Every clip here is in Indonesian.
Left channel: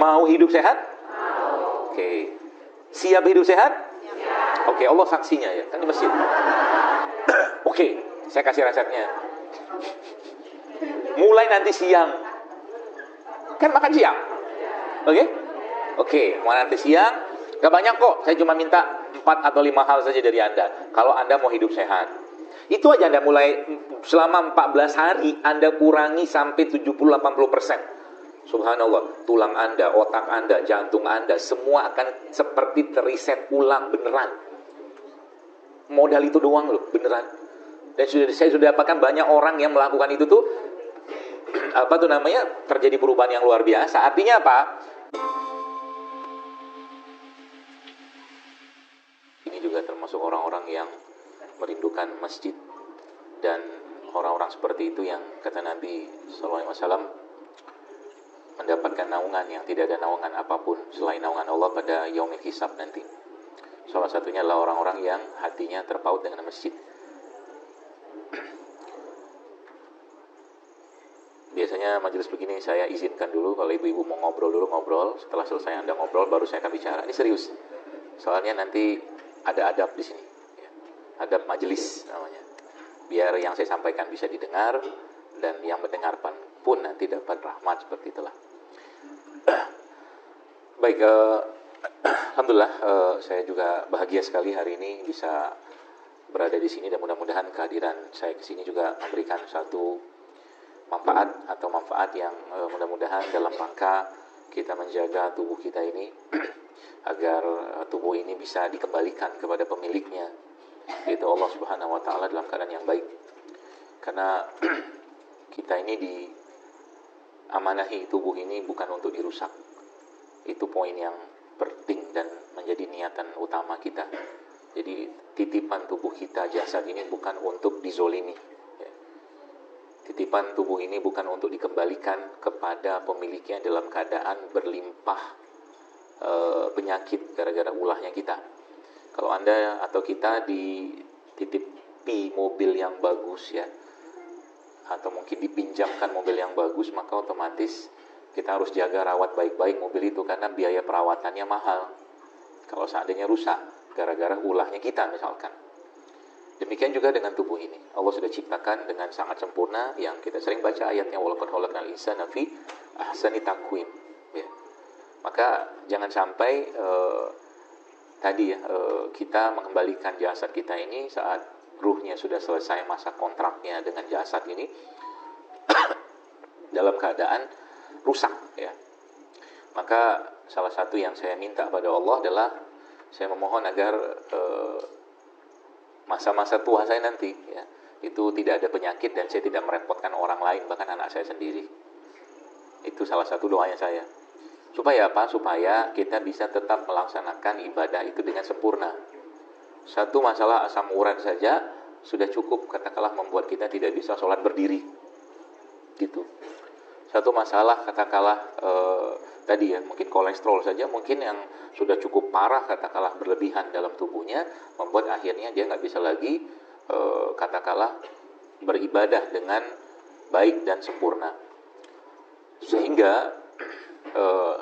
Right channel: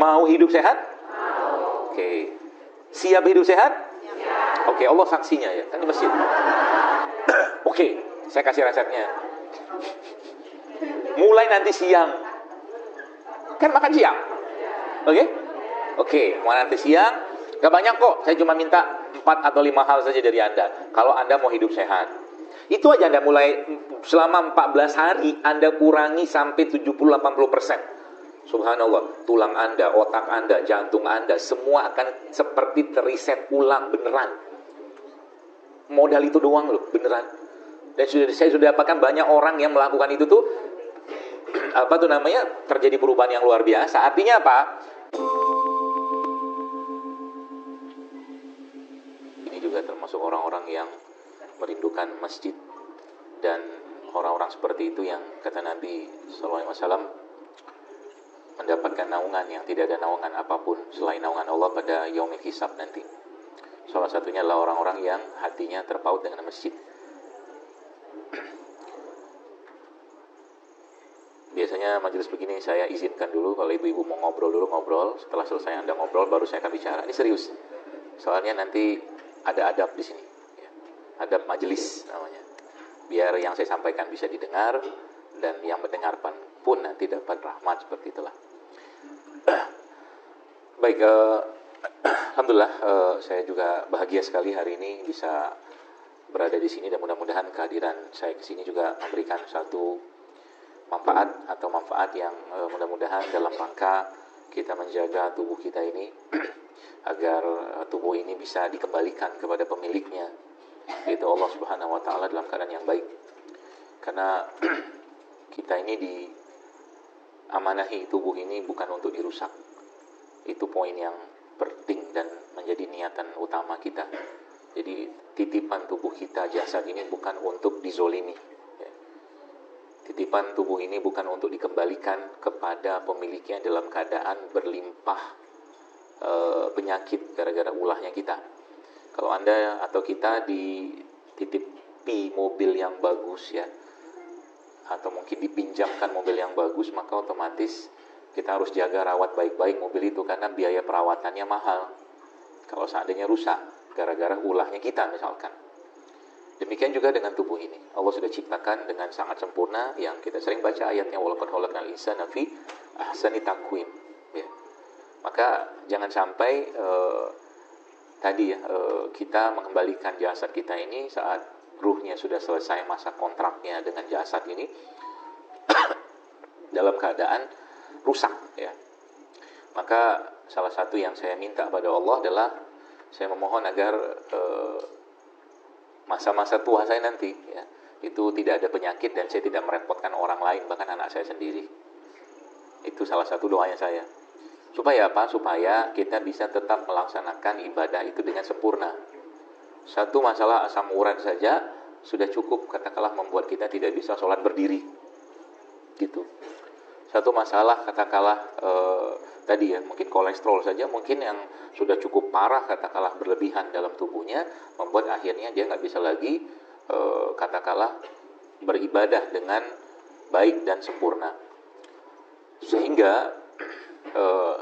Mau hidup sehat? Oke. Siap hidup sehat? Oke, Allah saksinya ya. Kan di masjid. Oke, saya kasih resepnya. Mulai nanti siang. Kan makan siang. Oke? Oke, mulai nanti siang. Gak banyak kok. Saya cuma minta 4 atau 5 hal saja dari Anda. Kalau Anda mau hidup sehat. Itu aja Anda mulai selama 14 hari Anda kurangi sampai 70-80%. Subhanallah, tulang Anda, otak Anda, jantung Anda, semua akan seperti teriset ulang beneran. Modal itu doang loh, beneran. Dan saya sudah dapatkan banyak orang yang melakukan itu tuh, terjadi perubahan yang luar biasa. Artinya apa? Ini juga termasuk orang-orang yang merindukan masjid. Dan orang-orang seperti itu yang kata Nabi SAW mendapatkan naungan yang tidak ada naungan apapun selain naungan Allah pada yaumil hisab nanti. Salah satunya adalah orang-orang yang hatinya terpaut dengan masjid. Biasanya majelis begini saya izinkan dulu kalau ibu-ibu mau ngobrol. Setelah selesai Anda ngobrol baru saya akan bicara. Ini serius. Soalnya nanti ada adab di sini. Adab majelis namanya. Biar yang saya sampaikan bisa didengar dan yang mendengarkan pun nanti dapat rahmat seperti itulah. Baik, alhamdulillah saya juga bahagia sekali hari ini bisa berada di sini dan mudah-mudahan kehadiran saya di sini juga memberikan satu manfaat yang mudah-mudahan dalam rangka kita menjaga tubuh kita ini agar tubuh ini bisa dikembalikan kepada pemiliknya, yaitu Allah Subhanahu wa taala dalam keadaan yang baik. Karena kita ini diamanahi tubuh ini bukan untuk dirusak. Itu poin yang penting dan menjadi niatan utama kita. Jadi titipan tubuh kita, jasad ini bukan untuk dizolimi. Titipan tubuh ini bukan untuk dikembalikan kepada pemiliknya dalam keadaan berlimpah penyakit gara-gara ulahnya kita. Kalau Anda atau kita dititipi mobil yang bagus ya, atau mungkin dipinjamkan mobil yang bagus, maka otomatis kita harus jaga rawat baik-baik mobil itu karena biaya perawatannya mahal. Kalau seandainya rusak gara-gara ulahnya kita misalkan. Demikian juga dengan tubuh ini. Allah sudah ciptakan dengan sangat sempurna yang kita sering baca ayatnya walaupun khalaqal insana fi ahsani taqwim. Ya. Maka jangan sampai kita mengembalikan jasad kita ini saat ruhnya sudah selesai masa kontraknya dengan jasad ini dalam keadaan rusak ya. Maka salah satu yang saya minta pada Allah adalah saya memohon agar masa-masa tua saya nanti ya, itu tidak ada penyakit dan saya tidak merepotkan orang lain, bahkan anak saya sendiri. Itu salah satu doanya saya. Supaya apa? Supaya kita bisa tetap melaksanakan ibadah itu dengan sempurna. Satu masalah asam urat saja sudah cukup katakanlah membuat kita tidak bisa sholat berdiri gitu. Satu masalah katakanlah mungkin kolesterol saja mungkin yang sudah cukup parah katakanlah berlebihan dalam tubuhnya membuat akhirnya dia nggak bisa lagi katakanlah beribadah dengan baik dan sempurna. Sehingga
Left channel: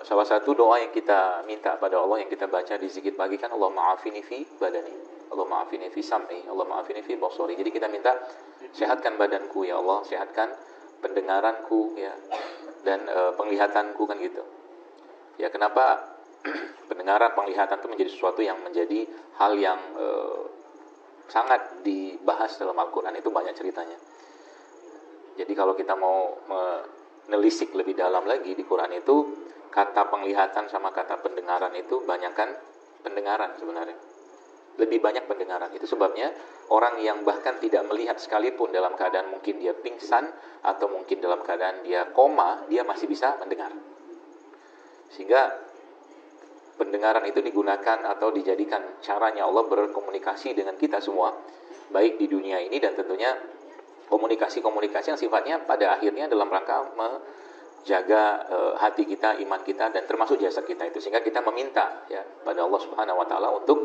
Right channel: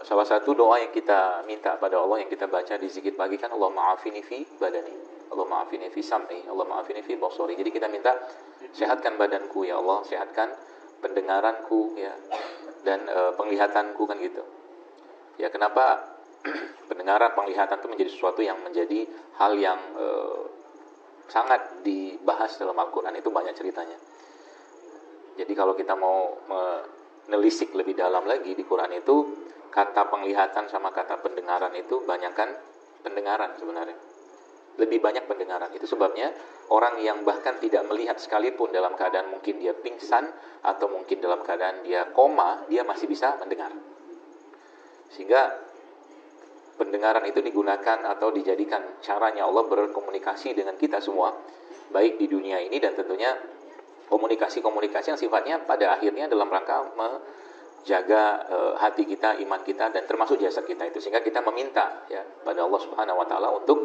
salah satu doa yang kita minta pada Allah yang kita baca di zikir pagi kan Allah ma'afini fi badani, Allah ma'afini fi sam'i, Allah ma'afini fi basari. Jadi kita minta sehatkan badanku ya Allah, sehatkan pendengaranku ya dan penglihatanku kan gitu. Ya kenapa pendengaran penglihatan itu menjadi sesuatu yang menjadi hal yang sangat dibahas dalam Al-Quran, itu banyak ceritanya. Jadi kalau kita mau menelisik lebih dalam lagi di Quran itu kata penglihatan sama kata pendengaran itu banyakkan pendengaran sebenarnya. Lebih banyak pendengaran. Itu sebabnya orang yang bahkan tidak melihat sekalipun dalam keadaan mungkin dia pingsan atau mungkin dalam keadaan dia koma, dia masih bisa mendengar. Sehingga pendengaran itu digunakan atau dijadikan caranya Allah berkomunikasi dengan kita semua, baik di dunia ini dan tentunya komunikasi-komunikasi yang sifatnya pada akhirnya dalam rangka menjaga hati kita, iman kita dan termasuk jasad kita itu. Sehingga kita meminta ya pada Allah Subhanahu wa taala untuk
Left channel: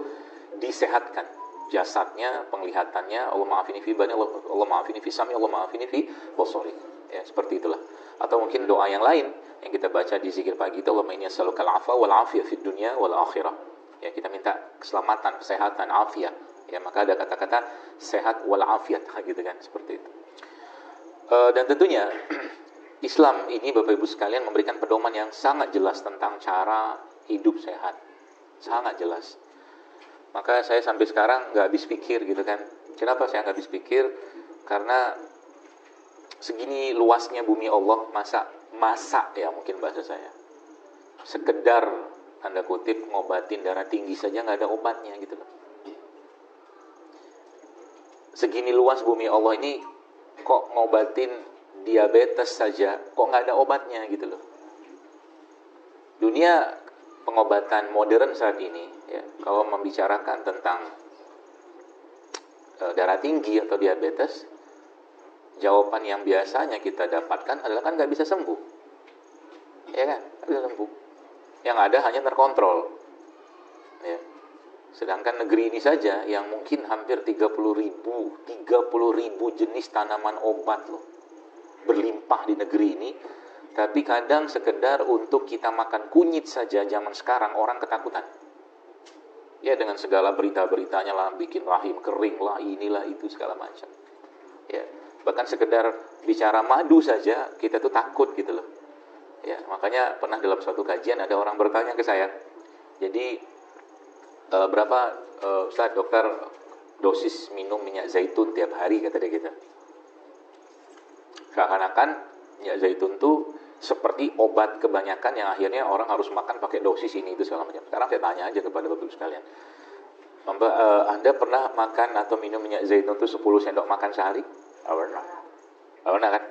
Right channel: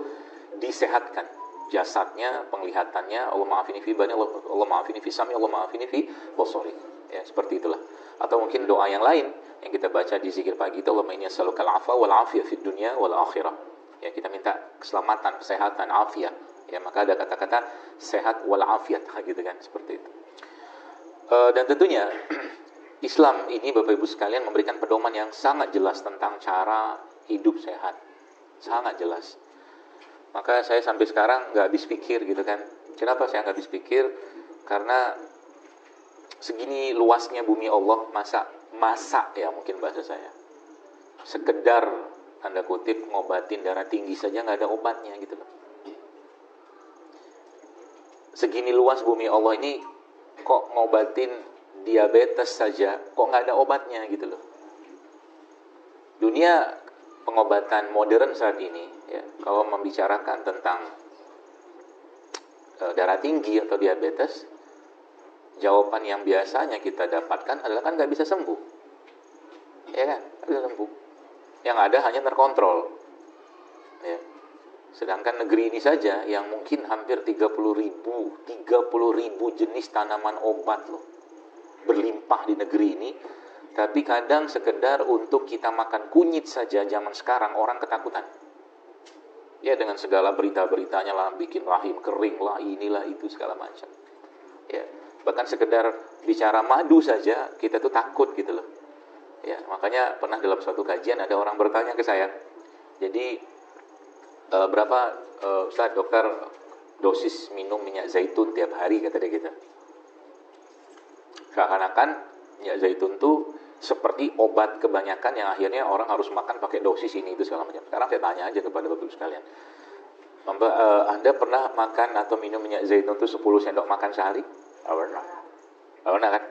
disehatkan jasadnya, penglihatannya. Allah ma'afini fi bani, Allah ma'afini fi sami, Allah ma'afini fi basari. Ya, seperti itulah. Atau mungkin doa yang lain yang kita baca di zikir pagi itu, Allahumma inni as'alukal afwa wal afiyah fid dunya wal akhirah. Ya, kita minta keselamatan, kesehatan, afiat. Ya, maka ada kata-kata sehat wal afiat gitu kan, seperti itu. Dan tentunya Islam ini Bapak Ibu sekalian memberikan pedoman yang sangat jelas tentang cara hidup sehat. Sangat jelas. Maka saya sampai sekarang nggak habis pikir gitu kan. Kenapa saya nggak habis pikir? Karena segini luasnya bumi Allah, masa ya mungkin bahasa saya. Sekedar tanda kutip ngobatin darah tinggi saja nggak ada obatnya gitu loh. Segini luas bumi Allah ini kok ngobatin diabetes saja kok nggak ada obatnya gitu loh. Dunia pengobatan modern saat ini ya, kalau membicarakan tentang darah tinggi atau diabetes, jawaban yang biasanya kita dapatkan adalah kan nggak bisa sembuh, ya kan, nggak bisa sembuh. Yang ada hanya terkontrol. Ya. Sedangkan negeri ini saja yang mungkin hampir 30.000 jenis tanaman obat loh, berlimpah di negeri ini. Tapi kadang sekedar untuk kita makan kunyit saja zaman sekarang orang ketakutan. Ya, dengan segala berita-beritanya lah, bikin rahim kering lah, inilah itu segala macam. Ya, bahkan sekedar bicara madu saja kita tuh takut gitu loh. Ya, makanya pernah dalam suatu kajian ada orang bertanya ke saya, jadi berapa Ustaz dokter dosis minum minyak zaitun tiap hari, kata dia kita. Seakan-akan minyak zaitun tuh seperti obat kebanyakan yang akhirnya orang harus makan pakai dosis ini itu segala macam. Sekarang saya tanya aja kepada Bapak sekalian, Anda pernah makan atau minum minyak zaitun itu 10 sendok makan sehari? Tidak pernah. Tidak pernah kan?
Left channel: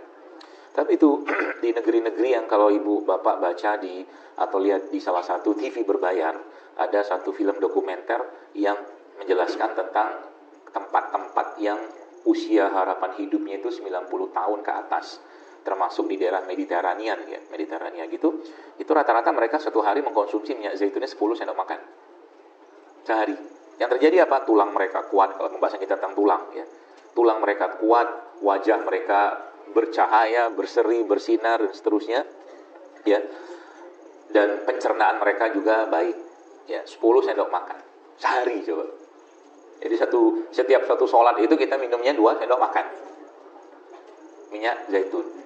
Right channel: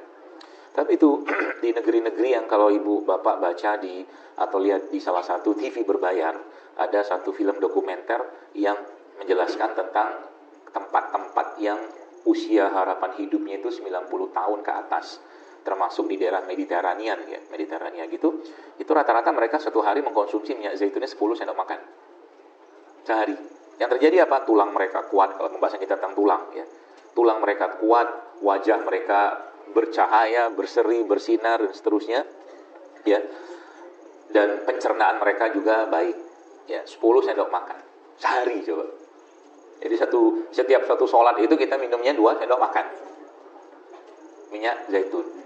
Tapi itu di negeri-negeri yang kalau ibu bapak baca di atau lihat di salah satu TV berbayar, ada satu film dokumenter yang menjelaskan tentang tempat-tempat yang usia harapan hidupnya itu 90 tahun ke atas, termasuk di daerah Mediterania ya, Mediterania gitu. Itu rata-rata mereka satu hari mengkonsumsi minyak zaitunnya 10 sendok makan sehari. Yang terjadi apa? Tulang mereka kuat, kalau pembahasan kita tentang tulang ya. Tulang mereka kuat, wajah mereka bercahaya, berseri, bersinar dan seterusnya ya. Dan pencernaan mereka juga baik. Ya, 10 sendok makan sehari coba. Jadi setiap satu sholat itu kita minumnya 2 sendok makan minyak zaitun.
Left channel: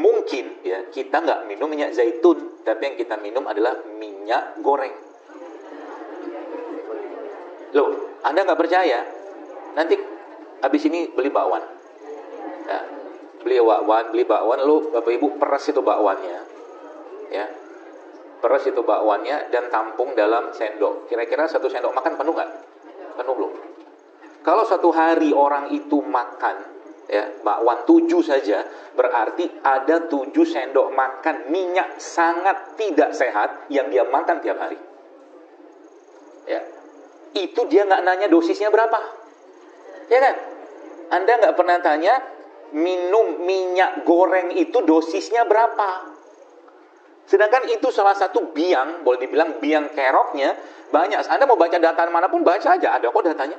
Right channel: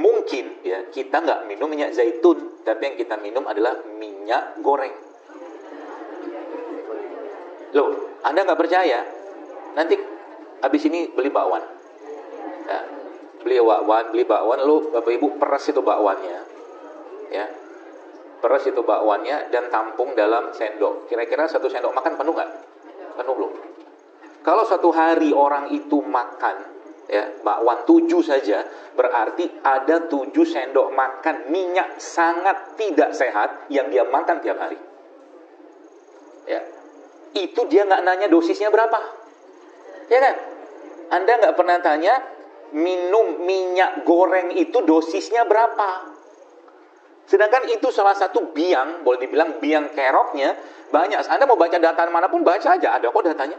Mungkin ya kita nggak minum minyak zaitun, tapi yang kita minum adalah minyak goreng. Loh, Anda nggak percaya? Nanti habis ini beli bakwan. Ya, beli bakwan, lu Bapak Ibu peras itu bakwannya. Ya. Peras itu bakwannya dan tampung dalam sendok. Kira-kira 1 sendok makan penuh nggak? Penuh belum? Kalau satu hari orang itu makan ya bakwan 7 saja, berarti ada 7 sendok makan minyak sangat tidak sehat yang dia makan tiap hari. Ya. Itu dia nggak nanya dosisnya berapa. Ya kan? Anda nggak pernah tanya minum minyak goreng itu dosisnya berapa. Sedangkan itu salah satu biang, boleh dibilang biang keroknya banyak. Anda mau baca data manapun baca aja, ada kok datanya.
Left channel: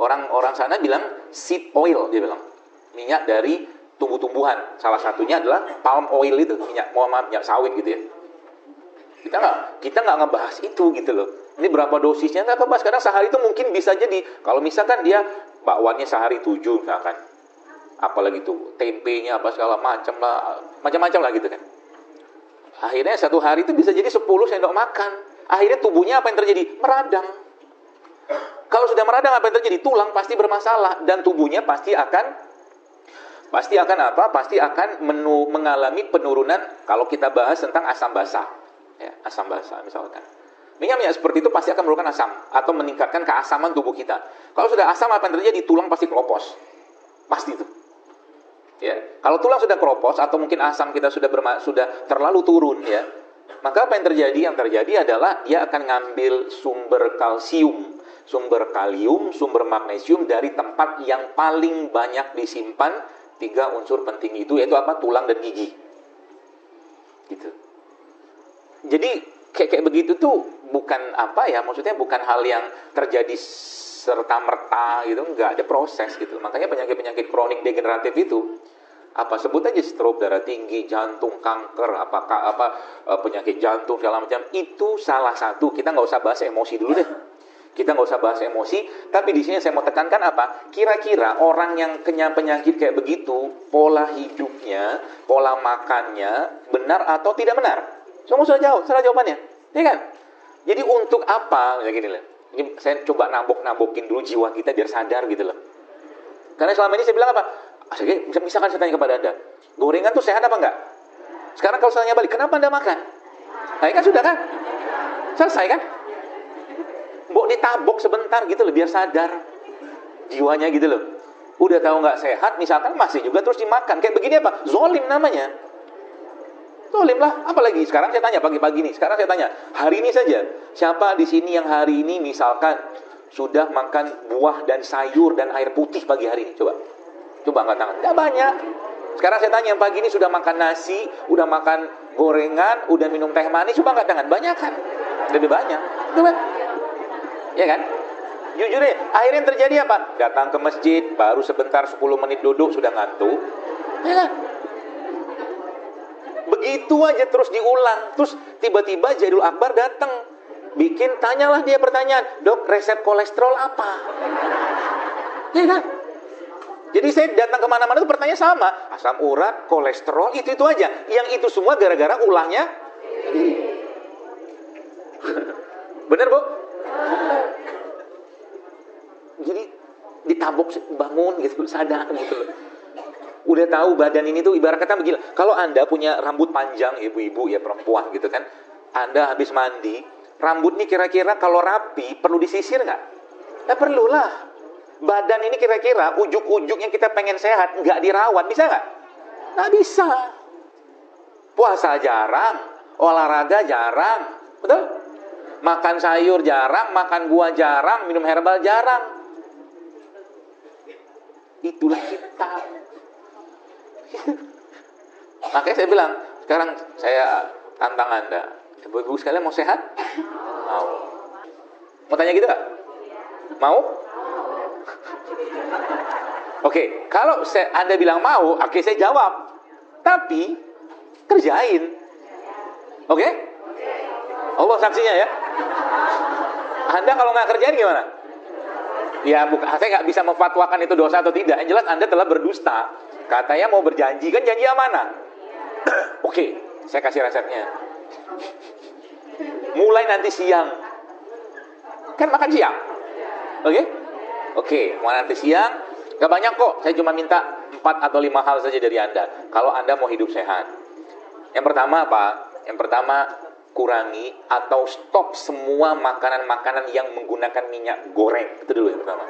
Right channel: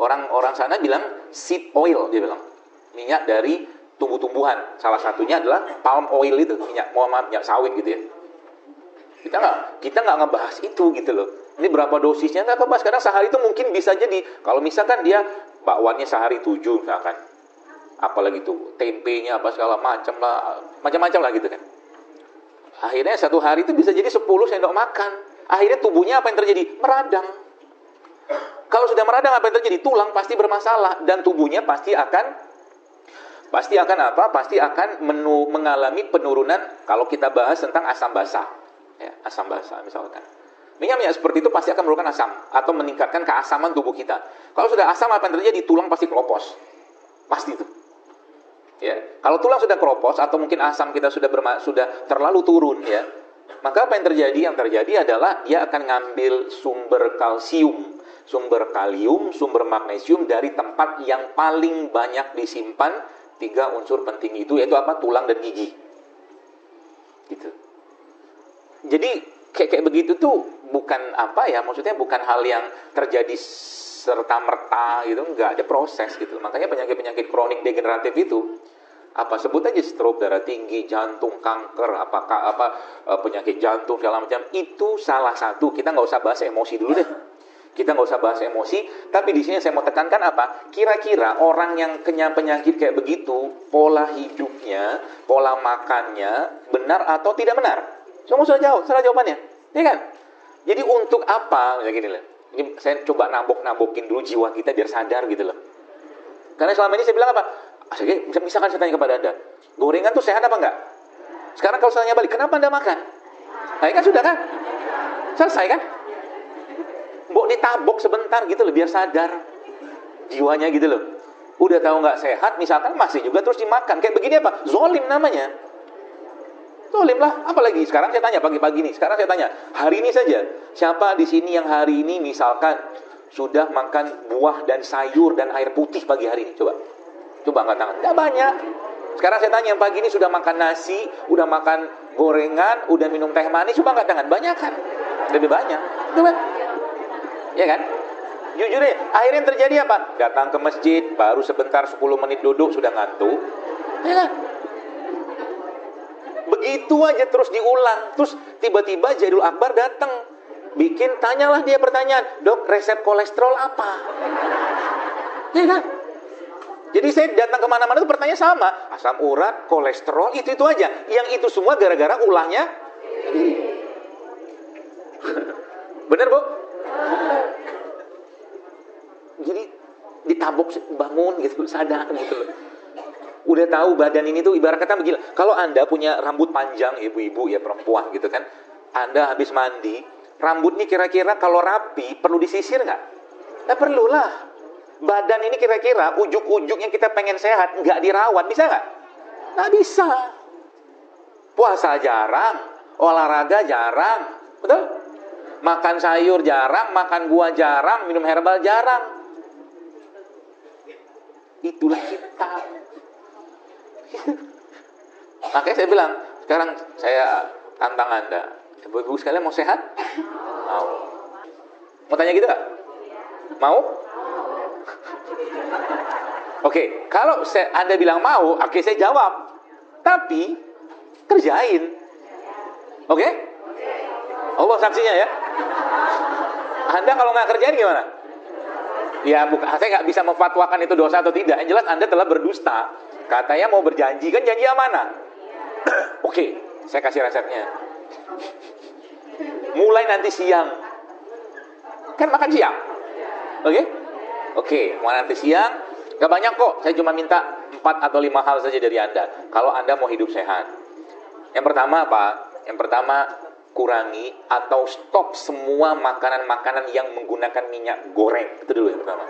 Orang sana bilang seed oil, dia bilang minyak dari tumbuh-tumbuhan. Salah satunya adalah palm oil itu, minyak sawit gitu. Kita nggak ngebahas itu gitu loh. Ini berapa dosisnya nggak tahu, Mas. Karena sehari itu mungkin bisa jadi kalau misalkan dia bakwannya sehari 7 misalkan, apalagi tuh tempenya apa segala macam lah gitu kan. Akhirnya satu hari itu bisa jadi 10 sendok makan. Akhirnya tubuhnya apa yang terjadi? Meradang. Kalau sudah meradang apa yang terjadi? Tulang pasti bermasalah dan tubuhnya pasti akan apa? Pasti akan mengalami penurunan. Kalau kita bahas tentang asam basah, ya, asam basah misalkan. Minyak seperti itu pasti akan menurunkan asam atau meningkatkan keasaman tubuh kita. Kalau sudah asam apa yang terjadi? Tulang pasti keropos. Pasti itu. Ya, kalau tulang sudah keropos atau mungkin asam kita sudah terlalu turun ya, maka apa yang terjadi? Yang terjadi adalah dia akan ngambil sumber kalsium, sumber kalium, sumber magnesium dari tempat yang paling banyak disimpan 3 unsur penting itu, yaitu apa? Tulang dan gigi. Gitu. Jadi kayak begitu tuh bukan apa ya, maksudnya bukan hal yang terjadi serta-merta gitu, nggak ada proses gitu. Makanya penyakit-penyakit kronik degeneratif itu Apa sebut aja stroke, darah tinggi, jantung, kanker, apakah penyakit jantung segala macam, itu salah satu. Kita nggak usah bahas emosi dulu deh. Kita nggak usah bahas emosi, tapi di sini saya mau tekankan apa? Kira-kira orang yang kena penyakit kayak begitu, pola hidupnya, pola makannya benar atau tidak benar? Kamu sudah jawab, sudah jawabannya, iya kan? Jadi untuk apa? Ya gini lah. Ini saya coba nabok-nabokin dulu jiwa kita biar sadar gitu loh. Karena selama ini saya bilang apa? Misalkan saya tanya kepada Anda, gorengan tuh sehat apa enggak? Sekarang kalau saya tanya balik, kenapa Anda makan? Nah, kan sudah kan? Selesai kan? Mbok ditabok sebentar gitu loh, biar sadar jiwanya gitu loh. Udah tahu nggak sehat, misalkan masih juga terus dimakan. Kayak begini apa? Zolim namanya. Zolim lah. Apalagi sekarang saya tanya pagi-pagi nih. Sekarang saya tanya, hari ini saja, siapa di sini yang hari ini misalkan sudah makan buah dan sayur dan air putih pagi hari ini? Coba angkat tangan. Nggak banyak. Sekarang saya tanya, yang pagi ini sudah makan nasi, udah makan gorengan, udah minum teh manis, coba angkat tangan. Banyak kan? Lebih banyak. Coba. Ya kan? Jujur deh, akhirnya yang terjadi apa? Datang ke masjid, baru sebentar 10 menit duduk, sudah ngantuk. Ya kan? Begitu aja terus diulang. Terus tiba-tiba Jadul Akbar datang. Tanyalah dia pertanyaan, dok, resep kolesterol apa? Ya kan? Jadi saya datang kemana-mana itu pertanyaan sama. Asam urat, kolesterol, itu aja. Yang itu semua gara-gara ulangnya. Bener, Bu? Jadi ditabok, bangun gitu, sadar. Udah tahu badan ini tuh ibarat kata begini. Kalau Anda punya rambut panjang, ibu-ibu ya perempuan gitu kan, Anda habis mandi, rambut ini kira-kira kalau rapi perlu disisir nggak? Nggak perlu lah. Badan ini kira-kira ujuk-ujuk yang kita pengen sehat nggak dirawat, bisa nggak? Nggak bisa. Puasa jarang, olahraga jarang, betul? Makan sayur jarang, makan buah jarang, minum herbal jarang. Itulah kita. Makanya saya bilang, sekarang saya tantang Anda. Ibu-ibu sekalian mau sehat? Mau. Mau tanya gitu nggak? Mau? Oke, kalau Anda bilang mau, oke saya jawab. Tapi, kerjain. Oke? Allah saksinya ya. Anda kalau nggak kerjain gimana? Ya, saya nggak bisa memfatwakan itu dosa atau tidak. Yang jelas Anda telah berdusta. Katanya mau berjanji, kan janji amanah. Oke, saya kasih resepnya. Mulai nanti siang. Kan makan siang. Oke, mulai nanti siang. Gak banyak kok, saya cuma minta 4 atau 5 hal saja dari Anda. Kalau Anda mau hidup sehat. Yang pertama apa? Yang pertama, kurangi atau stop semua makanan-makanan yang menggunakan minyak goreng. Itu dulu yang pertama.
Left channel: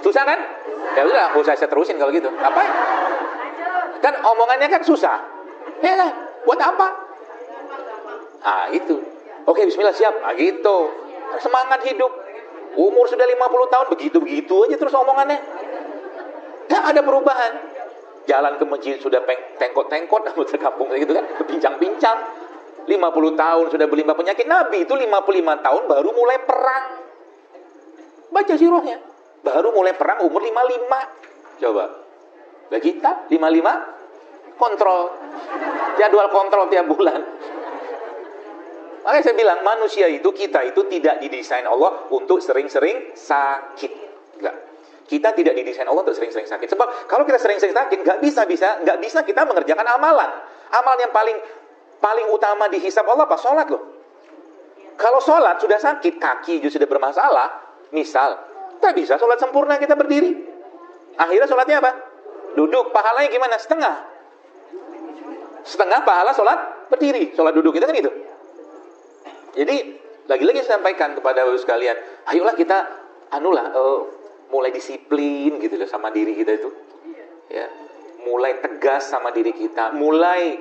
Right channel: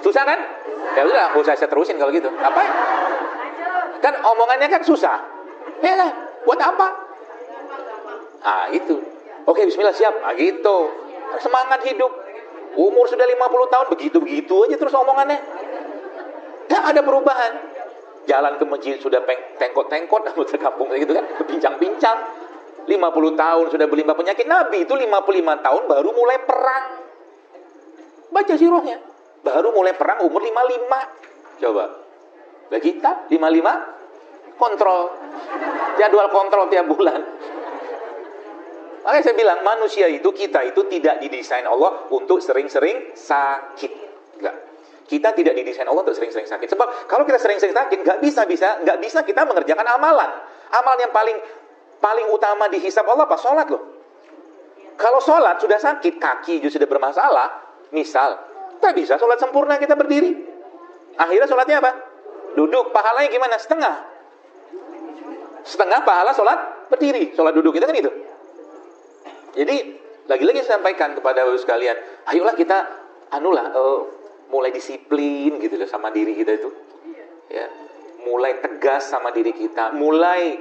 Susah kan? Ya udah, aku saya terusin kalau gitu. Apa? Dan omongannya kan susah. Ya, buat apa? Ah, itu. Oke, bismillah, siap. Ah, gitu. Semangat hidup. Umur sudah 50 tahun, begitu-begitu aja terus omongannya. Gak ada perubahan. Jalan ke masjid sudah tengkot-tengkot, di kampung gitu kan, pincang-pincang. 50 tahun sudah berlima penyakit. Nabi itu 55 tahun baru mulai perang. Baca sirahnya. Baru mulai perang umur 55. Coba. Lah kita 55 kontrol. Jadwal kontrol tiap bulan. Makanya saya bilang manusia itu, kita itu tidak didesain Allah untuk sering-sering sakit. Enggak. Kita tidak didesain Allah untuk sering-sering sakit. Sebab kalau kita sering-sering sakit, nggak bisa kita mengerjakan amalan. Amalan yang paling utama dihisab Allah apa? Sholat loh. Kalau sholat sudah sakit, kaki juga sudah bermasalah, misal, nggak bisa sholat sempurna kita berdiri. Akhirnya sholatnya apa? Duduk, pahalanya gimana? Setengah pahala sholat berdiri. Sholat duduk kita kan itu. Jadi, lagi-lagi saya sampaikan kepada Bapak sekalian, ayolah kita mulai disiplin gitu loh sama diri kita itu. Ya. Mulai tegas sama diri kita, mulai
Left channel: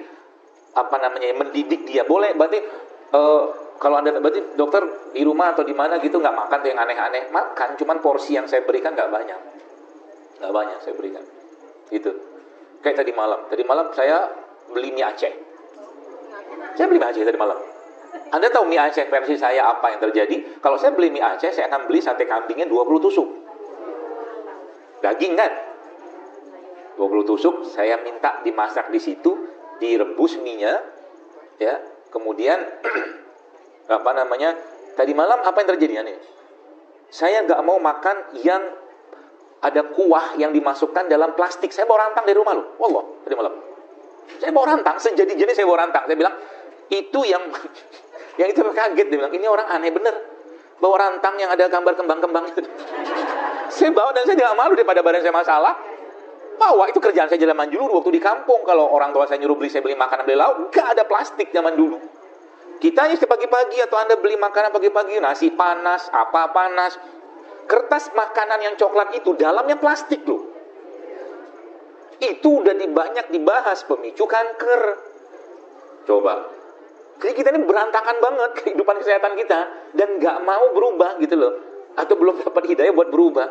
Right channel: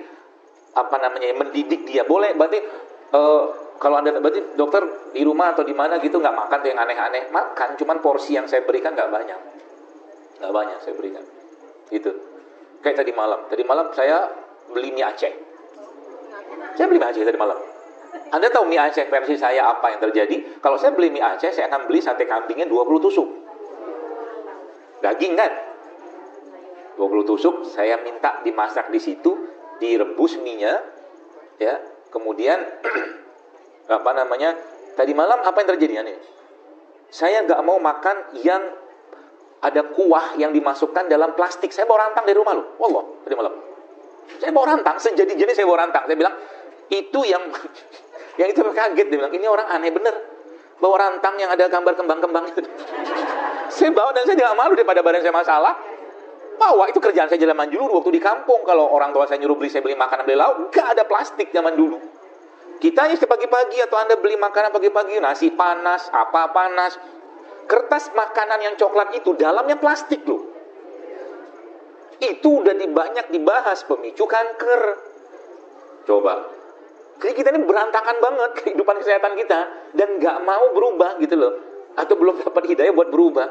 mendidik dia. Boleh, berarti kalau Anda berarti dokter di rumah atau di mana gitu nggak makan tuh yang aneh-aneh. Makan, cuman porsi yang saya berikan nggak banyak. Nggak banyak saya berikan. Itu. Kayak tadi malam saya beli mie Aceh. Saya beli mie Aceh tadi malam. Anda tahu mie Aceh versi saya apa yang terjadi? Kalau saya beli mie Aceh, saya akan beli sate kambingnya 20 tusuk. Daging kan? 20 tusuk saya minta dimasak di situ, direbus mie-nya, ya. Kemudian apa namanya? Tadi malam apa yang terjadi aneh? Saya nggak mau makan yang ada kuah yang dimasukkan dalam plastik. Saya bawa rantang dari rumah loh. Wallah, tadi malam. Saya bawa rantang, sejadi-jadi saya bawa rantang. Saya bilang, itu yang itu kaget. Dia bilang, ini orang aneh bener. Bawa rantang yang ada gambar kembang-kembang itu. Saya bawa dan saya tidak malu daripada badan saya masalah. Itu kerjaan saya zaman dulu waktu di kampung. Kalau orang tua saya nyuruh beli, saya beli makanan dari lauk. Gak ada plastik zaman dulu. Kita ini pagi-pagi atau Anda beli makanan pagi-pagi, nasi panas, apa panas. Kertas makanan yang coklat itu dalamnya plastik loh. Itu udah banyak dibahas pemicu kanker. Coba. Jadi kita ini berantakan banget kehidupan kesehatan kita dan nggak mau berubah gitu loh. Atau belum dapat hidayah buat berubah.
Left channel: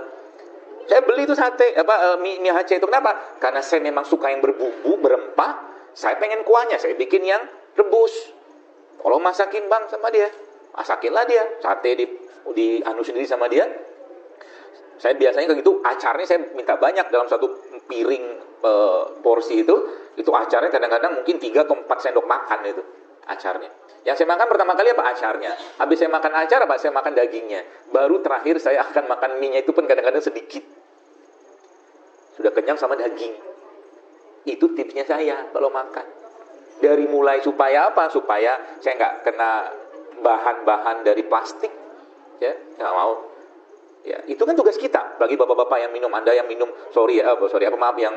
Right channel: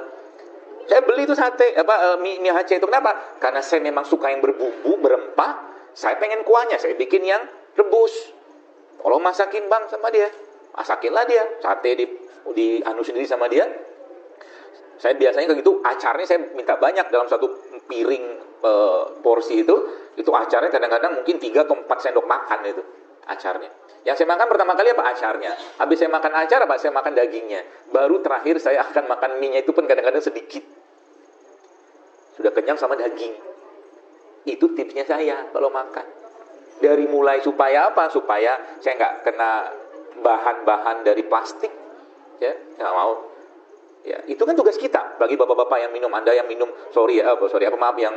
Saya beli itu sate mie Aceh itu kenapa? Karena saya memang suka yang berbumbu, berempah. Saya pengen kuahnya, saya bikin yang rebus. Kalau masakin bang sama dia, masakinlah dia. Sate di anu sendiri sama dia. Saya biasanya kayak gitu, acarnya saya minta banyak dalam satu piring porsi itu acarnya kadang-kadang mungkin 3 ke 4 sendok makan itu acarnya. Yang saya makan pertama kali apa acarnya. Habis saya makan acar apa saya makan dagingnya. Baru terakhir saya akan makan mie-nya itu pun kadang-kadang sedikit. Sudah kenyang sama daging. Itu tipsnya saya kalau makan. Dari mulai supaya apa? Supaya saya nggak kena bahan-bahan dari plastik. Ya, nggak mau. Ya, itu kan tugas kita bagi bapak-bapak yang minum, Anda yang minum, maaf yang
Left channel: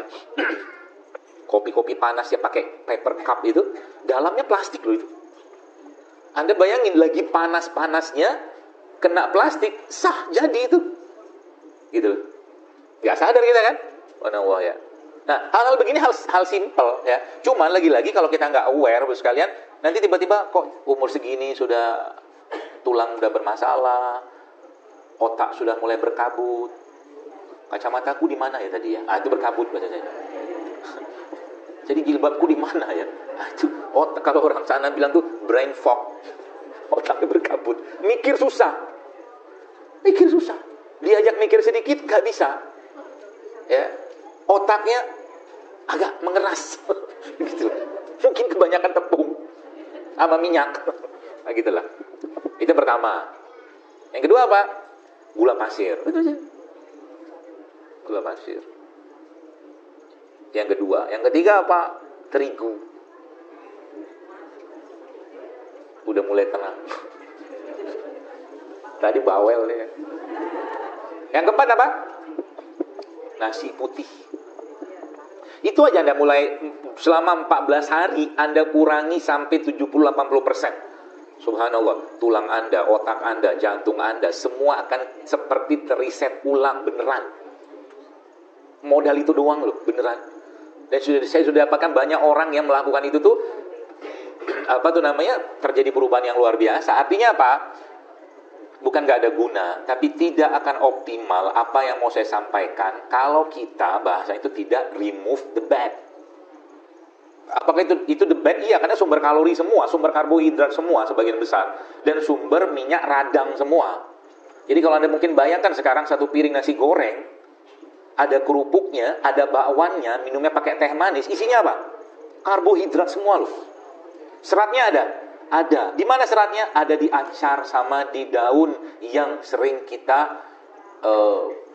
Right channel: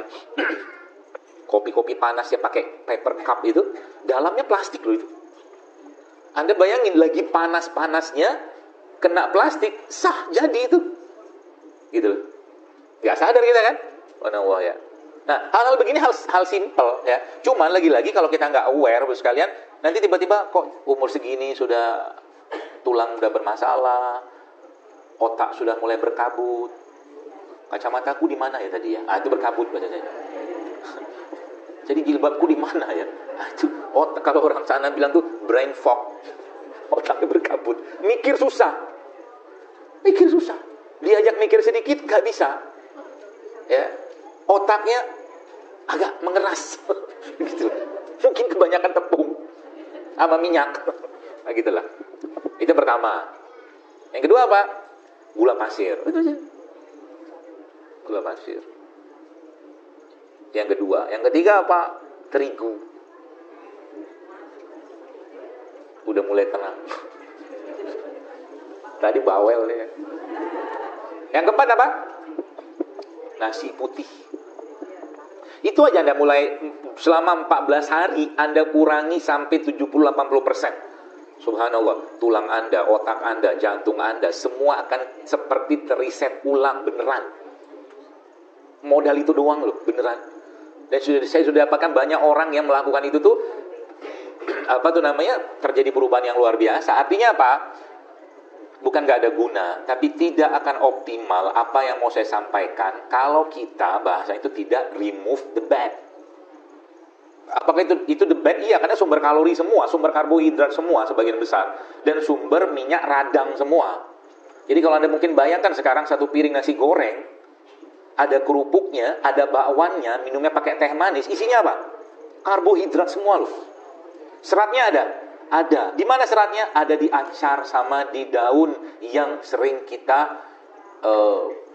kopi-kopi panas yang pakai paper cup itu, dalamnya plastik loh itu. Anda bayangin lagi panas-panasnya kena plastik, sah jadi itu. Gitu. Gak sadar kita kan? Wah ya. Nah, hal-hal begini hal simpel ya. Cuman lagi-lagi kalau kita nggak aware sekalian, nanti tiba-tiba kok umur segini sudah tulang udah bermasalah, otak sudah mulai berkabut. Kacamataku di mana ya tadi ya? Itu berkabut pada saya. Jadi jilbabku di mana ya? Itu otak, kalau orang sana bilang tuh brain fog. Otaknya berkabut. Mikir susah. Diajak mikir sedikit gak bisa. Ya. Otaknya agak mengeras. Gitu. Mungkin kebanyakan tepung sama minyak. Nah, gitulah. Itu pertama. Yang kedua apa? Gula pasir. Gula pasir. Yang kedua, yang ketiga apa? Terigu. Udah mulai tenang. Tadi bawel nih. Yang keempat apa? Nasi putih. Itu aja Anda mulai selama 14 hari Anda kurangi sampai 70-80%. Subhanallah, tulang Anda, otak Anda, jantung Anda, semua akan seperti teriset ulang beneran. Modal itu doang loh, beneran. Dan saya sudah dapatkan banyak orang yang melakukan itu tuh, terjadi perubahan yang luar biasa. Artinya apa? Bukan gak ada guna, tapi tidak akan optimal apa yang mau saya sampaikan kalau kita bahasa itu tidak remove the bad. Apakah itu the bad? Iya, karena sumber kalori semua, sumber karbohidrat semua sebagian besar, dan sumber minyak radang semua. Jadi kalau Anda mungkin bayangkan sekarang satu piring nasi goreng, ada kerupuknya, ada bakwannya, minumnya pakai teh manis, isinya apa? Karbohidrat semua loh. Seratnya ada? Ada. Di mana seratnya? Ada di acar sama di daun yang sering kita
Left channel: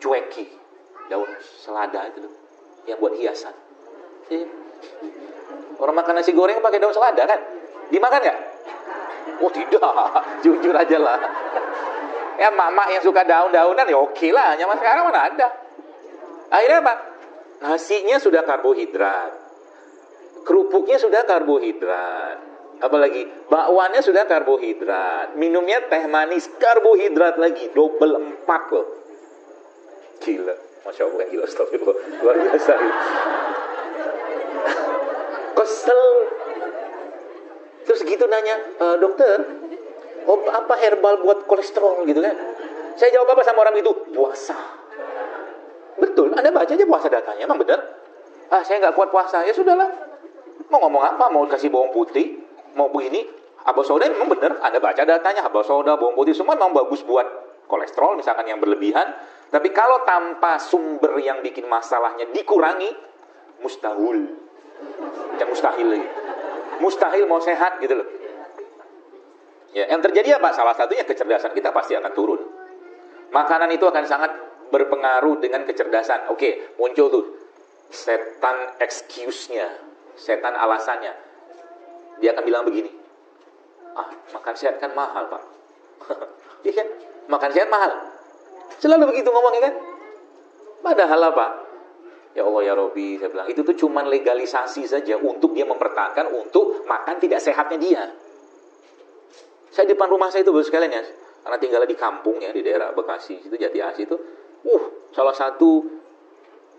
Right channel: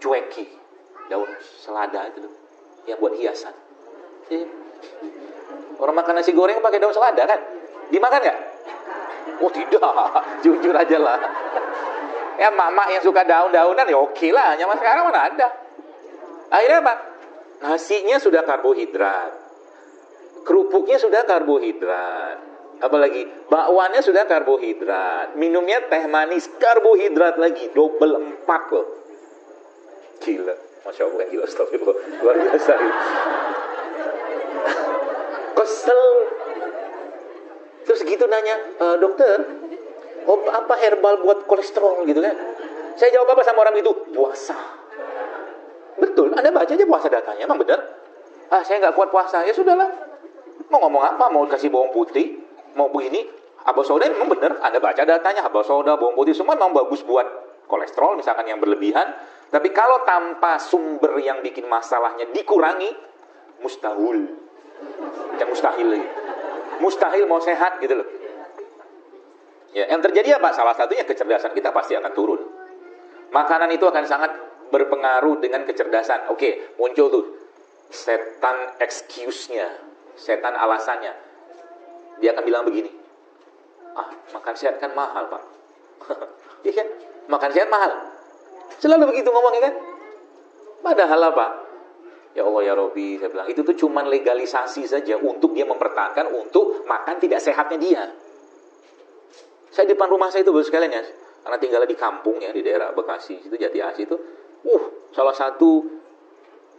cueki. Daun selada itu loh, yang buat hiasan. Orang makan nasi goreng pakai daun selada kan? Dimakan nggak? Oh tidak, jujur aja lah. Ya mama yang suka daun-daunan ya oke lah, nyaman sekarang mana ada. Akhirnya apa? Nasinya sudah karbohidrat, kerupuknya sudah karbohidrat, apalagi bakwannya sudah karbohidrat, minumnya teh manis karbohidrat lagi, double 4 loh. Gila, Masya Allah, gila, astagfirullah, luar biasa. Kesel. Terus gitu nanya, dokter, apa herbal buat kolesterol gitu kan? Saya jawab apa sama orang itu? Puasa. Betul, Anda baca aja puasa datanya, emang benar. Saya nggak kuat puasa, ya sudahlah. Mau ngomong apa? Mau kasih bawang putih? Mau begini? Habas soda memang benar, Anda baca datanya, habas soda, bawang putih, semua memang bagus buat kolesterol, misalkan yang berlebihan. Tapi kalau tanpa sumber yang bikin masalahnya dikurangi, mustahil. Yang mustahil. Mustahil mau sehat gitu lah. Ya, yang terjadi apa? Salah satunya kecerdasan kita pasti akan turun. Makanan itu akan sangat berpengaruh dengan kecerdasan. Oke, muncul tuh setan excuse-nya, setan alasannya. Dia akan bilang begini, makan sehat kan mahal, Pak. Iya kan? Makan sehat mahal. Selalu begitu ngomongnya kan? Padahal apa? Ya Allah ya Robbi, saya bilang itu tuh cuma legalisasi saja untuk dia mempertahankan untuk makan tidak sehatnya dia. Saya depan rumah saya itu sekalian ya, karena tinggal di kampung ya, di daerah Bekasi, itu Jati Asih itu. Salah satu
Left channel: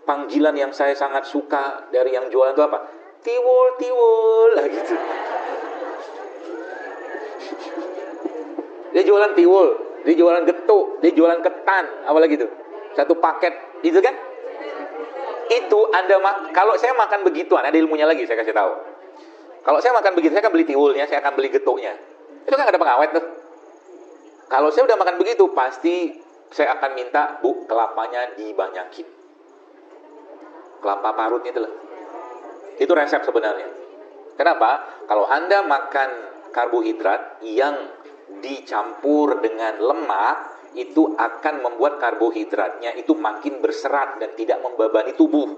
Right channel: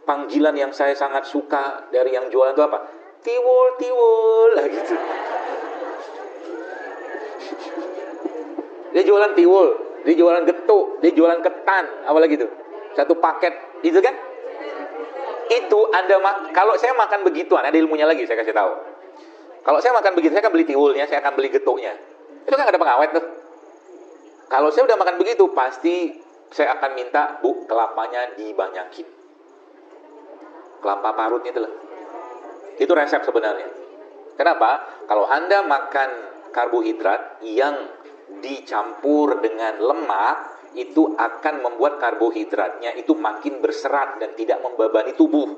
panggilan yang saya sangat suka dari yang jualan itu apa? Tiwul, tiwul lah gitu. Dia jualan tiwul, dia jualan getuk, dia jualan ketan, apa lagi tuh? Satu paket, itu kan? Itu kalau saya makan begituan, ada ilmunya lagi saya kasih tahu. Kalau saya makan begitu, saya akan beli tiwulnya, saya akan beli getuknya. Itu kan ada pengawet tuh. Kalau saya udah makan begitu, pasti saya akan minta, Bu, kelapanya dibanyakin. Kelapa parutnya itu loh. Itu resep sebenarnya. Kenapa? Kalau Anda makan karbohidrat yang dicampur dengan lemak, itu akan membuat karbohidratnya itu makin berserat dan tidak membebani tubuh.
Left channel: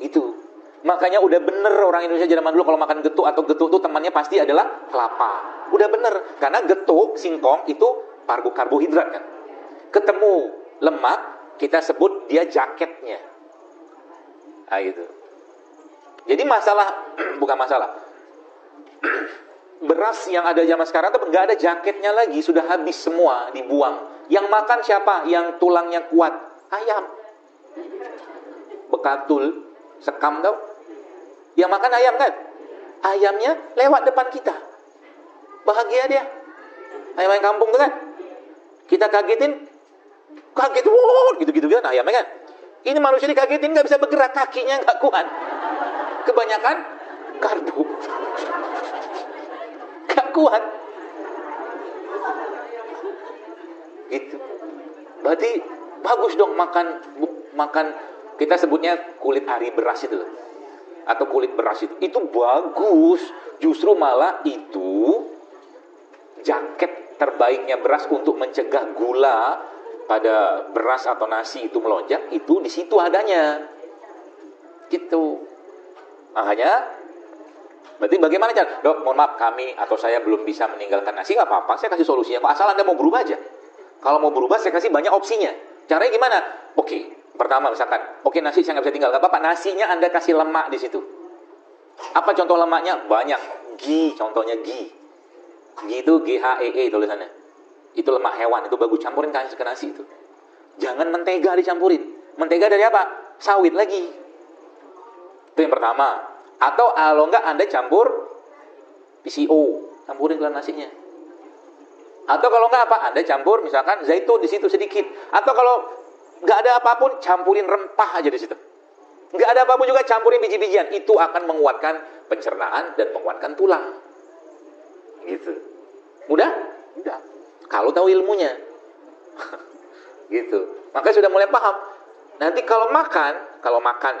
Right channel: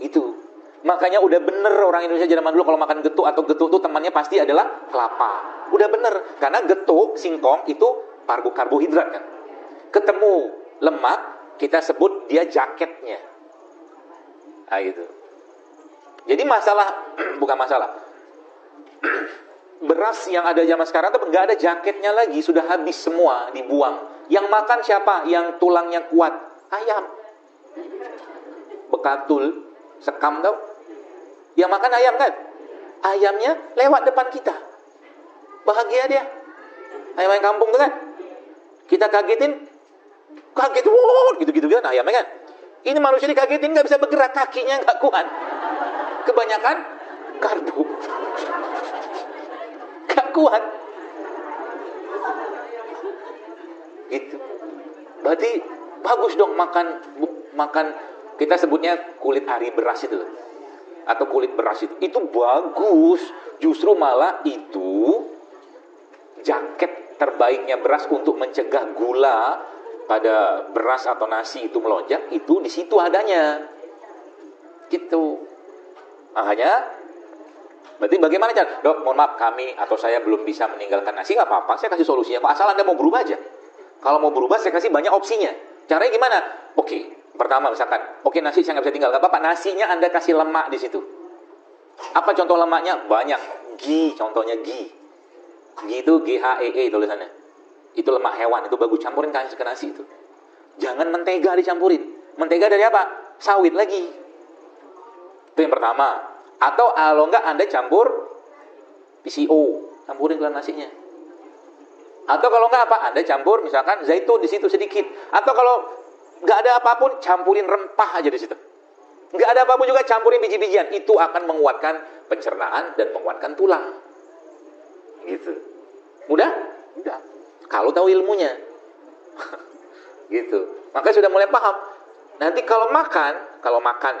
Itu. Makanya udah bener orang Indonesia zaman dulu kalau makan getuk atau getuk itu temannya pasti adalah kelapa. Udah bener. Karena getuk, singkong itu karbohidrat kan. Ketemu lemak, kita sebut dia jaketnya. Nah gitu. Jadi bukan masalah. Beras yang ada zaman sekarang tuh nggak ada jaketnya lagi, sudah habis semua, dibuang. Yang makan siapa? Yang tulangnya kuat. Ayam. Bekatul, sekam tuh. Yang makan ayam kan? Ayamnya lewat depan kita. Bahagia dia. Ayam kampung tuh kan? Kita kagetin, kaget, gitu-gitu kan ayamnya kan? Ini manusia dikagetin nggak bisa bergerak, kakinya nggak kuat. Kebanyakan karbo. Nggak kuat. Gitu. Berarti bagus dong makan kita sebutnya kulit ari beras itu atau kulit beras itu bagus. Justru malah itu jaket terbaiknya beras untuk mencegah gula pada beras atau nasi itu melonjak, itu di situ adanya. Gitu. Makanya berarti bagaimana cara? Dok, mohon maaf kami atau saya belum bisa meninggalkan nasi, nggak apa-apa, saya kasih solusinya. Asal Anda mau berubah aja. Kalau mau berubah, saya kasih banyak opsinya. Caranya gimana? Oke, pertama misalkan, nasi saya nggak bisa tinggal. Nggak apa-apa, nasinya Anda kasih lemak di situ. Apa contoh lemaknya? Banyak. Ghee, contohnya ghee. Ghee itu GHII tulisannya. Itu lemak hewan, itu bagus. Campurin kasih ke nasi itu. Jangan mentega dicampurin. Mentega dari apa? Sawit lagi. Itu yang pertama. Atau kalau enggak Anda campur PCO, campurin ke nasinya. Atau kalau enggak apa? Anda campur misalkan zaitun di situ sedikit. Atau kalau enggak ada apapun, campurin rempah aja di situ. Enggak ada apapun juga campurin biji-bijian. Itu akan menguatkan pencernaan dan menguatkan tulang. Gitu. Mudah? Mudah. Kalau tahu ilmunya. Gitu. Makanya sudah mulai paham. Nanti kalau makan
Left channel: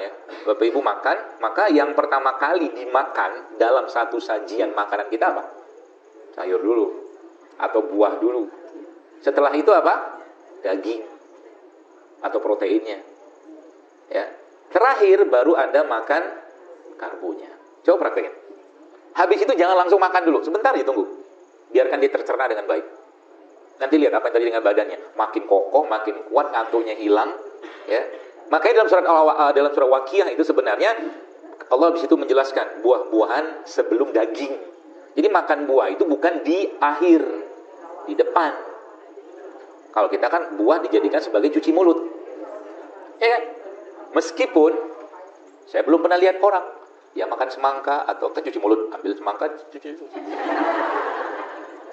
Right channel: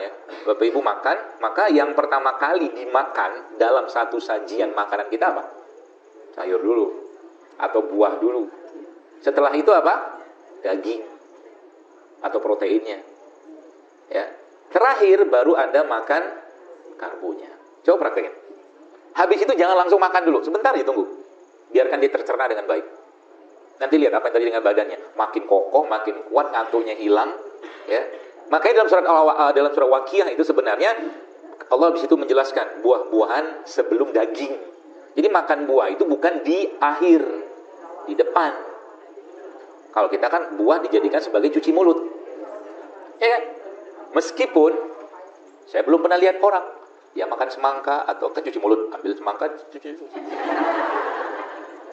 ya, Bapak Ibu makan, maka yang pertama kali dimakan dalam satu sajian makanan kita apa? Sayur dulu. Atau buah dulu. Setelah itu apa? Daging. Atau proteinnya. Ya. Terakhir baru Anda makan karbonya. Coba praktekin. Habis itu jangan langsung makan dulu. Sebentar ya tunggu. Biarkan dia tercerna dengan baik. Nanti lihat apa yang terjadi dengan badannya. Makin kokoh, makin kuat, kantongnya hilang. Ya. Makanya dalam surat Waqiah itu sebenarnya Allah di situ menjelaskan buah-buahan sebelum daging. Jadi makan buah itu bukan di akhir, di depan. Kalau kita kan buah dijadikan sebagai cuci mulut. Ya. Meskipun saya belum pernah lihat orang yang makan semangka atau cuci mulut, ambil semangka cuci.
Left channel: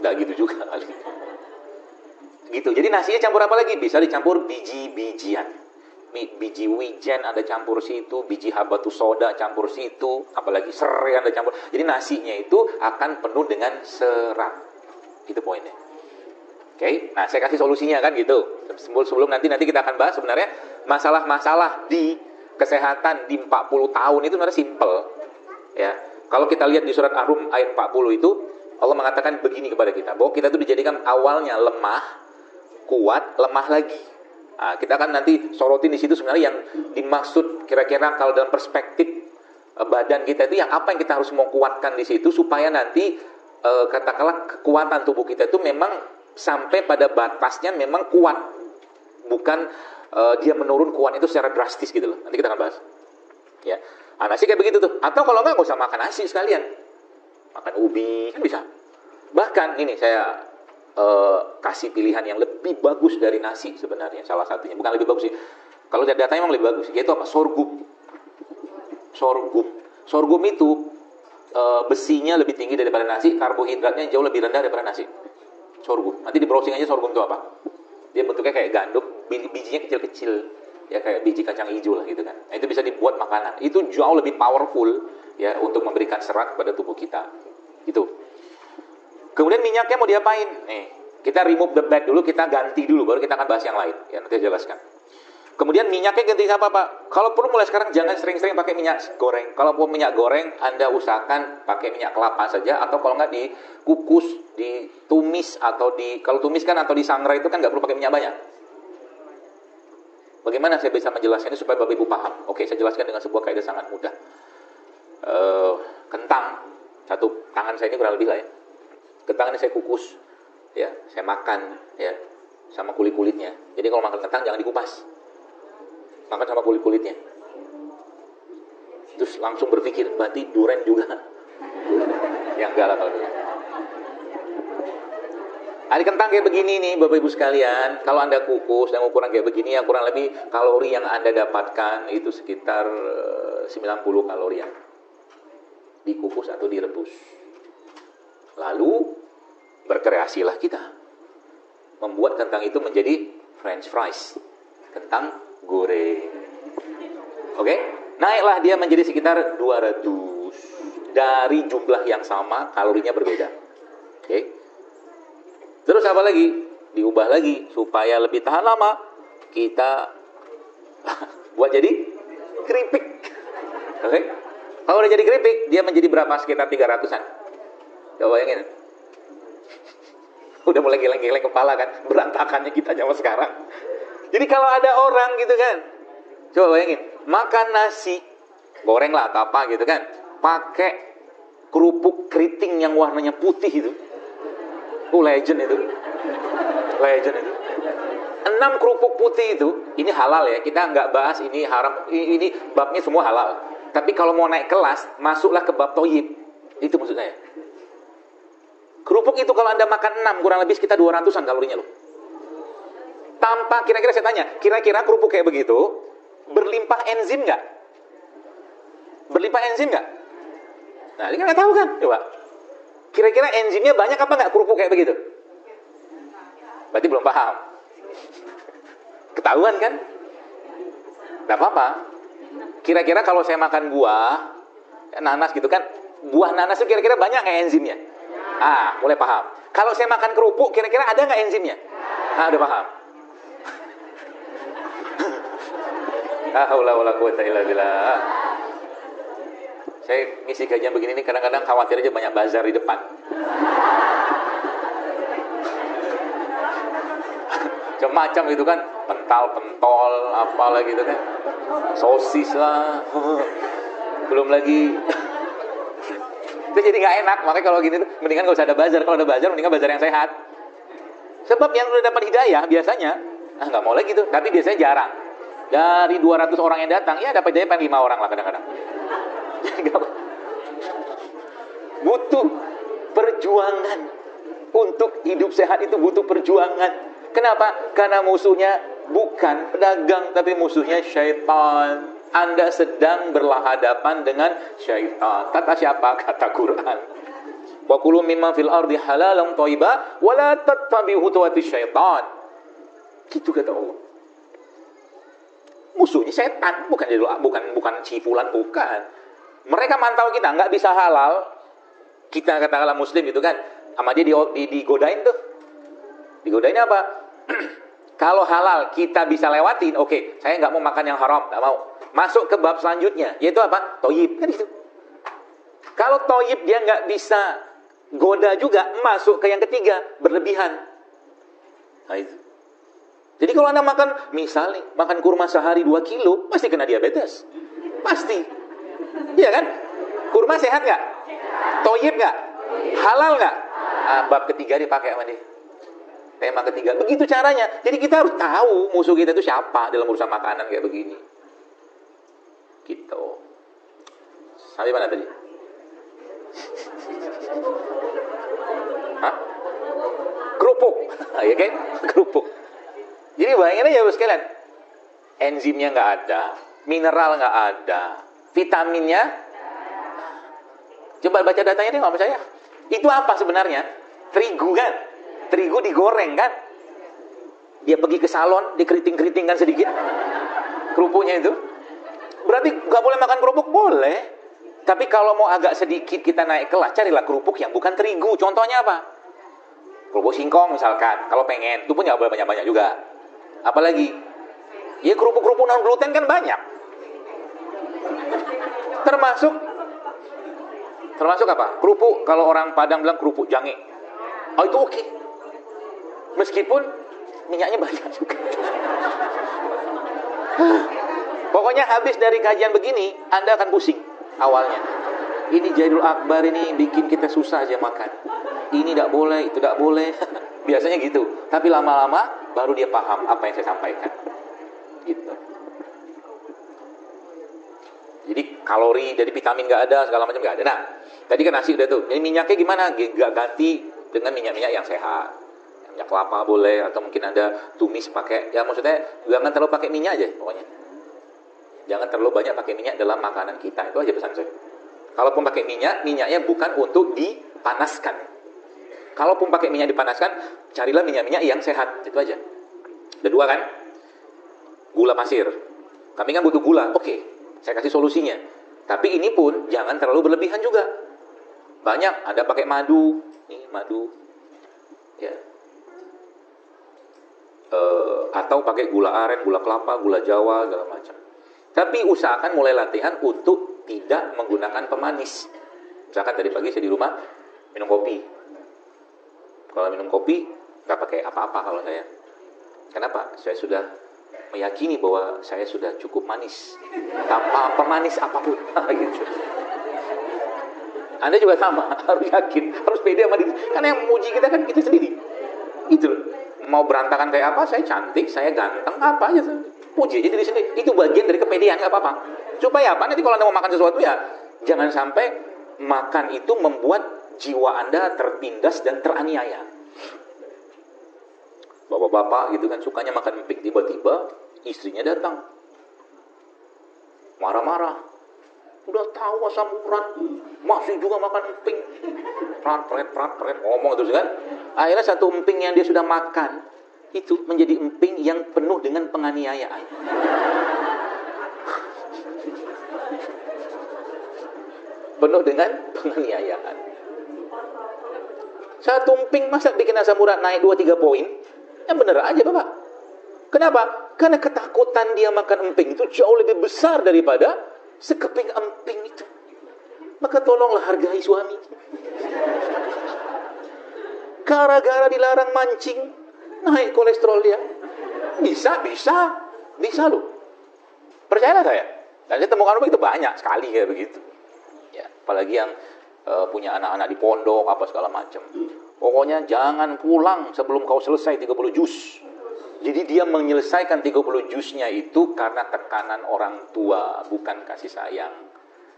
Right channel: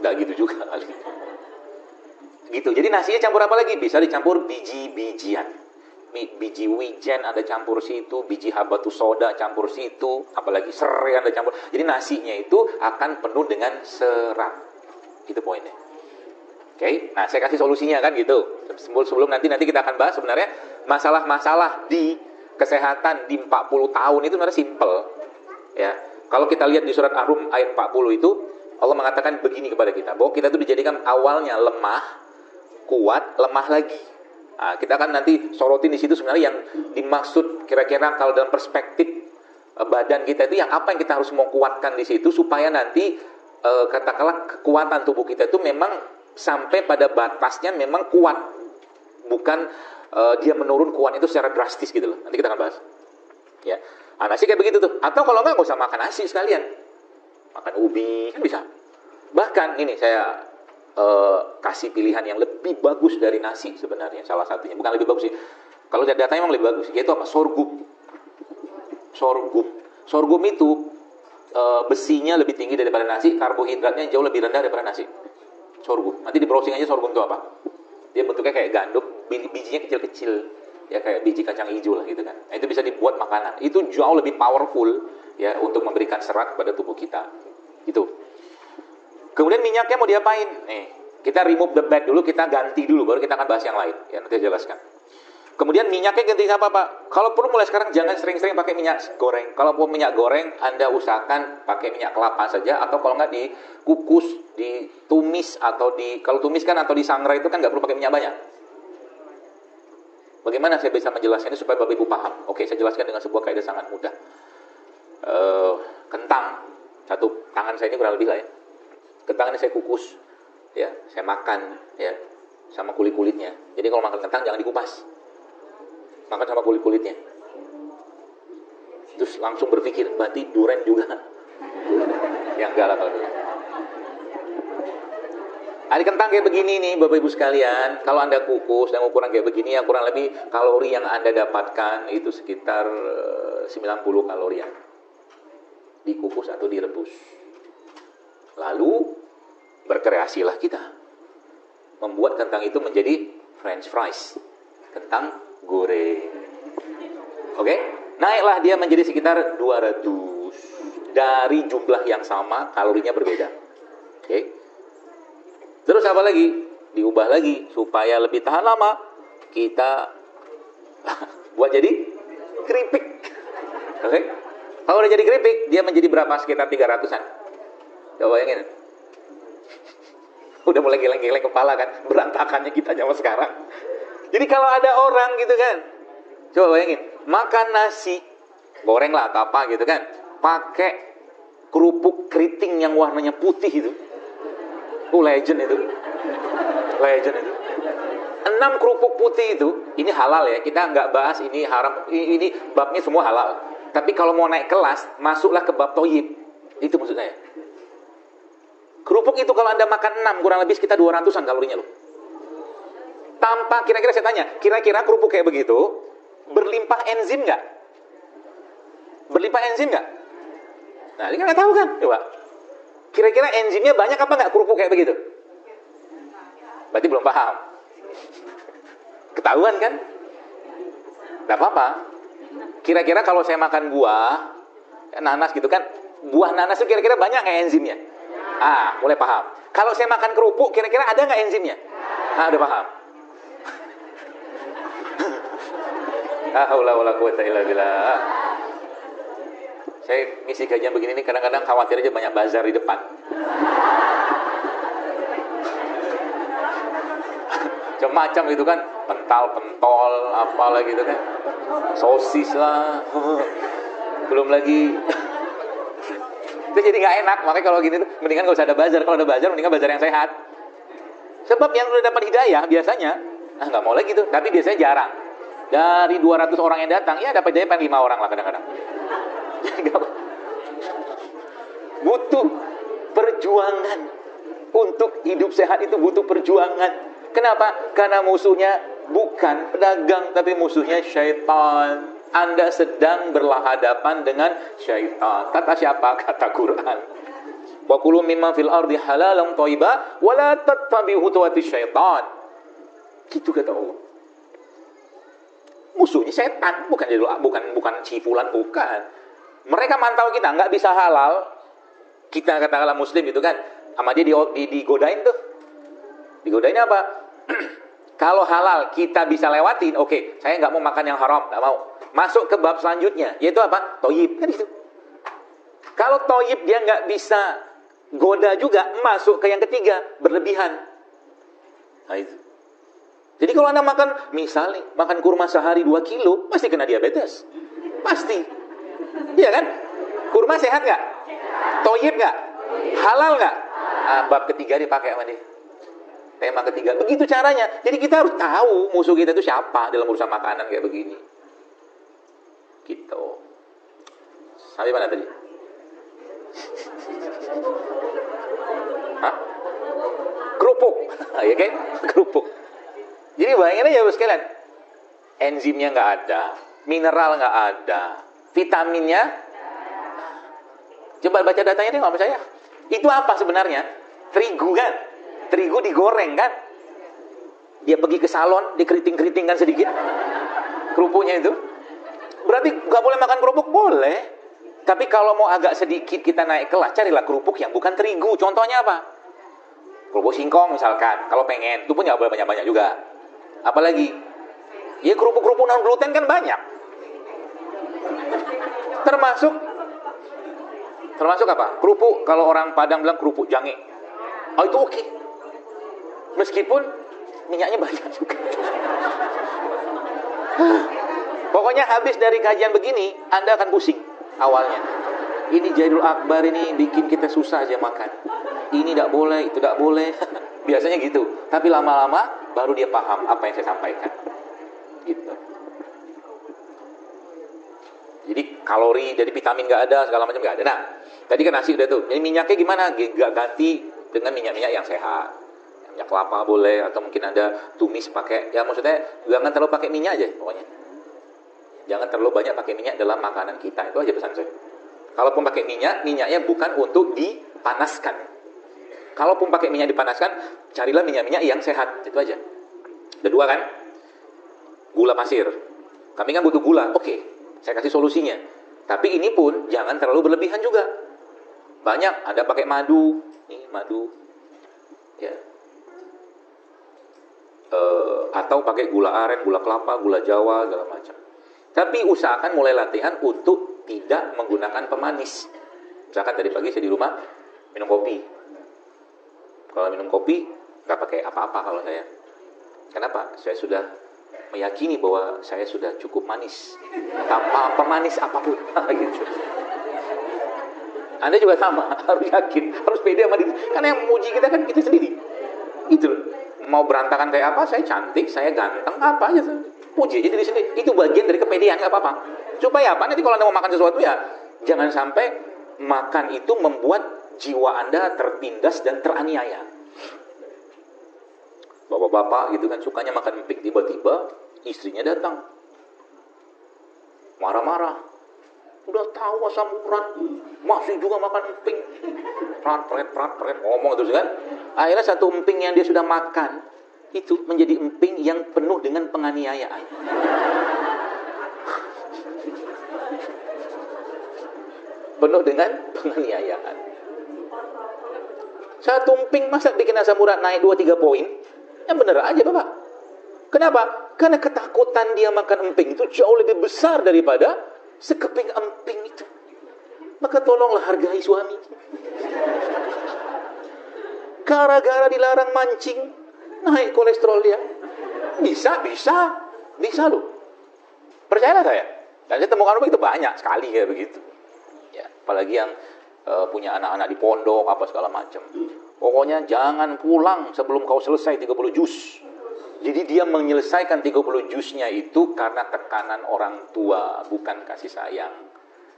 Nggak gitu juga. Gitu. Jadi nasinya campur apa lagi? Bisa dicampur biji-bijian. Biji wijen ada campur situ, biji habatus soda campur situ, apalagi serai ada campur. Jadi nasinya itu akan penuh dengan serat. Itu poinnya. Oke, nah saya kasih solusinya kan gitu. Sebelum nanti kita akan bahas sebenarnya masalah-masalah di kesehatan di 40 tahun itu sebenarnya simple. Ya. Kalau kita lihat di surat Ar-Rum ayat 40 itu, Allah mengatakan begini kepada kita, bahwa kita tuh dijadikan awalnya lemah, kuat, lemah lagi. Nah, kita kan nanti sorotin di situ sebenarnya yang dimaksud kira-kira kalau dalam perspektif badan kita itu yang apa yang kita harus mau kuatkan di situ supaya nanti katakanlah kekuatan tubuh kita itu memang sampai pada batasnya memang kuat, bukan dia menurun kuat itu secara drastis gitu loh. Nanti kita akan bahas. Ya, nasi kayak begitu tuh. Atau kalau nggak usah makan nasi sekalian, makan ubi kan bisa. Bahkan ini saya kasih pilihan yang lebih bagus dari nasi sebenarnya, salah satunya bukan lebih bagus sih. Kalau datanya memang lebih bagus, yaitu apa? Sorghum. Sorghum itu besinya lebih tinggi daripada nasi, karbohidratnya jauh lebih rendah daripada nasi. Sorghum. Nanti di browsing aja sorghum itu apa? Dia bentuknya kayak gandum, bijinya kecil-kecil, ya kayak biji kacang hijau lah gitu kan. Nah, itu bisa dibuat makanan. Itu jauh lebih powerful ya untuk memberikan serat pada tubuh kita. Itu. Kemudian minyaknya mau diapain? Nih, kita remove the bad dulu, kita ganti dulu, baru kita akan bahas yang lain. Ya, nanti saya jelaskan. Kemudian minyaknya ganti apa, Pak? Kalau perlu mulai sekarang jangan sering-sering pakai minyak goreng. Kalau mau minyak goreng, Anda usahakan pakai minyak kelapa saja, atau kalau nggak dikukus, ditumis, atau kalau tumis kan atau disangrai itu kan nggak perlu pakai minyak banyak. Bagaimana saya bisa menjelaskan ini supaya Bapak Ibu paham? Oke, saya jelaskan dengan sebuah kaidah sangat mudah. Kentang, satu tangan saya ini kurang lebih lah ya. Kentang ini saya kukus, ya, saya makan, ya, sama kulit-kulitnya. Jadi kalau makan kentang jangan dikupas, makan sama kulit-kulitnya. Terus langsung berpikir, berarti durian juga. Yang enggak lah kalau Nah, kentang kayak begini nih, Bapak Ibu sekalian. Kalau Anda kukus yang ukuran kayak begini, yang kurang lebih kalori yang Anda dapatkan itu sekitar 90 kalori ya. Dikukus atau direbus. Lalu berkreasilah kita membuat kentang itu menjadi French fries, kentang goreng. Oke, naiklah dia menjadi sekitar 200 dari jumlah yang sama, kalorinya berbeda. Oke, terus apa lagi? Diubah lagi supaya lebih tahan lama. Kita buat jadi keripik. Oke, kalau udah jadi keripik, dia menjadi berapa? Sekitar 300-an. Coba bayangin. Udah mulai geleng-geleng kepala kan, berantakannya kita zaman sekarang. Jadi kalau ada orang gitu kan, coba bayangin, makan nasi goreng lah atau apa gitu kan, pakai kerupuk keriting yang warnanya putih itu. Legend itu. 6 kerupuk putih itu, ini halal ya, kita nggak bahas ini haram, ini babnya semua halal. Tapi kalau mau naik kelas, masuklah ke bab toyib. Itu maksud saya. Kerupuk itu kalau Anda makan 6, kurang lebih sekitar 200-an kalorinya loh. Tanpa, kira-kira saya tanya, kira-kira kerupuk kayak begitu, berlimpah enzim nggak? Berlimpah enzim nggak? Nah, ini nggak tahu kan? Coba. Kira-kira enzimnya banyak apa nggak kerupuk kayak begitu? Berarti belum paham. Ketahuan kan? Nggak apa-apa. Kira-kira kalau saya makan buah, nanas gitu kan, buah nanas itu kira-kira banyak nggak enzimnya? Mulai paham. Kalau saya makan kerupuk, kira-kira ada nggak enzimnya? Udah paham. Saya ngisi kajian begini nih, kadang-kadang khawatir aja banyak bazar di depan. Macam-macam itu kan, pentol, apalah gitu kan, sosis lah, belum lagi. Itu jadi gak enak. Makanya kalau gini tuh mendingan gak usah ada bazar. Kalau ada bazar mendingan bazar yang sehat. Sebab yang udah dapat hidayah biasanya gak mau lagi tuh. Tapi biasanya jarang. Dari 200 orang yang datang, ya dapat hidayah 5 orang lah kadang-kadang. Butuh perjuangan. Untuk hidup sehat itu butuh perjuangan. Kenapa? Karena musuhnya bukan pedagang, tapi musuhnya syaitan. Anda sedang berhadapan dengan syaitan. Kata siapa? Kata Quran. Wa kulu mimma fil ardi halalan thayyiban wa la tattabi'u khutuwati syaitan. Gitu kata Allah. Musuhnya setan, bukan si fulan, bukan. Mereka mantau kita, nggak bisa halal. Kita katakanlah muslim itu kan, sama dia digodain tuh. Digodain apa? Kalau halal kita bisa lewatin, oke, saya nggak mau makan yang haram, nggak mau. masuk ke bab selanjutnya, yaitu apa? Toyib, kan itu. Kalau toyib dia nggak bisa goda juga, masuk ke yang ketiga, berlebihan. Nah itu. Jadi kalau Anda makan, misalnya makan kurma sehari 2 kilo, pasti kena diabetes. Pasti. Iya kan? Kurma sehat nggak? Toyib nggak? Halal nggak? Nah, bab ketiga dipakai sama dia. Tema ketiga. Begitu caranya. Jadi kita harus tahu musuh kita itu siapa dalam urusan makanan kayak begini. Gitu. Sampai mana tadi? Hah? Kerupuk. Ya kan? Kerupuk. Jadi bahayanya ya sekalian. Enzimnya nggak ada, mineral nggak ada, vitaminnya. Coba baca datanya deh sama saya. Itu apa sebenarnya? Terigu kan? Terigu digoreng kan? Dia pergi ke salon, dikeriting-keritingkan sedikit. Kerupuknya itu. Berarti nggak boleh makan kerupuk? Boleh. Tapi kalau mau agak sedikit kita naik kelas, carilah kerupuk yang bukan terigu. Contohnya apa? Kerupuk singkong misalkan. Kalau pengen, itu punya banyak juga. Apalagi? Ya kerupuk-kerupuk non gluten kan banyak. Termasuk apa? Kerupuk, kalau orang Padang bilang kerupuk jange. Nah, itu oke. Meskipun minyaknya banyak juga. Pokoknya habis dari kajian begini, Anda akan pusing awalnya. Ini Jailul Akbar ini bikin kita susah aja makan. Ini tidak boleh, itu tidak boleh. Biasanya gitu. Tapi lama-lama baru dia paham apa yang saya sampaikan. Gitu. Jadi kalori dari vitamin nggak ada, segala macam nggak ada. Nah, tadi kan nasi ada tuh. Ini minyaknya gimana? Nggak ganti dengan minyak-minyak yang sehat. Minyak kelapa boleh, atau mungkin ada tumis pakai. Ya maksudnya jangan terlalu pakai minyak aja pokoknya. Jangan terlalu banyak pakai minyak dalam makanan kita. Itu aja pesan saya. Kalaupun pakai minyak, minyaknya bukan untuk dipanaskan. Kalaupun pakai minyak dipanaskan, carilah minyak-minyak yang sehat. Itu aja. Kedua kan, gula pasir. Tapi kan butuh gula. Oke, saya kasih solusinya. Tapi ini pun jangan terlalu berlebihan juga. Banyak, ada pakai madu. Ini madu. Ya. Atau pakai gula aren, gula kelapa, gula jawa, segala macam. Tapi usahakan mulai latihan untuk tidak menggunakan pemanis. Misalkan tadi pagi saya di rumah minum kopi. Kalau minum kopi nggak pakai apa-apa kalau saya. Kenapa? Saya sudah meyakini bahwa saya sudah cukup manis. Tanpa pemanis apapun. Gitu. Anda juga sama, harus yakin, harus pede sama diri. Karena yang memuji kita kan kita sendiri. Gitu loh. Mau berantakan kayak apa, saya cantik, saya ganteng, apa aja. Puji itu di sini. Itu bagian dari kepedean, nggak apa-apa. Supaya apa? Nanti kalau Anda mau makan sesuatu ya, jangan sampai makan itu membuat jiwa Anda tertindas dan teraniaya. Bapak-bapak gitu kan sukanya makan emping, tiba-tiba istrinya datang. Marah-marah. Udah tahu asam urat, masih juga makan emping. Prat, ngomong terus kan. Akhirnya satu emping yang dia sudah makan itu menjadi emping yang penuh dengan penganiayaan. Penuh dengan penganiayaan. Satu emping masa bikin asam urat naik 2-3 poin? Ya bener aja Bapak. Kenapa? Karena ketakutan dia makan emping itu jauh lebih besar daripada sekeping emping itu. Maka tolonglah hargai suami. Gara-gara dilarang mancing, naik kolesterol dia. Bisa. Percaya saya? Dan saya temukan itu banyak sekali kayak begitu. Ya, apalagi yang punya anak-anak di pondok apa segala macam. Pokoknya jangan pulang sebelum kau selesai 30 juz. Jadi dia menyelesaikan 30 juznya itu karena tekanan orang tua, bukan kasih sayang.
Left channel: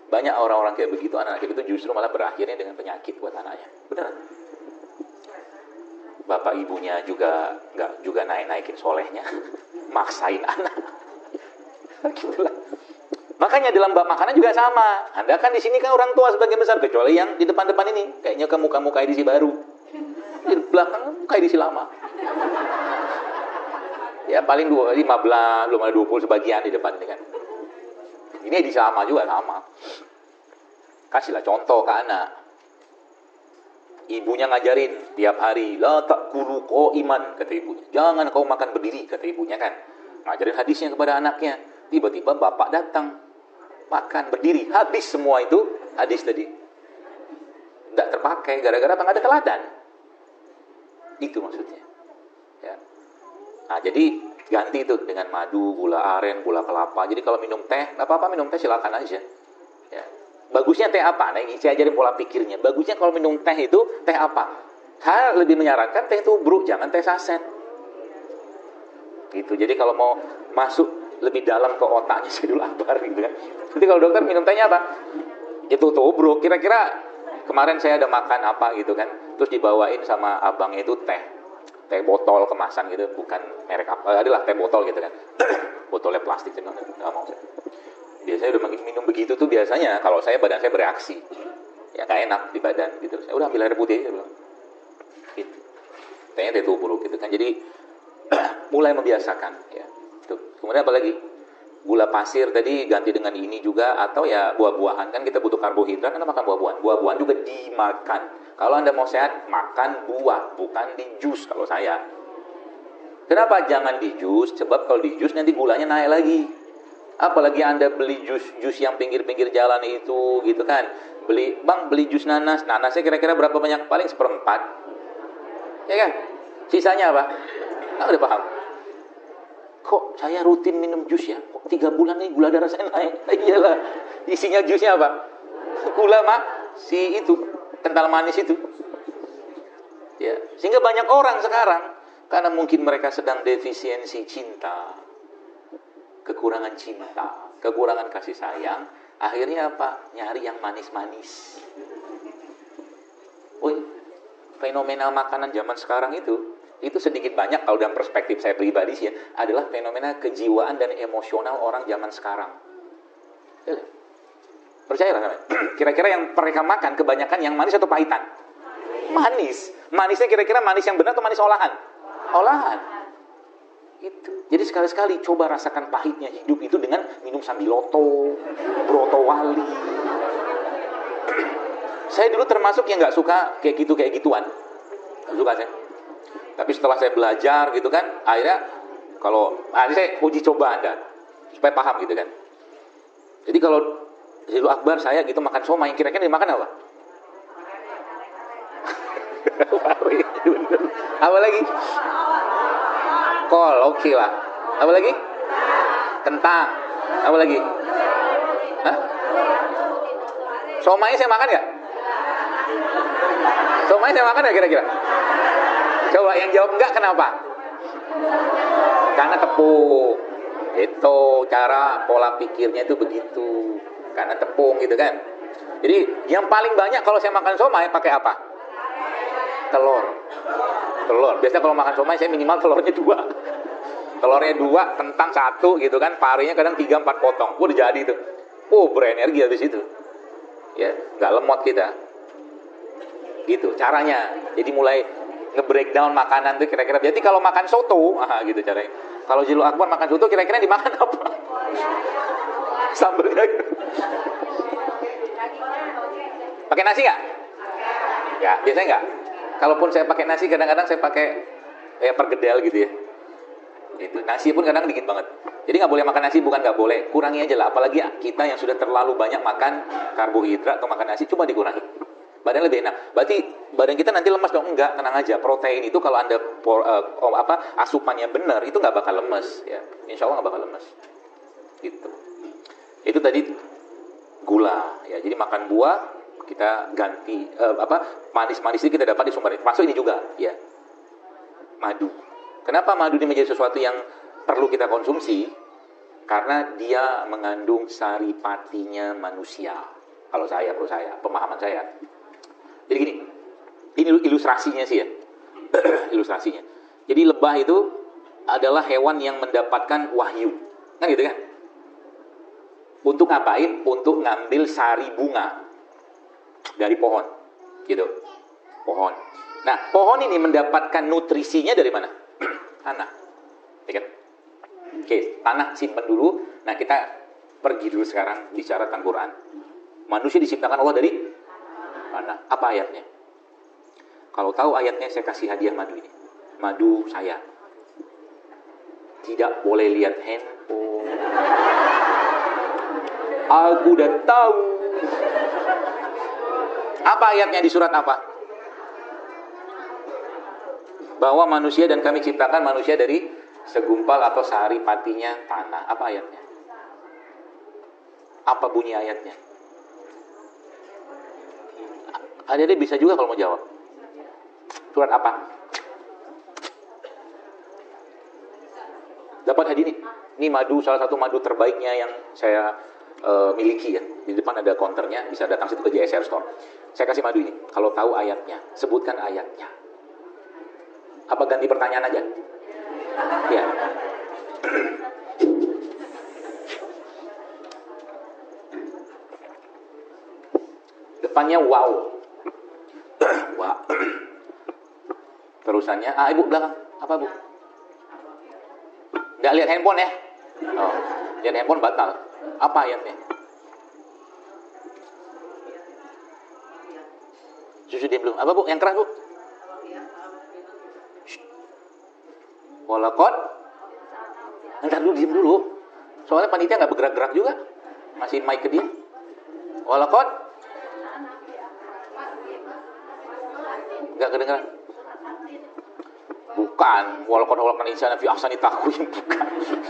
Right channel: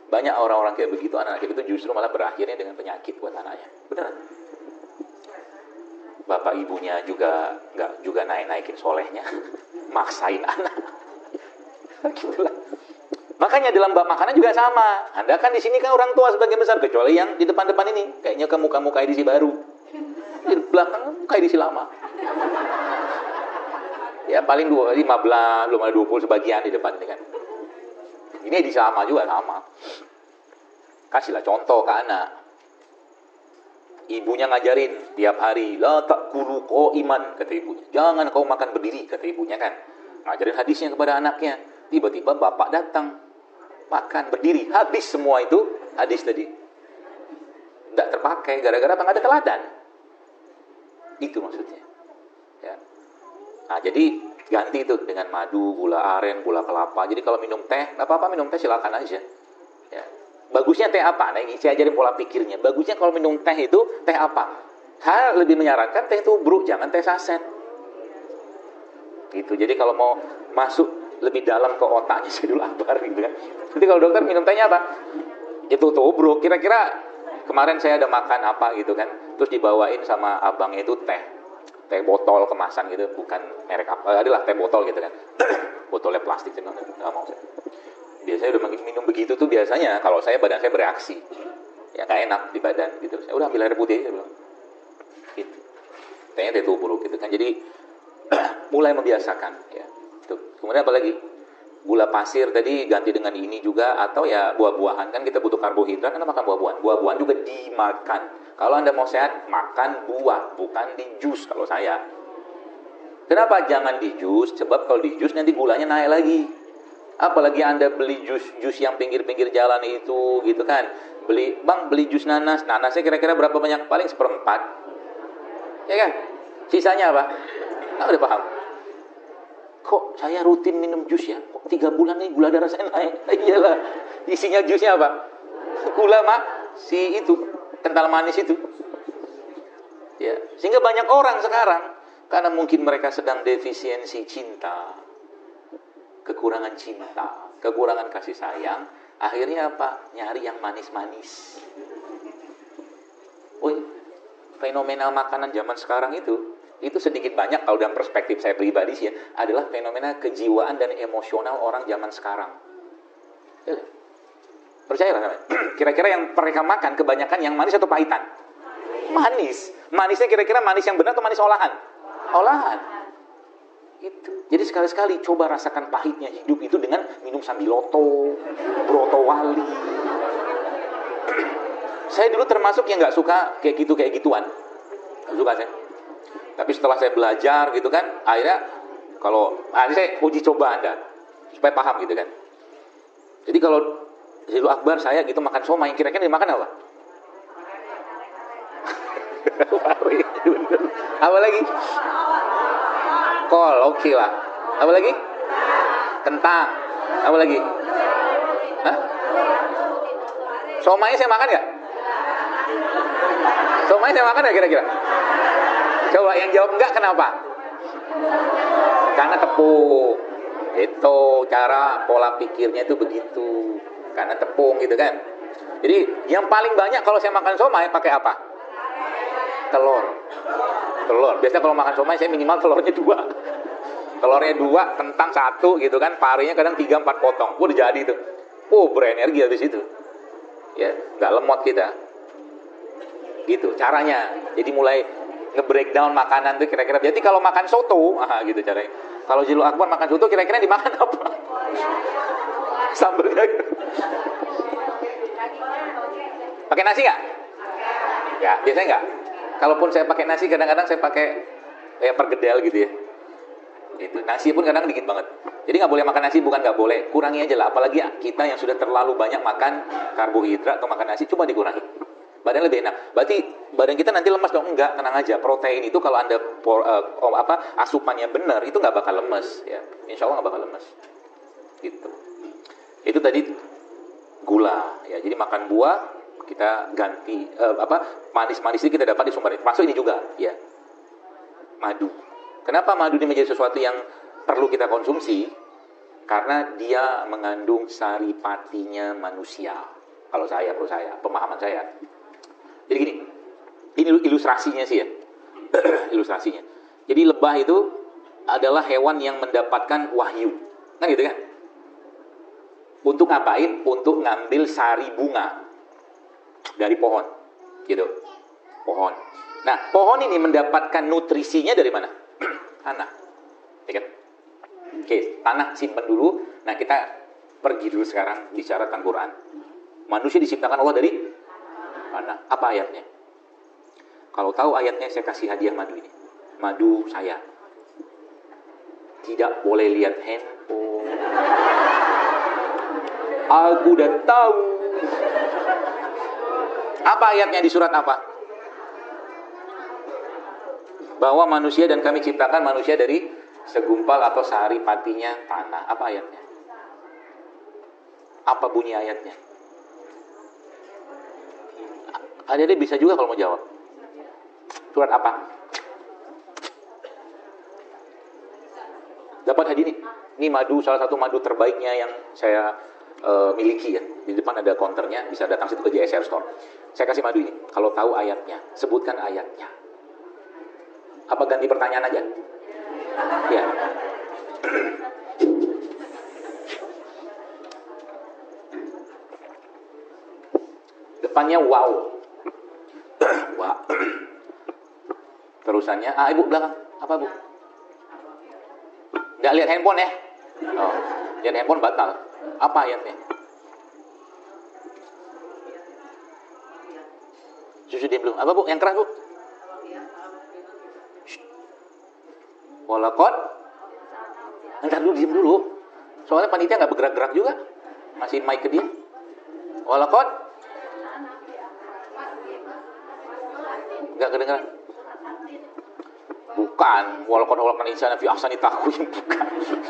Banyak orang-orang kayak begitu, anak kayak gitu justru malah berakhirnya dengan penyakit buat anaknya. Benar. Bapak ibunya juga nggak juga naikin solehnya, maksain anak. Gitulah. Makanya dalam bab makanan juga sama. Anda kan di sini kan orang tua sebagian besar, kecuali yang di depan-depan ini, kayaknya ke muka-muka edisi baru. Di belakang muka edisi lama. Ya paling 15, belum ada 20 sebagian di depan ini kan. Jadi edisi lama juga sama. Kasihlah contoh ke anak. Ibunya ngajarin tiap hari, la ta'kulu qa'iman, kata ibunya. Jangan kau makan berdiri, kata ibunya kan. Ngajarin hadisnya kepada anaknya. Tiba-tiba bapak datang, makan berdiri, habis semua itu hadis tadi nggak terpakai gara-gara apa? Nggak ada teladan. Itu maksudnya. Ya. Nah jadi ganti itu dengan madu, gula aren, gula kelapa. Jadi kalau minum teh, nggak apa-apa minum teh silakan aja. Ya. Bagusnya teh apa? Nah, saya ajarin pola pikirnya. Bagusnya kalau minum teh itu teh apa? Lebih menyarankan teh tubruk, jangan teh saset. Gitu. Jadi kalau mau masuk lebih dalam ke otaknya saya dulu akbar gitu kan. Jadi kalau dokter minum tehnya apa? Itu tubruk. Kira-kira kemarin saya ada makan apa gitu kan. Terus dibawain sama abangnya itu teh botol kemasan gitu, bukan merek apa, adalah teh botol gitu kan. Botolnya plastik kan. Biasanya udah minum begitu tuh biasanya kalau badan saya bereaksi. Ya gak enak di badan gitu. Saya udah ambil air putih aja belum. Gitu. Tehnya ditubruk gitu kan. Jadi mulai membiasakan. Ya. Kemudian apa lagi? Gula pasir tadi ganti dengan ini juga, atau ya buah-buahan, kan kita butuh karbohidrat, Anda makan buah-buahan. Buah-buahan juga dimakan. Kalau Anda mau sehat, makan buah, bukan di jus kalau saya. Kenapa jangan di jus? Sebab kalau di jus nanti gulanya naik lagi. Apalagi Anda beli jus yang pinggir-pinggir jalan itu gitu kan. Beli jus nanas. Nanasnya kira-kira berapa banyak? Paling 1/4. Ya kan? Sisanya apa? Udah paham. Kok saya rutin minum jus ya? 3 bulan nih gula darah saya naik. Iyalah. Isinya jusnya apa? Gula si itu, kental manis itu. Ya, sehingga banyak orang sekarang karena mungkin mereka sedang defisiensi cinta, kekurangan cinta, kekurangan kasih sayang, akhirnya apa? Nyari yang manis-manis. Oh, fenomena makanan zaman sekarang itu sedikit banyak kalau dalam perspektif saya pribadi sih ya, adalah fenomena kejiwaan dan emosional orang zaman sekarang. Percayalah kalian. Kira-kira yang mereka makan kebanyakan yang manis atau pahitan? Manis. Manisnya kira-kira manis yang benar atau manis olahan? Olahan. Itu. Jadi sekali-sekali coba rasakan pahitnya hidup itu dengan minum sambiloto, broto wali. Saya dulu termasuk yang nggak suka kayak gituan. Nggak suka saya. Tapi setelah saya belajar gitu kan, akhirnya kalau saya uji coba kan, supaya paham gitu kan. Jadi kalau Zilu Akbar saya gitu makan somai, kira-kira dimakan apa? Apa lagi? Kol, oke lah. Apa lagi? Kentang. Apa lagi? Hah? Somai saya makan nggak? Somai saya makan nggak kira-kira? Coba yang jawab enggak, kenapa? Karena tepung. Itu cara pola pikirnya itu begitu. Karena tepung gitu kan. Jadi yang paling banyak kalau saya makan somai pakai apa? Telur. Biasanya kalau makan somai saya minimal telurnya 2. Telurnya 2, kentang 1 gitu kan. Parinya kadang 3-4 potong. Udah jadi itu. Berenergi dari situ. Ya, nggak lemot kita. Gitu caranya. Jadi mulai nge-breakdown makanan itu kira-kira. Jadi kalau makan soto, gitu caranya. Kalau Zilu Akbar makan soto kira-kira dimakan apa? Sambal lagi. Pakai nasi nggak? Ya, biasanya nggak. Kalaupun saya pakai nasi, kadang-kadang saya pakai pergedel gitu ya. Itu nasi pun kadang dikit banget. Jadi nggak boleh makan nasi, bukan nggak boleh. Kurangi aja lah. Apalagi kita yang sudah terlalu banyak makan karbohidrat atau makan nasi, coba dikurangi. Badan lebih enak. Berarti badan kita nanti lemas dong? Enggak, tenang aja. Protein itu kalau Anda asupannya benar, itu nggak bakal lemes. Ya. Insya Allah nggak bakal lemes. Gitu. Itu tadi gula. Ya, jadi makan buah kita ganti manis-manis itu kita dapat di sumber. Masuk ini juga, ya. Madu. Kenapa madu ini menjadi sesuatu yang perlu kita konsumsi? Karena dia mengandung saripatinya manusia. Kalau saya, pemahaman saya. Jadi gini, ini ilustrasinya sih ya. Ilustrasinya. Jadi lebah itu adalah hewan yang mendapatkan wahyu. Kan gitu ya? Untuk ngapain? Untuk ngambil sari bunga dari pohon. Gitu. Pohon. Nah, pohon ini mendapatkan nutrisinya dari mana? Tanah. Ya kan? Oke, tanah simpan dulu. Nah, kita pergi dulu sekarang bicara tentang Quran. Manusia diciptakan Allah dari mana? Apa ayatnya? Kalau tahu ayatnya saya kasih hadiah madu. Madu saya. Tidak boleh lihat hand, Aku udah tahu. Apa ayatnya di surat apa? Bahwa manusia dan kami ciptakan manusia dari segumpal atau sehari patinya tanah. Apa ayatnya? Apa bunyi ayatnya? Adik-adik bisa juga kalau mau jawab. Surat apa? Dapat hadiah nih. Ini madu, salah satu madu terbaiknya yang saya miliki ya. Di depan ada counternya, bisa datang situ ke JSR Store. Saya kasih madu ini. Kalau tahu ayatnya, sebutkan ayatnya. Apa ganti pertanyaan aja? Ya. Depannya wow. Wow. Terusannya ibu belakang. Apa bu? Nggak lihat handphone ya? Oh, lihat handphone batal. Apa ayatnya? Sudah belum. Apa bu? Yang terakhir bu? Walakot. Ntar dulu, diam dulu. Soalnya panitia nggak bergerak-gerak juga. Masih mic ke dia. Walakot. Nggak kedengar. Bukan. Walakot insana fi ahsani taqwim.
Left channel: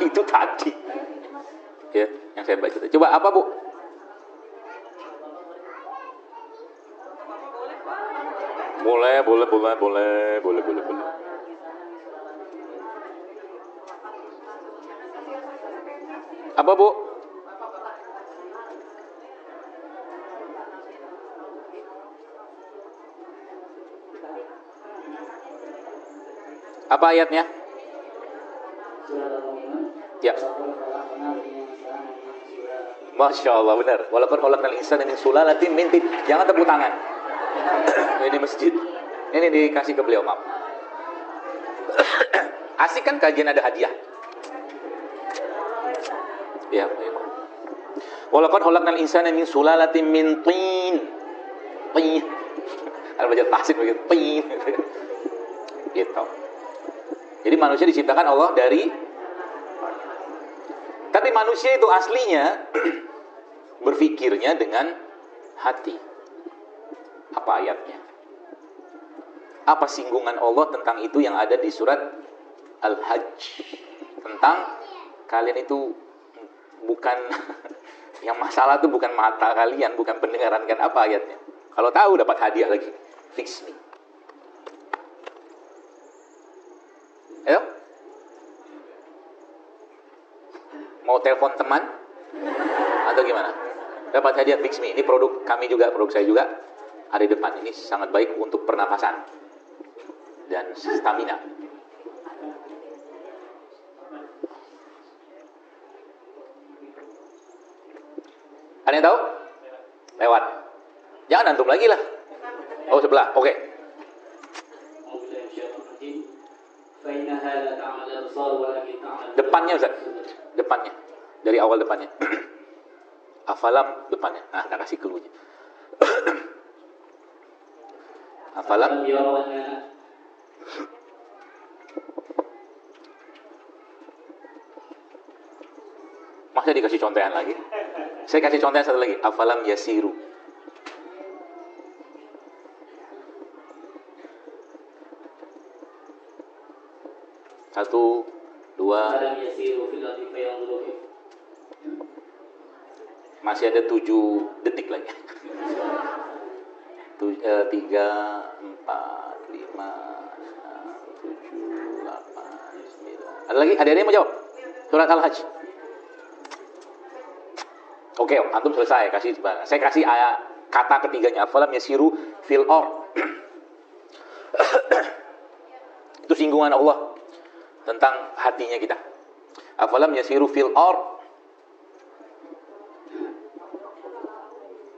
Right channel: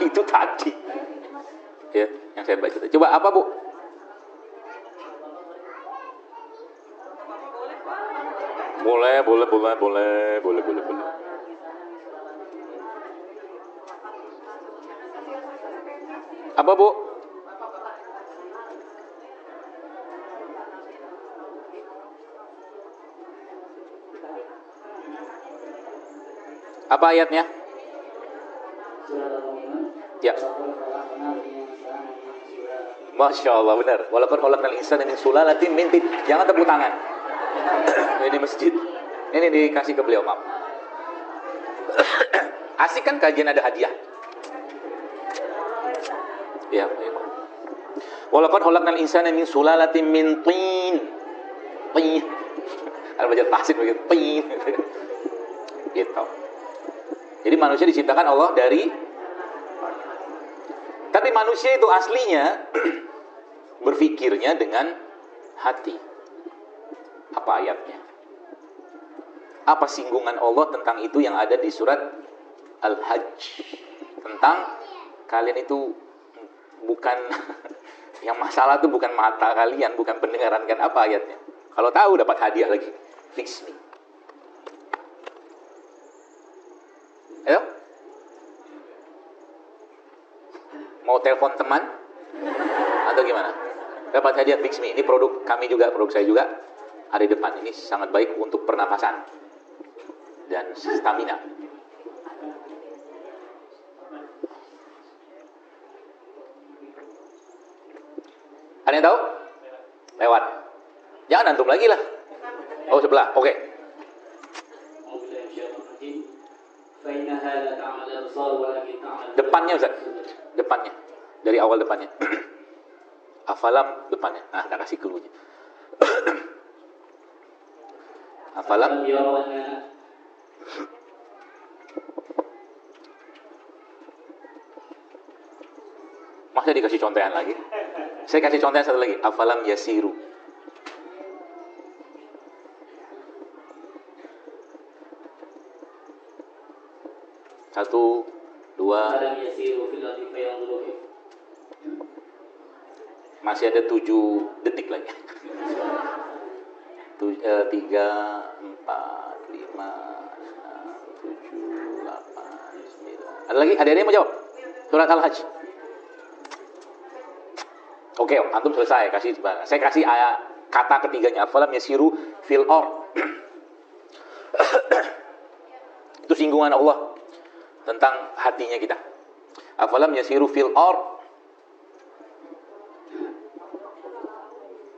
Itu tadi. Oke, yang saya baca. Coba apa bu? Boleh. Apa bu? Apa ayatnya? Ya. Masya Allah benar. Walaupun khalaqnal insana min sulalatin min tin. Jangan tepuk tangan. Ini di masjid. Ini dikasih ke beliau Pak. Asik kan kajian ada hadiah. Ya. Walaupun khalaqnal insana min sulalatin min tin. Tin. Kalau baca tahsin begitu. Tin. Gitu. Jadi manusia diciptakan Allah dari. Tapi manusia itu aslinya berpikirnya dengan hati. Apa ayatnya? Apa singgungan Allah tentang itu yang ada di surat Al-Hajj? Tentang kalian itu bukan yang masalah itu bukan mata kalian, bukan pendengaran kan, apa ayatnya? Kalau tahu dapat hadiah lagi. Fix nih. Ya. Mau telepon teman atau gimana? Dapat hadiah Fix Me. Ini produk kami juga, produk saya juga. Ada di depan. Ini sangat baik untuk pernapasan dan stamina. Ada yang tahu? Lewat. Jangan antum lagi lah. Oh sebelah. Oke. Depannya Ustaz. Depannya. Dari awal depannya. Afalam depannya. Nah, kita kasih clue-nya. Afalam Masa dikasih contehan lagi? Saya kasih contehan satu lagi. Afalam yasiru. Satu, dua. Masih ada 7 detik lagi. 3, 4, 5, 6, 7, 8, 9. Ada lagi? Ada yang mau jawab? Surat Al-Hajj. Oke, antum selesai. Saya kasih ayat kata ketiganya. Afalam yasiru fil ardh. Itu singgungan Allah tentang hatinya kita. Afalam yasiru fil ardh.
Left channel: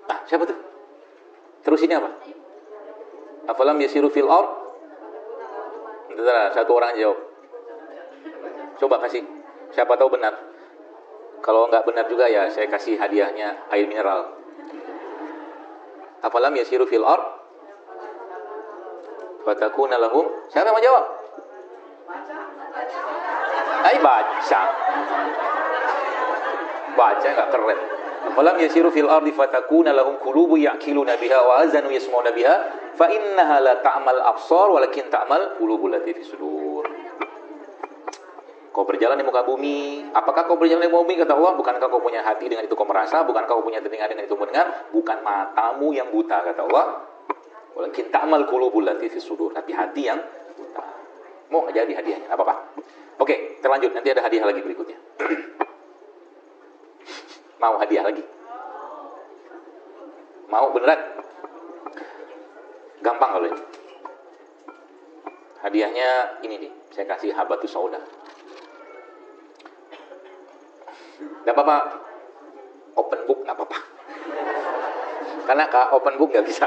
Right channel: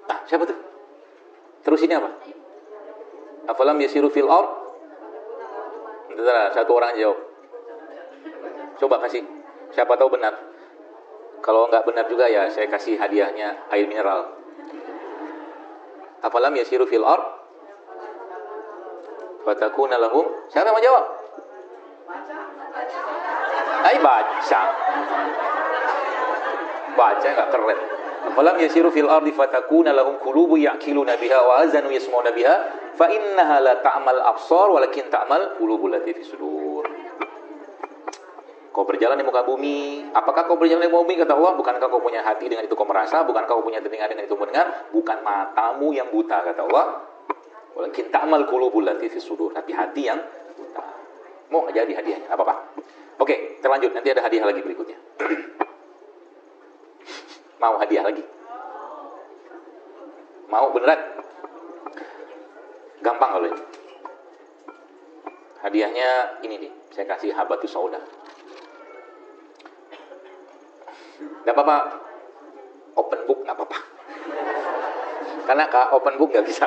Nah, siapa tuh? Terus ini apa? Afalam yasiru fil ardh. Itu salah, satu orang jawab. Coba kasih. Siapa tahu benar. Kalau nggak benar juga ya saya kasih hadiahnya air mineral. Afalam yasiru fil ardh fatakuna lahum. Siapa mau jawab? Ayo baca. Baca nggak keren. Walam yasiru fil ardi fatakuna lahum qulubu ya'qiluna biha wa azanu yasma'una biha fa innaha la ta'mal absar walakin ta'mal qulubul lati fi sudur. Kau berjalan di muka bumi. Apakah kau berjalan di muka bumi? Kata Allah, bukankah kau punya hati dengan itu kau merasa? Bukankah kau punya telinga dengan itu mendengar? Bukan matamu yang buta, kata Allah. Walakin ta'mal qulubul lati fi sudur. Tapi hati yang buta. Mau jadi hadiahnya apakah? Oke, terlanjut. Nanti ada hadiah lagi berikutnya. Mau hadiah lagi? Mau beneran? Gampang kalau ini. Hadiahnya ini nih, saya kasih habatus sauda. Gak apa-apa, open book gak apa-apa. Karena open book gak bisa.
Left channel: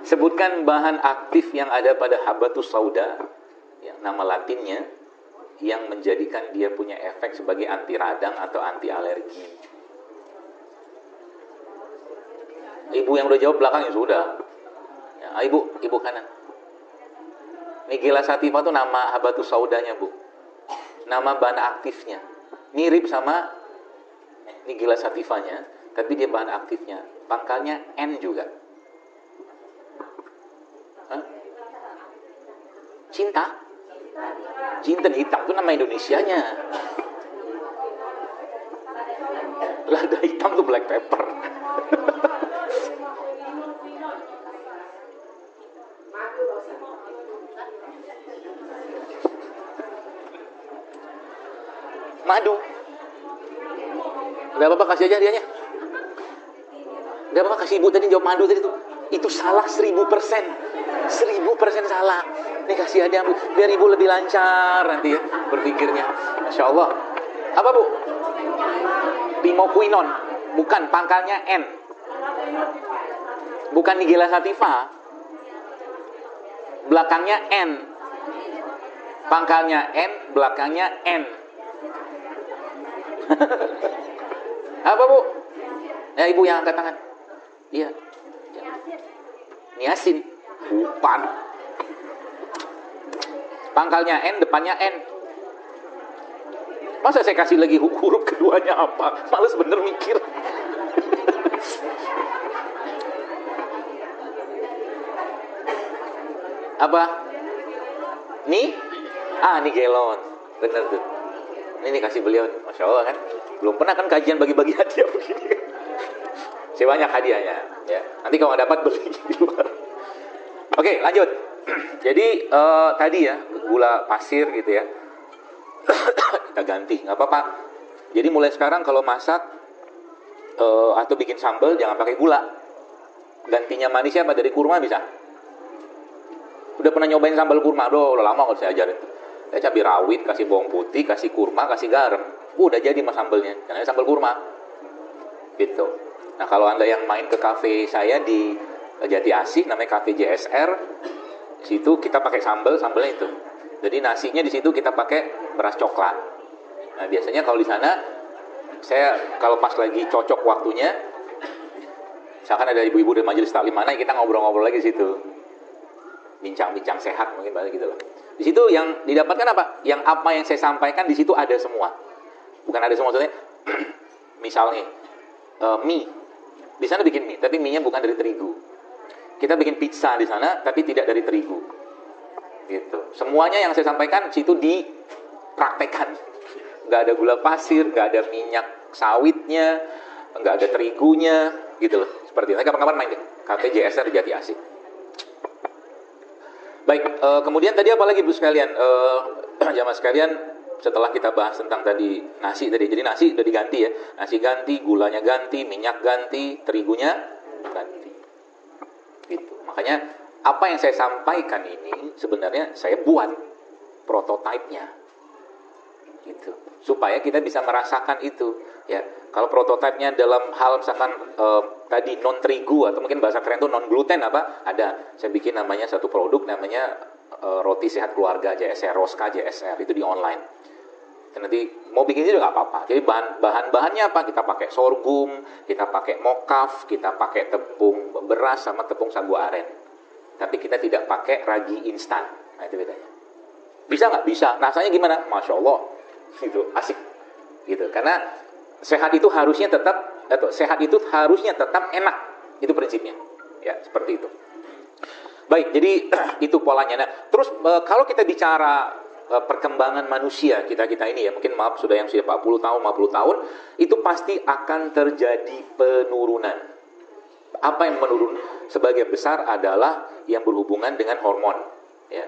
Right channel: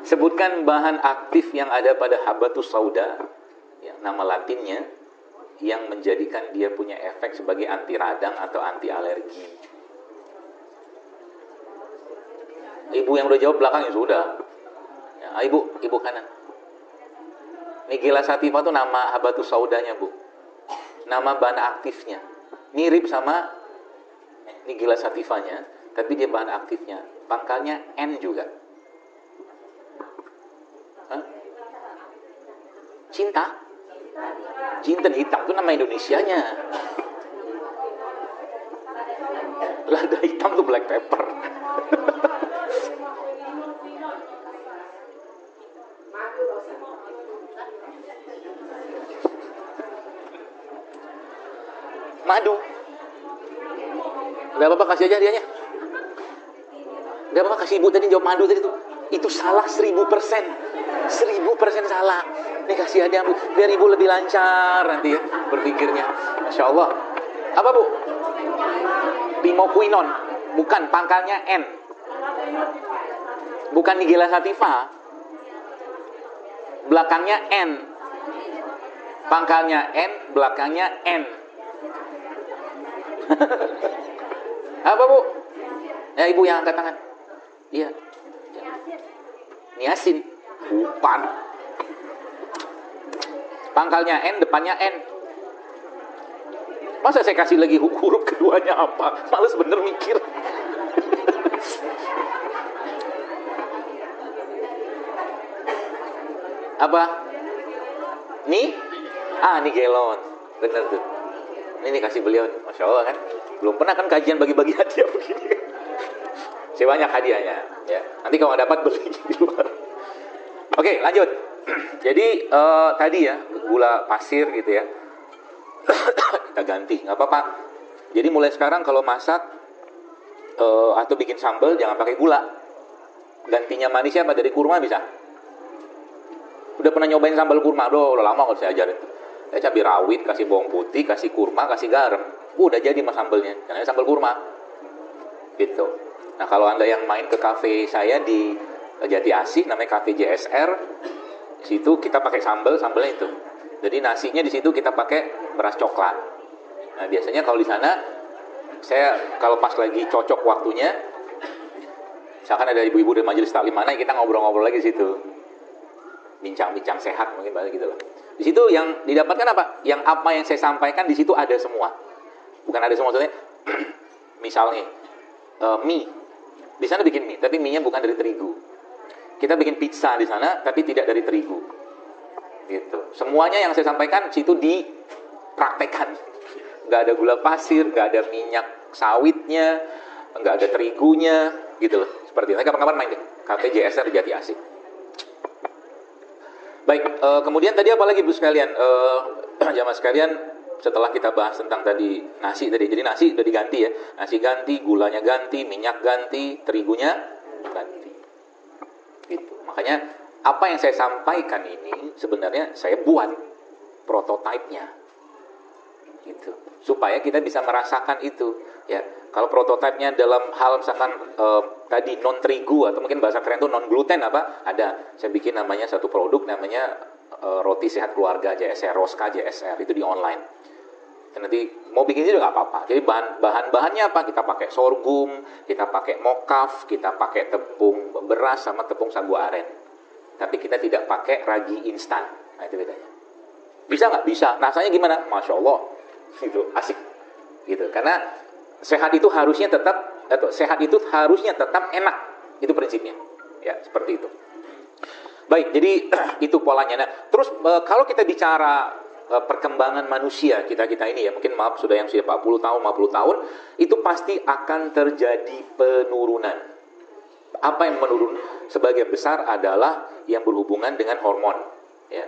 Sebutkan bahan aktif yang ada pada habatus sauda, yang nama latinnya, yang menjadikan dia punya efek sebagai anti radang atau anti alergi. Ibu yang udah jawab belakang ya sudah. Ya, ibu kanan. Nigella sativa itu nama habatus saudanya, Bu. Nama bahan aktifnya mirip sama Nigella sativanya, tapi dia bahan aktifnya pangkalnya N juga. Hah? Cinta hitam itu nama Indonesianya. Lada hitam itu black pepper. Madu. Gak apa-apa, kasih aja hadiahnya. Gak apa-apa, kasih ibu tadi jawab madu tadi tuh. Itu salah 1000%. 1000% salah. Ini kasih hadiah biar ibu lebih lancar nanti ya berpikirnya. Masya Allah. Apa, Bu? Pimoquinone. Bukan, pangkalnya N. Bukan Nigella sativa. Belakangnya N. Pangkalnya N, belakangnya N. Apa, Bu? Ya, ibu yang angkat tangan. Iya. Niasin. Bukan. Pangkalnya N, depannya N. Masa saya kasih lagi huruf keduanya apa? Males bener mikir. Apa? Nih? Nigelon. Bener tuh. Ini kasih beliau. Masya Allah kan. Belum pernah kan kajian bagi-bagi hadiah. Saya banyak hadiahnya. Ya. Nanti kalau dapat berpikir di luar. Oke, lanjut. Jadi tadi ya gula pasir gitu ya. Kita ganti, nggak apa-apa. Jadi mulai sekarang kalau masak atau bikin sambal jangan pakai gula. Gantinya manisnya apa dari kurma bisa. Udah pernah nyobain sambal kurma? Udah lama kalau saya ajarin. Saya cabai rawit, kasih bawang putih, kasih kurma, kasih garam. Udah jadi sambalnya. Namanya sambal kurma. Gitu. Nah kalau Anda yang main ke kafe saya di Jati Asih, namanya kafe JSR, situ kita pakai sambalnya itu. Jadi nasinya di situ kita pakai beras coklat. Nah, biasanya kalau di sana, saya kalau pas lagi cocok waktunya, misalkan ada ibu-ibu dari majelis taklim mana, kita ngobrol-ngobrol lagi di situ, bincang-bincang sehat mungkin banyak gitu lah. Di situ yang didapatkan apa? Yang apa yang saya sampaikan di situ ada semua. Bukan ada semua, maksudnya, misalnya mie, di sana bikin mie, tapi mie-nya bukan dari terigu. Kita bikin pizza di sana, tapi tidak dari terigu. Gitu. Semuanya yang saya sampaikan situ dipraktekkan. Nggak ada gula pasir, nggak ada minyak sawitnya, nggak ada terigunya, gitu loh. Seperti itu. Kapan-kapan main deh. Kafe JSR Jati Asih. Baik, kemudian tadi apa lagi Bu sekalian? Jamaah sekalian, setelah kita bahas tentang tadi nasi tadi, jadi nasi udah diganti ya. Nasi ganti, gulanya ganti, minyak ganti, terigunya ganti. Gitu. Makanya apa yang saya sampaikan ini sebenarnya saya buat prototipenya, gitu, supaya kita bisa merasakan itu. Ya, kalau prototipenya dalam hal misalkan tadi non terigu atau mungkin bahasa keren itu non gluten apa? Ada. Saya bikin namanya satu produk namanya roti sehat keluarga JSR, Roska JSR, itu di online. Dan nanti mau bikin itu juga apa-apa. Jadi bahan-bahannya apa? Kita pakai sorghum, kita pakai mokaf, kita pakai tepung beras sama tepung sagu aren. Tapi kita tidak pakai ragi instan. Nah, itu bedanya. Bisa nggak? Bisa. Rasanya gimana? Masya Allah. Gitu, asik. Gitu. Karena sehat itu harusnya tetap, atau sehat itu harusnya tetap enak. Itu prinsipnya. Ya, seperti itu. Baik, jadi itu polanya. Nah, terus kalau kita bicara perkembangan manusia kita ini ya, mungkin maaf sudah yang sudah 40 tahun, 50 tahun, itu pasti akan terjadi penurunan. Apa yang menurun? Sebagian besar adalah yang berhubungan dengan hormon, ya.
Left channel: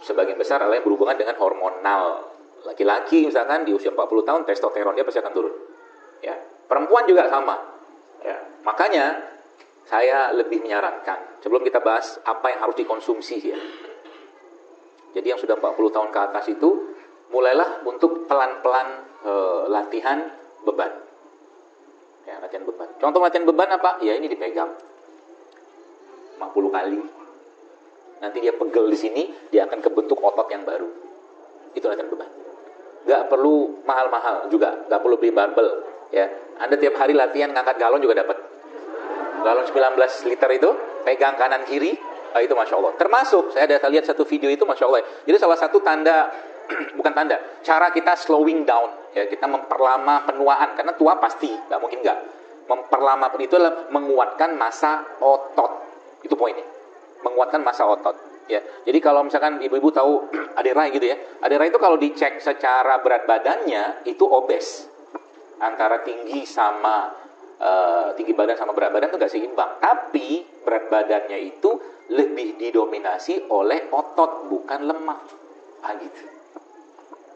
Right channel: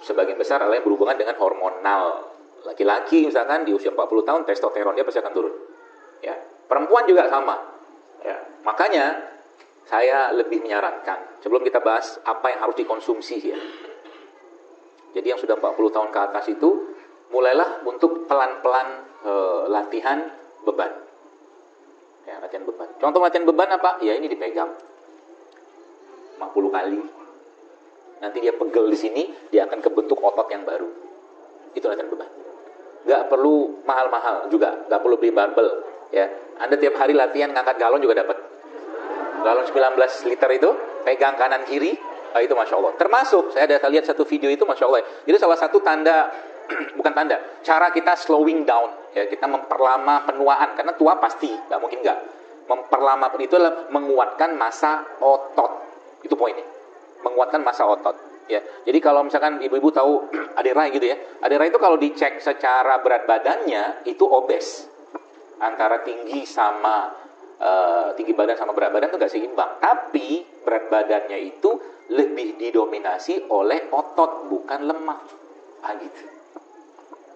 Sebagian besar adalah yang berhubungan dengan hormonal. Laki-laki misalkan di usia 40 tahun testosteron dia pasti akan turun. Ya, perempuan juga sama. Ya, makanya saya lebih menyarankan sebelum kita bahas apa yang harus dikonsumsi ya. Jadi yang sudah 40 tahun ke atas itu mulailah untuk pelan-pelan latihan beban. Ya, latihan beban. Contoh latihan beban apa? Ya ini dipegang 50 kali. Nanti dia pegel di sini, dia akan kebentuk otot yang baru. Itu latihan beban. Gak perlu mahal-mahal juga, gak perlu beli barbel. Ya, Anda tiap hari latihan ngangkat galon juga dapat. Galon 19 liter itu, pegang kanan kiri. Nah, itu Masya Allah. Termasuk, saya ada lihat satu video itu Masya Allah. Itu salah satu tanda, bukan tanda, cara kita slowing down. Ya, kita memperlama penuaan. Karena tua pasti, nggak mungkin nggak. Memperlama itu adalah menguatkan massa otot. Itu poinnya. Menguatkan massa otot. Ya, jadi kalau misalkan ibu-ibu tahu Adera gitu ya. Adera itu kalau dicek secara berat badannya, itu obes. Antara tinggi sama tinggi badan sama berat badan itu nggak seimbang. Tapi berat badannya itu lebih didominasi oleh otot, bukan lemak. Ah, gitu.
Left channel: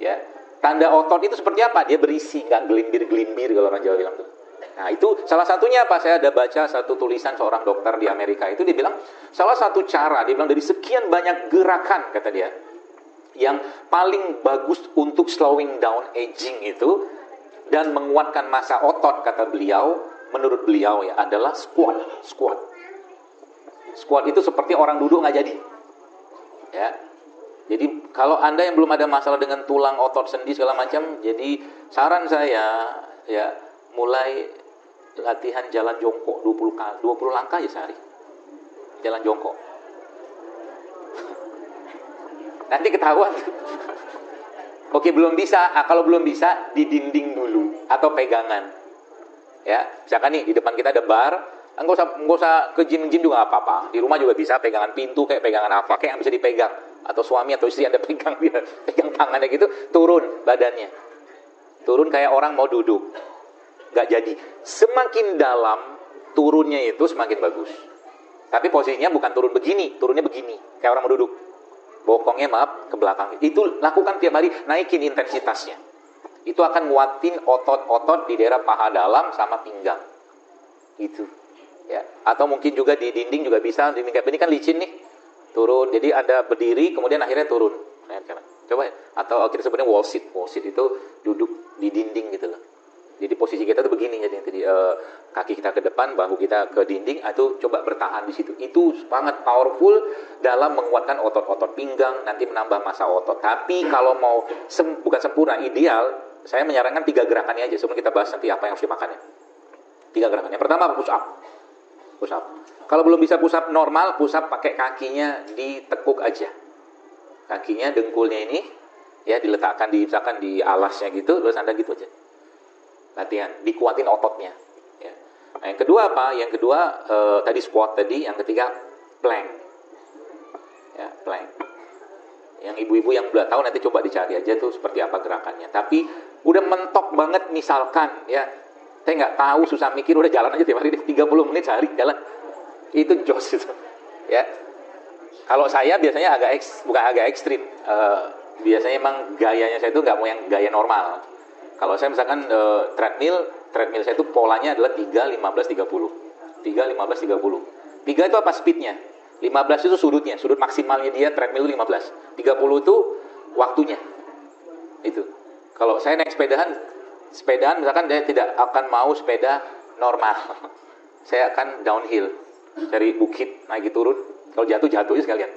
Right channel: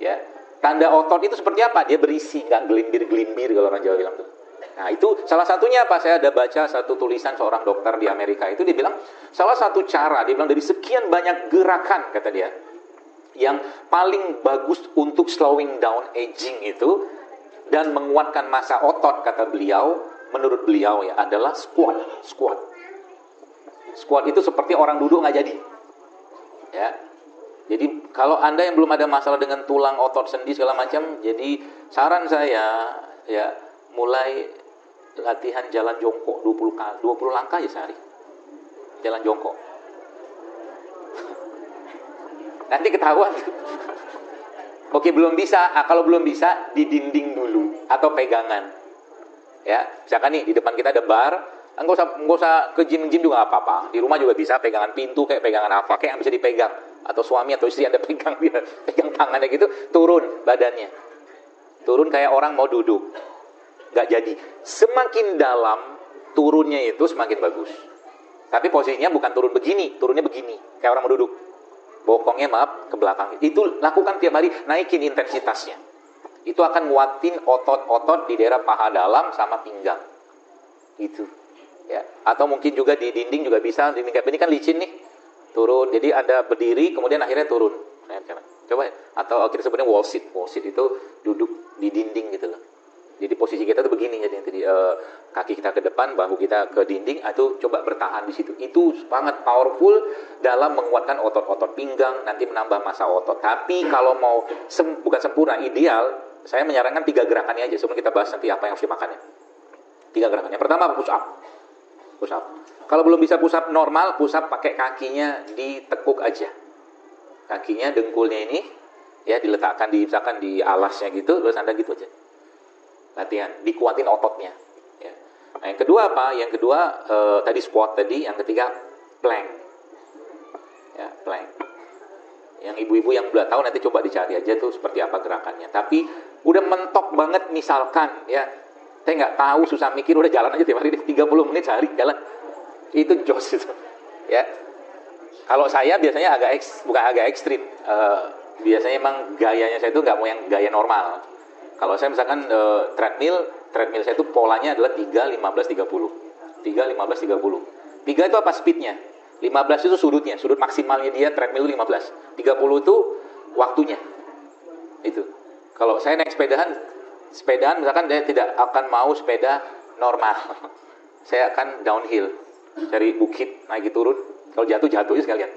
Ya. Tanda otot itu seperti apa? Dia berisi, nggak gelimbir-gelimbir kalau orang Jawa bilang tuh. Nah, itu salah satunya apa? Saya ada baca satu tulisan seorang dokter di Amerika itu, dia bilang salah satu cara, dia bilang dari sekian banyak gerakan, kata dia, yang paling bagus untuk slowing down aging itu dan menguatkan massa otot, kata beliau, menurut beliau ya, adalah squat. Squat itu seperti orang duduk nggak jadi. Ya. Jadi kalau Anda yang belum ada masalah dengan tulang, otot, sendi segala macam, jadi saran saya ya mulai latihan jalan jongkok 20 langkah ya sehari. Jalan jongkok. Nanti ketahuan. Oke, belum bisa. Kalau belum bisa, di dinding dulu atau pegangan. Ya, misalkan nih di depan kita ada bar, enggak usah ke gym juga apa-apa. Di rumah juga bisa pegangan pintu kayak pegangan apa kayak yang bisa dipegang. Atau suami atau istri Anda pegang dia, pegang tangannya gitu, turun badannya. Turun kayak orang mau duduk. Nggak jadi. Semakin dalam turunnya itu semakin bagus. Tapi posisinya bukan turun begini, turunnya begini, kayak orang mau duduk. Bokongnya maaf ke belakang. Itu lakukan tiap hari, naikin intensitasnya. Itu akan muatin otot-otot di daerah paha dalam sama pinggang. Itu. Ya. Atau mungkin juga di dinding juga bisa. Ini kan licin nih. Turun. Jadi ada berdiri kemudian akhirnya turun. Coba ya. Atau kita sebutnya wall sit. Wall sit itu duduk di dinding gitu loh. Jadi posisi kita tuh begini jadi kaki kita ke depan, bahu kita ke dinding, atau coba bertahan di situ. Itu sangat powerful dalam menguatkan otot-otot pinggang, nanti menambah massa otot. Tapi kalau mau bukan sempurna, ideal, saya menyarankan 3 gerakannya aja supaya kita bahas nanti apa yang harus dimakan. 3 gerakan. Yang pertama push up. Push up. Kalau belum bisa push up normal, push up pakai kakinya ditekuk aja. Kakinya dengkulnya ini ya diletakkan di misalkan di alasnya gitu, terus Anda gitu aja. Latihan, dikuatin ototnya. Ya. Yang kedua apa? Yang kedua tadi squat tadi, yang ketiga plank. Ya, plank. Yang ibu-ibu yang udah tahu nanti coba dicari aja tuh seperti apa gerakannya. Tapi udah mentok banget misalkan ya, saya nggak tahu, susah mikir, udah jalan aja tiap hari 30 menit sehari jalan. Itu jos itu. Ya. Kalau saya biasanya bukan agak ekstrim. Biasanya emang gayanya saya itu nggak mau yang gaya normal. Kalau saya misalkan treadmill saya itu polanya adalah 3, 15, 30. 3, 15, 30. 3 itu apa speednya? 15 itu sudut maksimalnya dia treadmill 15. 30 itu waktunya. Itu. Kalau saya naik sepedaan misalkan saya tidak akan mau sepeda normal. Saya akan downhill. Cari bukit, naik turun. Kalau jatuh aja sekalian.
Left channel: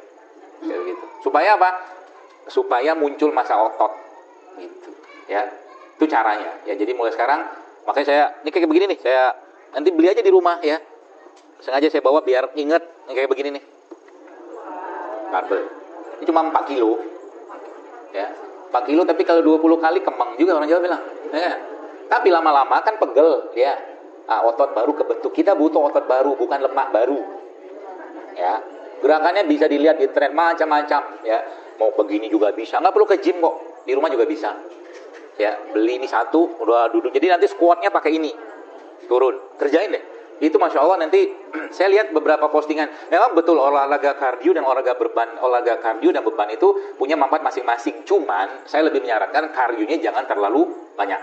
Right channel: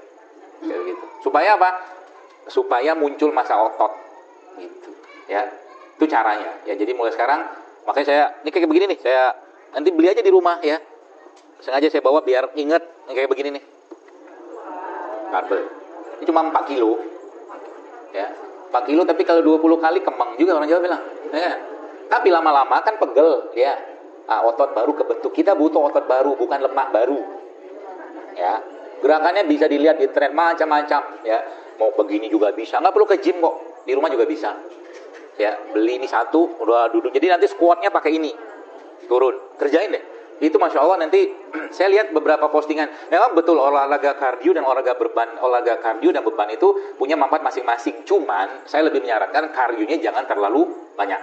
Kayak gitu. Supaya apa? Supaya muncul massa otot. Gitu. Ya. Itu caranya. Ya, jadi mulai sekarang makanya saya ini kayak begini nih, saya nanti beli aja di rumah ya. Sengaja saya bawa biar ingat yang kayak begini nih. Barbel. Ini cuma 4 kilo. Ya. 4 kilo tapi kalau 20 kali kembang juga orang Jawa bilang. Ya. Tapi lama-lama kan pegel, ya. Otot baru kebentuk. Kita butuh otot baru, bukan lemak baru. Ya, gerakannya bisa dilihat di tren macam-macam. Ya, mau begini juga bisa. Nggak perlu ke gym kok, di rumah juga bisa. Ya, beli ini satu, udah duduk. Jadi nanti squatnya pakai ini, turun, kerjain deh. Itu masya Allah nanti saya lihat beberapa postingan. Ya betul, olahraga kardio dan olahraga kardio dan beban itu punya manfaat masing-masing. Cuman saya lebih menyarankan kardionya jangan terlalu banyak.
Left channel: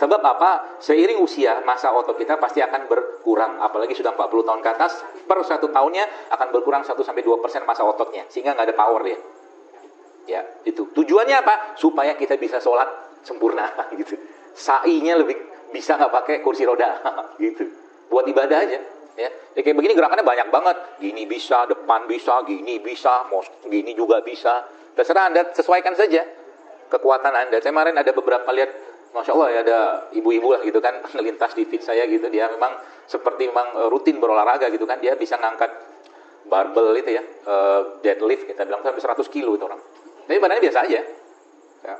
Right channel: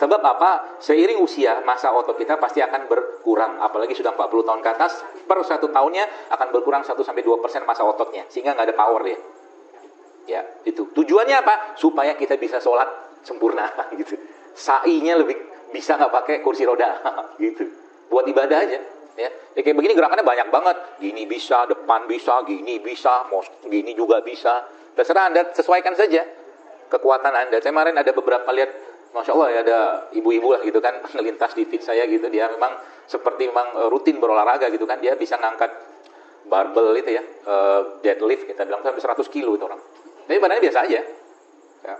Sebab apa? Seiring usia, masa otot kita pasti akan berkurang. Apalagi sudah 40 tahun ke atas, per 1 tahunnya akan berkurang 1-2% masa ototnya. Sehingga nggak ada powernya. Ya, itu. Tujuannya apa? Supaya kita bisa sholat sempurna. Gitu. Sa'inya lebih bisa nggak pakai kursi roda. Gitu. Buat ibadah aja. Ya, kayak begini gerakannya banyak banget. Gini bisa, depan bisa, gini bisa, mau gini juga bisa. Terserah Anda sesuaikan saja kekuatan Anda. Saya kemarin ada beberapa lihat, Masya Allah ya, ada ibu-ibu lah gitu kan, melintas di feed saya gitu, dia memang seperti memang rutin berolahraga gitu kan, dia bisa ngangkat barbel itu ya, deadlift kita bilang sampai 100 kilo itu orang. Tapi badannya biasa aja. Ya.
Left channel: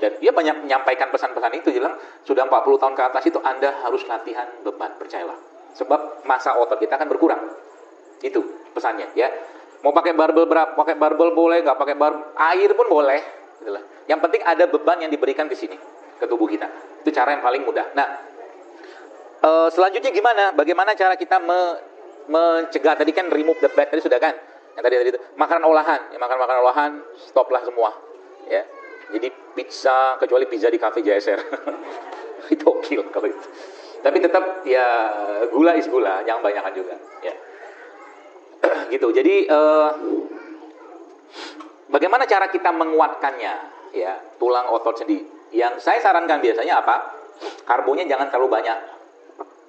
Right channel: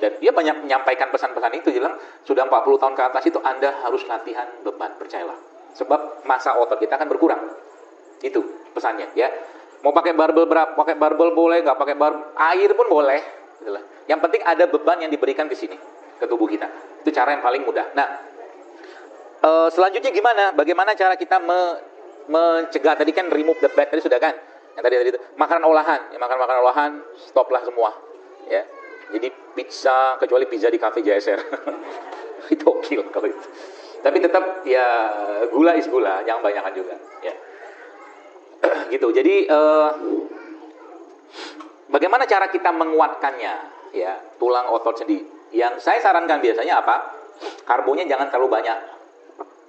Dan dia banyak menyampaikan pesan-pesan itu, bilang sudah 40 tahun ke atas itu Anda harus latihan beban, percayalah. Sebab masa otot kita akan berkurang. Itu pesannya ya. Mau pakai barbel berapa? Pakai barbel boleh, nggak pakai barbel, air pun boleh. Itulah. Yang penting ada beban yang diberikan di sini ke tubuh kita. Itu cara yang paling mudah. Nah, selanjutnya gimana? Bagaimana cara kita mencegah? Tadi kan remove the bad, tadi sudah kan? Yang tadi itu makanan olahan, makanan olahan stoplah semua. Ya. Jadi pizza, kecuali pizza di cafe JSR. Itu oke kalau gitu. Tapi tetap ya gula is gula, jangan banyakan juga. Ya. Gitu. Jadi bagaimana cara kita menguatkannya? Ya, tulang otot sendiri. Yang saya sarankan biasanya apa? Karbonya jangan terlalu banyak.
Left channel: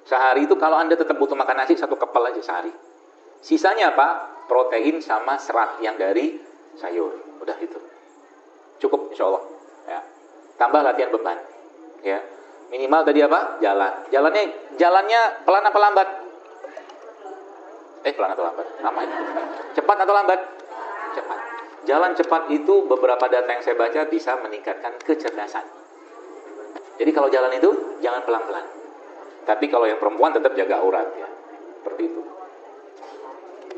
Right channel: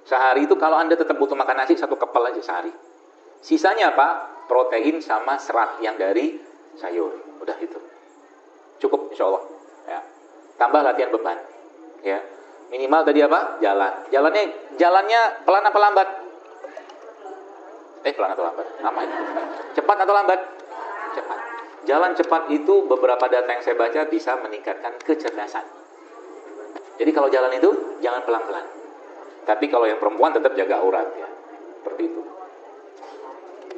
Sehari itu kalau Anda tetap butuh makan nasi, 1 kepel aja sehari. Sisanya apa? Protein sama serat yang dari sayur. Udah gitu. Cukup insya Allah. Ya. Tambah latihan beban. Ya. Minimal tadi apa? Jalan. Jalannya pelan apa lambat? Pelan atau lambat? Lama. Cepat atau lambat? Cepat. Jalan cepat itu beberapa data yang saya baca bisa meningkatkan kecerdasan. Jadi kalau jalan itu jangan pelan-pelan. Tapi kalau yang perempuan tetap jaga aurat ya. Seperti itu.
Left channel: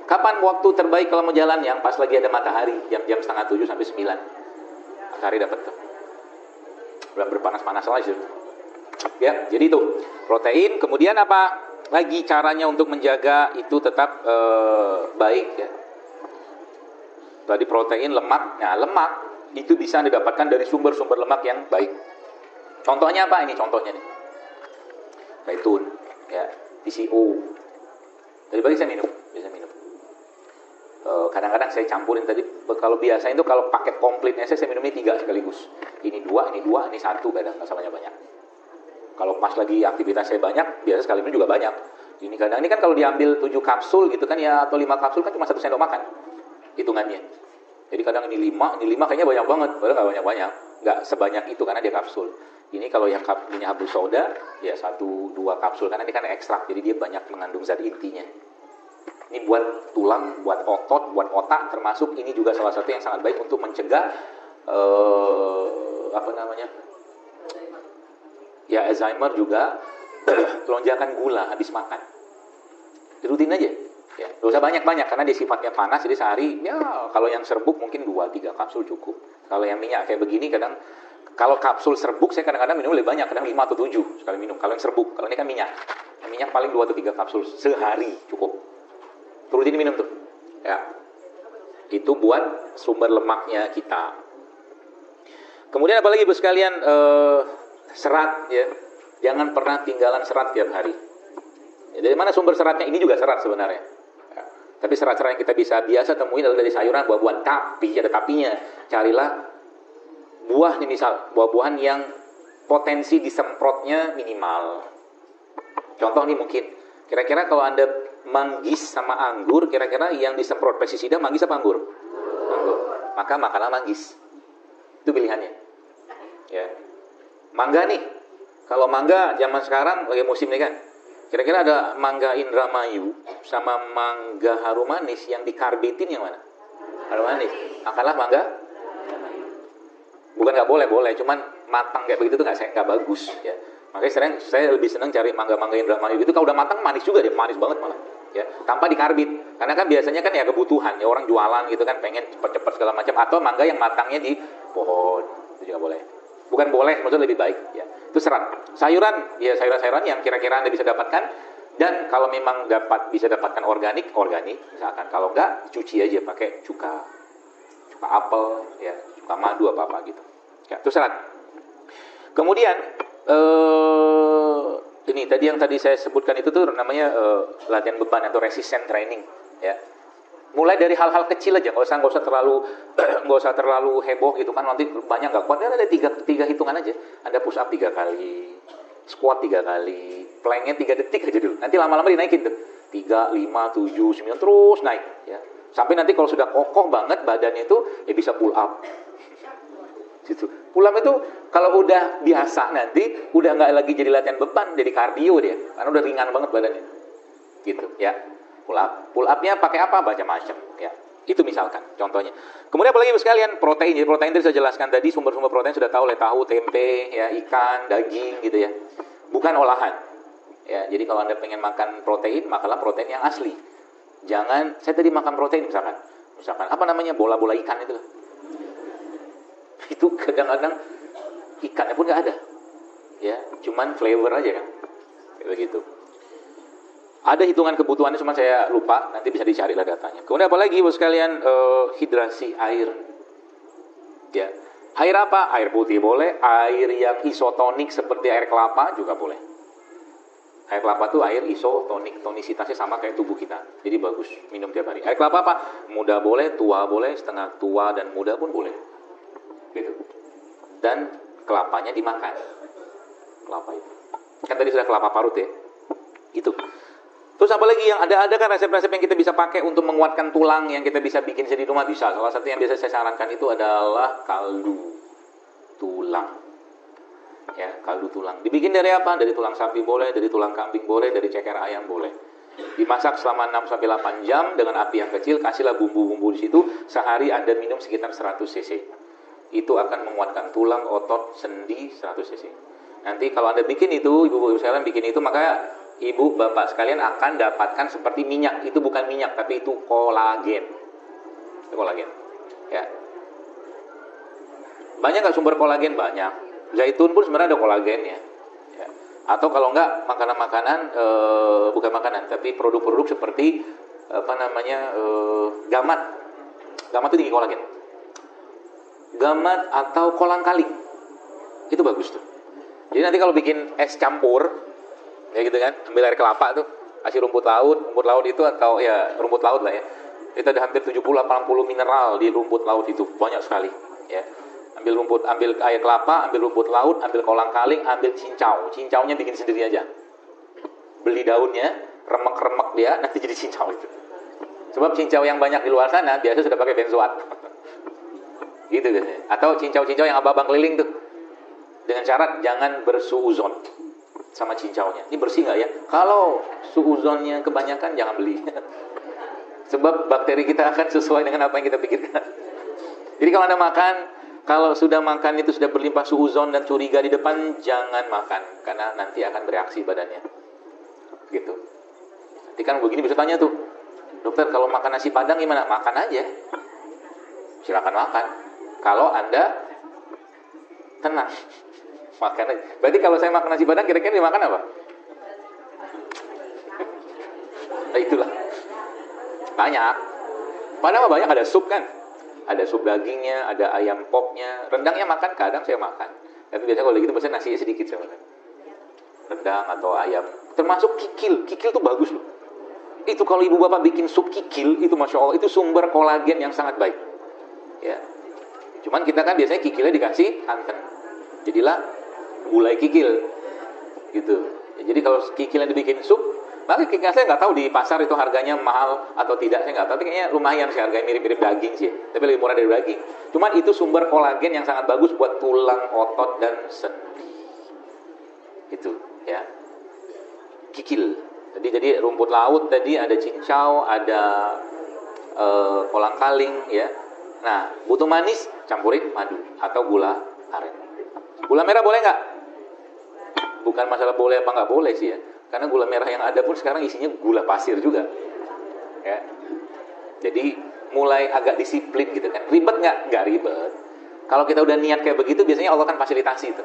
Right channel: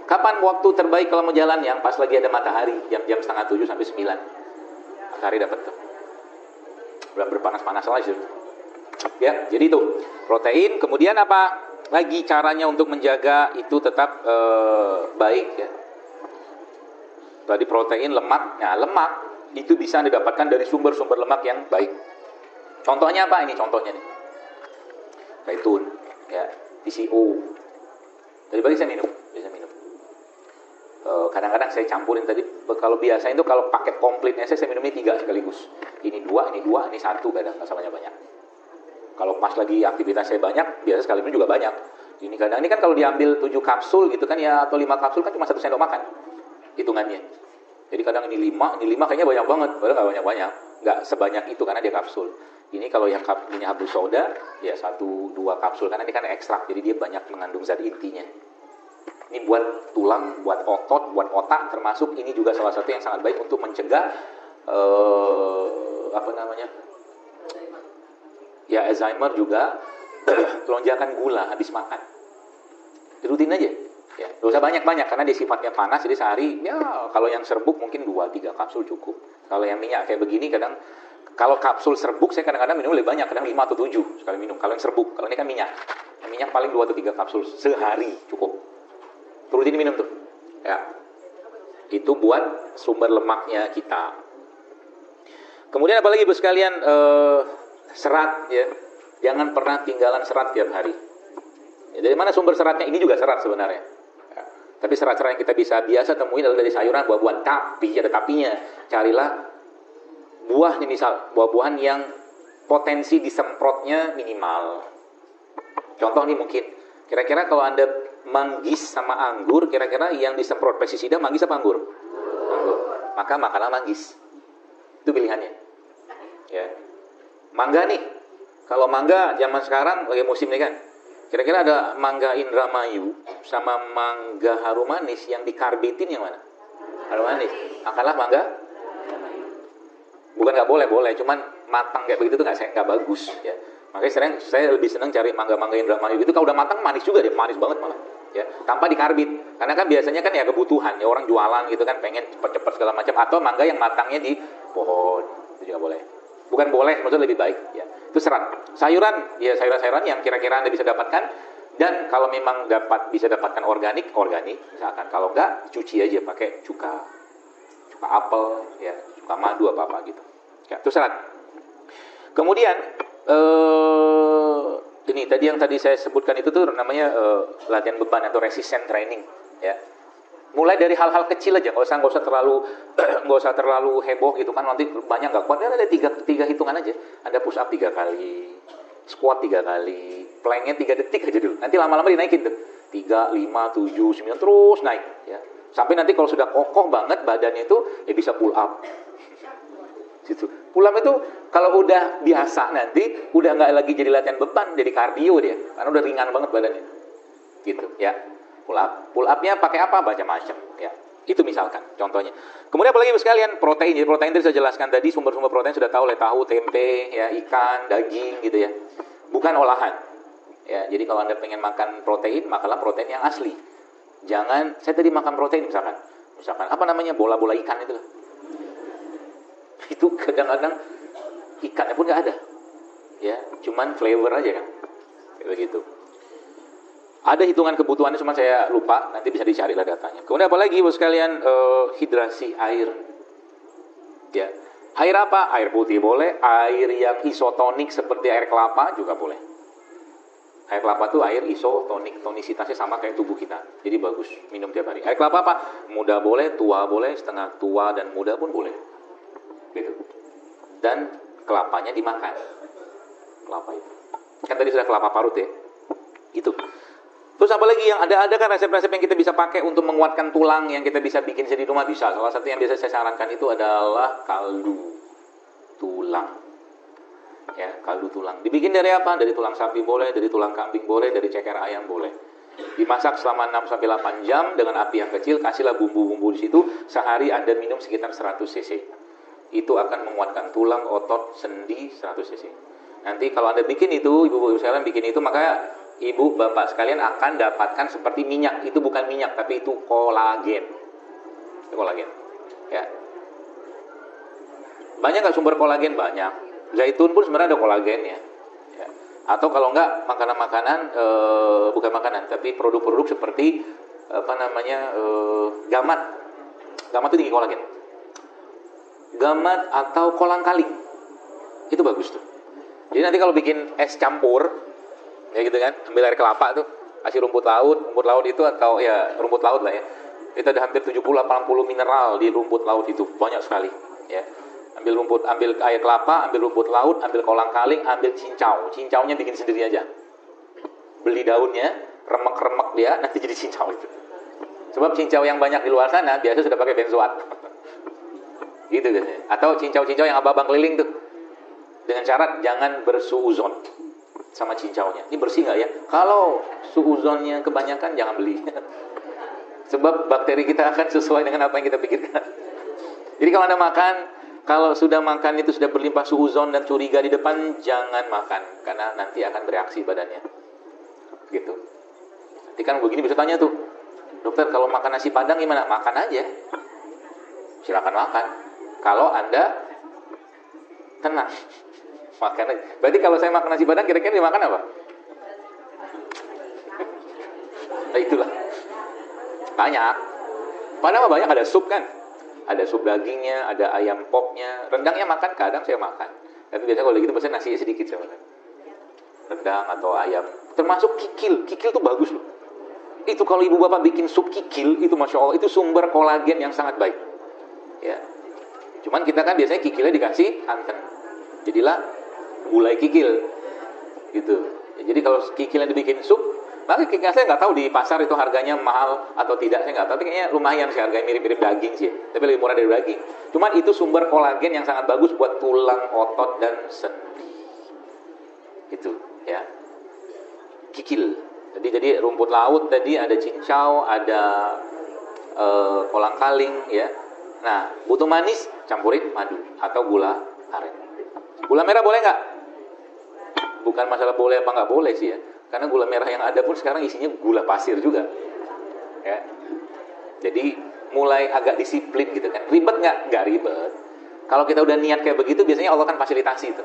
Kapan waktu terbaik kalau mau jalan? Yang pas lagi ada matahari, jam-jam 6:30 sampai 9. Matahari dapat tuh. Yang berpanas-panas aja. Ya, jadi itu protein. Kemudian apa lagi caranya untuk menjaga itu tetap baik ya. Tadi protein, lemak. Nah, lemak itu bisa didapatkan dari sumber-sumber lemak yang baik. Contohnya apa? Ini contohnya nih. Zaitun, ya, PCU. Jadi tadi saya minum, bisa minum. Kadang-kadang saya campurin tadi. Kalau biasa itu kalau paket komplitnya saya minumnya 3 sekaligus. Ini 2, ini 1 kadang masalahnya banyak. Kalau pas lagi aktivitas saya banyak, biasa sekali minum juga banyak. Ini kadang ini kan kalau diambil 7 kapsul gitu kan ya, atau 5 kapsul kan cuma 1 sendok makan. Hitungannya. Jadi kadang ini 5 kayaknya banyak banget, padahal nggak banyak-banyak, nggak sebanyak itu karena dia kapsul. Ini kalau yang ini hablu soda, ya 1-2 kapsul karena ini kan ekstrak, jadi dia banyak mengandung zat intinya. Ini buat tulang, buat otot, buat otak, termasuk ini juga salah satu yang sangat baik untuk mencegah ya Alzheimer juga, lonjakan gula habis makan. Rutin aja. Ya, gak usah banyak-banyak karena dia sifatnya panas, jadi sehari ya kalau yang serbuk mungkin 2-3 kapsul cukup. Kalau yang minyak kayak begini kadang kalau kapsul serbuk saya kadang-kadang minum lebih banyak, kadang 5 atau 7 sekali minum. Kalau yang serbuk, karena ini kan minyak. Yang minyak paling 2 atau 3 kapsul sehari cukup. Perlu jadi minum tuh. Ya. Itu buat sumber lemaknya kita. Kemudian apalagi Bos sekalian, serat ya. Jangan pernah tinggalan serat tiap hari. Dari mana sumber seratnya? Ini juga serat sebenarnya. Tapi serat-serat yang kita biasa temui adalah dari sayuran, buah-buahan. Tapi ada tapinya. Carilah buah nih, misal buah-buahan yang potensi disemprotnya minimal. Contoh nih mungkin, kira-kira kalau Anda manggis sama anggur, kira-kira yang disemprot pestisida manggis apa anggur? Anggur. Maka makanlah manggis. Itu pilihannya. Ya. Mangga nih. Kalau mangga zaman sekarang lagi musim nih kan. Kira-kira ada mangga Indramayu sama mangga harum manis yang dikarbitin yang mana? Harum manis. Makanlah mangga. Bukan nggak boleh, cuman matang kayak begitu tuh nggak bagus ya. Makanya saya lebih senang cari mangga-mangga Indramayu itu, kalau udah matang manis juga, dia manis banget malah. Ya, tanpa dikarbit. Karena kan biasanya kan ya kebutuhan ya, orang jualan gitu kan pengen cepat-cepat segala macam, atau mangga yang matangnya di pohon. Tidak boleh. Bukan boleh, maksudnya lebih baik ya. Itu serat. Sayuran, ya sayuran-sayuran yang kira-kira Anda bisa dapatkan, dan kalau memang bisa dapatkan organik misalkan. Kalau enggak, cuci aja pakai cuka apel ya, cuka madu apa gitu. Ya, itu serat. Kemudian ini tadi yang saya sebutkan itu tuh namanya latihan beban atau resistance training ya. Mulai dari hal-hal kecil aja, nggak usah terlalu heboh gitu kan, nanti banyak nggak kuat. Ada tiga hitungan aja. Ada push up 3 kali, squat 3 kali, planknya 3 detik aja dulu. Nanti lama-lama dinaikin tuh 3, 5, 7, 9 terus naik ya. Sampai nanti kalau sudah kokoh banget badannya itu ya bisa pull up. Gitu. Pull up itu kalau udah biasa nanti udah nggak lagi jadi latihan beban, jadi kardio dia, karena udah ringan banget badannya. Gitu ya. Pull up-nya pakai apa? Macam-macam ya. Itu misalkan contohnya. Kemudian apalagi sekalian protein. Jadi protein tadi saya jelaskan tadi, sumber-sumber protein sudah tahu, tahu tempe, ya, ikan, daging gitu ya. Bukan olahan. Ya, jadi kalau Anda pengen makan protein, makanlah protein yang asli. Jangan saya tadi makan protein misalkan apa namanya, bola-bola ikan itu kadang-kadang ikannya pun nggak ada ya, cuman flavor aja kan begitu. Ada hitungan kebutuhannya, cuma saya lupa, nanti bisa dicari lah datanya. Kemudian apalagi bos sekalian, hidrasi air ya. Air apa? Air putih boleh, air yang isotonik seperti air kelapa juga boleh. Air kelapa tuh air isotonik, tonisitasnya sama kayak tubuh kita, jadi bagus minum tiap hari. Air kelapa apa? Muda boleh, tua boleh, setengah tua dan muda pun boleh gitu. Dan kelapanya dimakan, kelapa itu kan tadi sudah kelapa parut ya gitu. Terus apa lagi yang ada kan resep-resep yang kita bisa pakai untuk menguatkan tulang, yang kita bisa bikin sendiri di rumah bisa. Salah satu yang biasa saya sarankan itu adalah kaldu tulang ya. Kaldu tulang dibikin dari apa? Dari tulang sapi boleh, dari tulang kambing boleh, dari ceker ayam boleh. Dimasak selama 6-8 jam dengan api yang kecil, kasihlah bumbu-bumbu di situ. Sehari Anda minum sekitar 100 cc. Itu akan menguatkan tulang, otot, sendi 100 cc. Nanti kalau Anda bikin itu, ibu-ibu sekalian bikin itu, maka ibu bapak sekalian akan dapatkan seperti minyak. Itu bukan minyak, tapi itu kolagen. Itu kolagen ya. Banyak nggak sumber kolagen? Banyak. Zaitun pun sebenarnya ada kolagennya ya. Atau kalau enggak makanan-makanan, bukan makanan tapi produk-produk seperti gamat itu tinggi kolagen. Gamat atau kolang-kaling itu bagus tuh. Jadi nanti kalau bikin es campur kayak gitu kan, ambil air kelapa tuh, kasih rumput laut itu, atau ya rumput laut lah ya. Kita ada hampir 70-80 mineral di rumput laut itu, banyak sekali ya. Ambil air kelapa, ambil rumput laut, ambil kolang-kaling, ambil cincaunya bikin sendiri aja. Beli daunnya, remek-remek dia, nanti jadi cincau itu. Sebab cincau yang banyak di luar sana biasa sudah pakai benzoat. Gitu. Atau cincau-cincau yang abang-abang keliling tuh, dengan syarat jangan bersuuzon sama cincaunya. Ini bersih nggak ya? Kalau suuzonnya kebanyakan jangan beli. Sebab bakteri kita akan sesuai dengan apa yang kita pikirkan. Jadi kalau Anda makan, kalau sudah makan itu sudah berlimpah suuzon dan curiga di depan, jangan makan, karena nanti akan bereaksi badannya. Gitu. Nanti kan begini bisa tanya tuh, dokter kalau makan nasi padang gimana? Makan aja. Silakan makan. Kalau Anda tenang, makan aja. Berarti kalau saya makan nasi padang, kira-kira dimakan apa? Nah itulah. Banyak. Padahal banyak, ada sup kan? Ada sup dagingnya, ada ayam poknya. Rendangnya makan, kadang saya makan. Dan biasanya kalau gitu pesan nasinya sedikit saja. Rendang atau ayam. Termasuk kikil. Kikil tuh bagus loh. Itu kalau ibu bapak bikin sup kikil, itu Masya Allah, itu sumber kolagen yang sangat baik. Ya. Cuman kita kan biasanya kikilnya dikasih santan. Jadilah gulai kikil. Gitu. Ya, jadi kalau kikilnya dibikin sup, nanti kikil saya nggak tahu di pasar itu harganya mahal atau tidak, saya nggak tahu. Tapi kayaknya lumayan sih, harganya mirip-mirip daging sih. Tapi lebih murah dari daging. Cuman itu sumber kolagen yang sangat bagus buat tulang, otot, dan sendi. Gitu. Ya. Kikil. Jadi rumput laut tadi ada cincau, ada kolang-kaling ya. Nah, butuh manis, campurin madu atau gula aren. Gula merah boleh nggak? Bukan masalah boleh apa nggak boleh sih ya. Karena gula merah yang ada pun sekarang isinya gula pasir juga. Ya. Jadi mulai agak disiplin gitu kan. Ribet nggak? Nggak ribet. Kalau kita udah niat kayak begitu, biasanya Allah kan fasilitasi itu.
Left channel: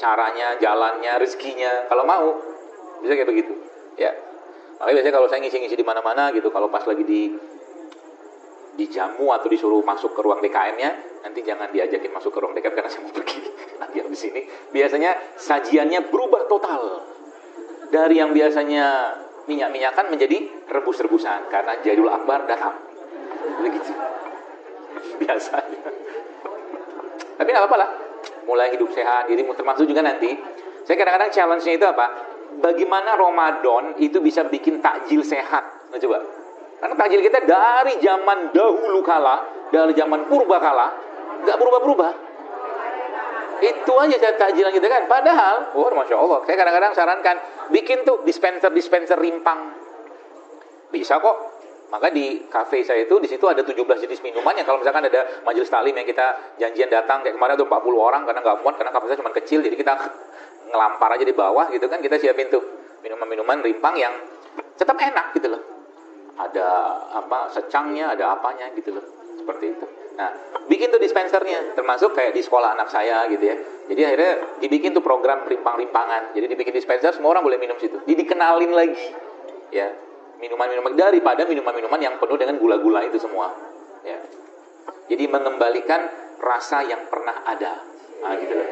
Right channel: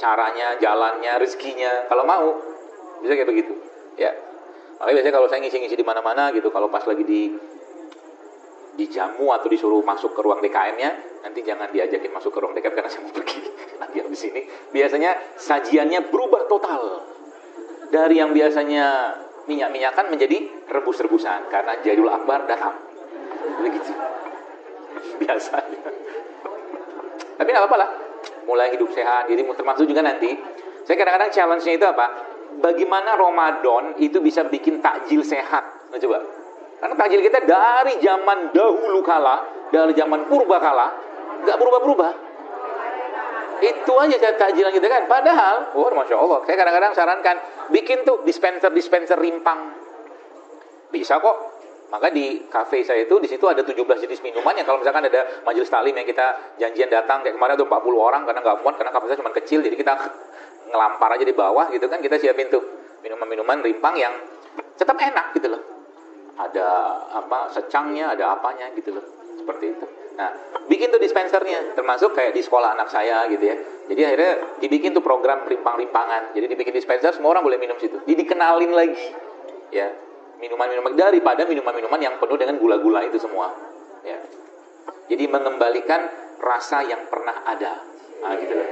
Caranya, jalannya, rezekinya. Kalau mau, bisa kayak begitu. Ya. Makanya biasanya kalau saya ngisi-ngisi di mana-mana gitu, kalau pas lagi dijamu atau disuruh masuk ke ruang DKM-nya, nanti jangan diajakin masuk ke ruang DKM karena saya pergi. Nanti di sini biasanya sajiannya berubah total. Dari yang biasanya minyak-minyakan menjadi rebus-rebusan karena Jadul Akbar datang. Begitu. Biasanya. Tapi nggak apa-apa lah. Mulai hidup sehat. Jadi termasuk juga nanti. Saya kadang-kadang challenge-nya itu apa? Bagaimana Ramadan itu bisa bikin takjil sehat? Nah coba. Karena takjil kita dari zaman dahulu kala, dari zaman purba kala, nggak berubah-berubah. Itu aja takjilan kita kan. Padahal, Masya Allah, saya kadang-kadang sarankan, bikin tuh dispenser rimpang. Bisa kok. Maka di kafe saya itu, di situ ada 17 jenis minumannya. Kalau misalkan ada majelis taklim yang kita janjian datang, kayak kemarin tuh 40 orang, karena nggak muat, karena kapasitas cuma kecil, jadi kita ngelampar aja di bawah, gitu kan, kita siapin tuh minuman-minuman rimpang yang tetap enak gitu loh. Ada apa secangnya, ada apanya gitu loh, seperti itu. Nah, bikin tuh dispensernya, termasuk kayak di sekolah anak saya gitu ya. Jadi akhirnya dibikin tuh program rimpang-rimpangan. Jadi dibikin dispenser, semua orang boleh minum situ. Jadi dikenalin lagi, ya, minuman-minuman daripada minuman-minuman yang penuh dengan gula-gula itu semua. Ya. Jadi mengembalikan rasa yang pernah ada. Nah, gitu loh.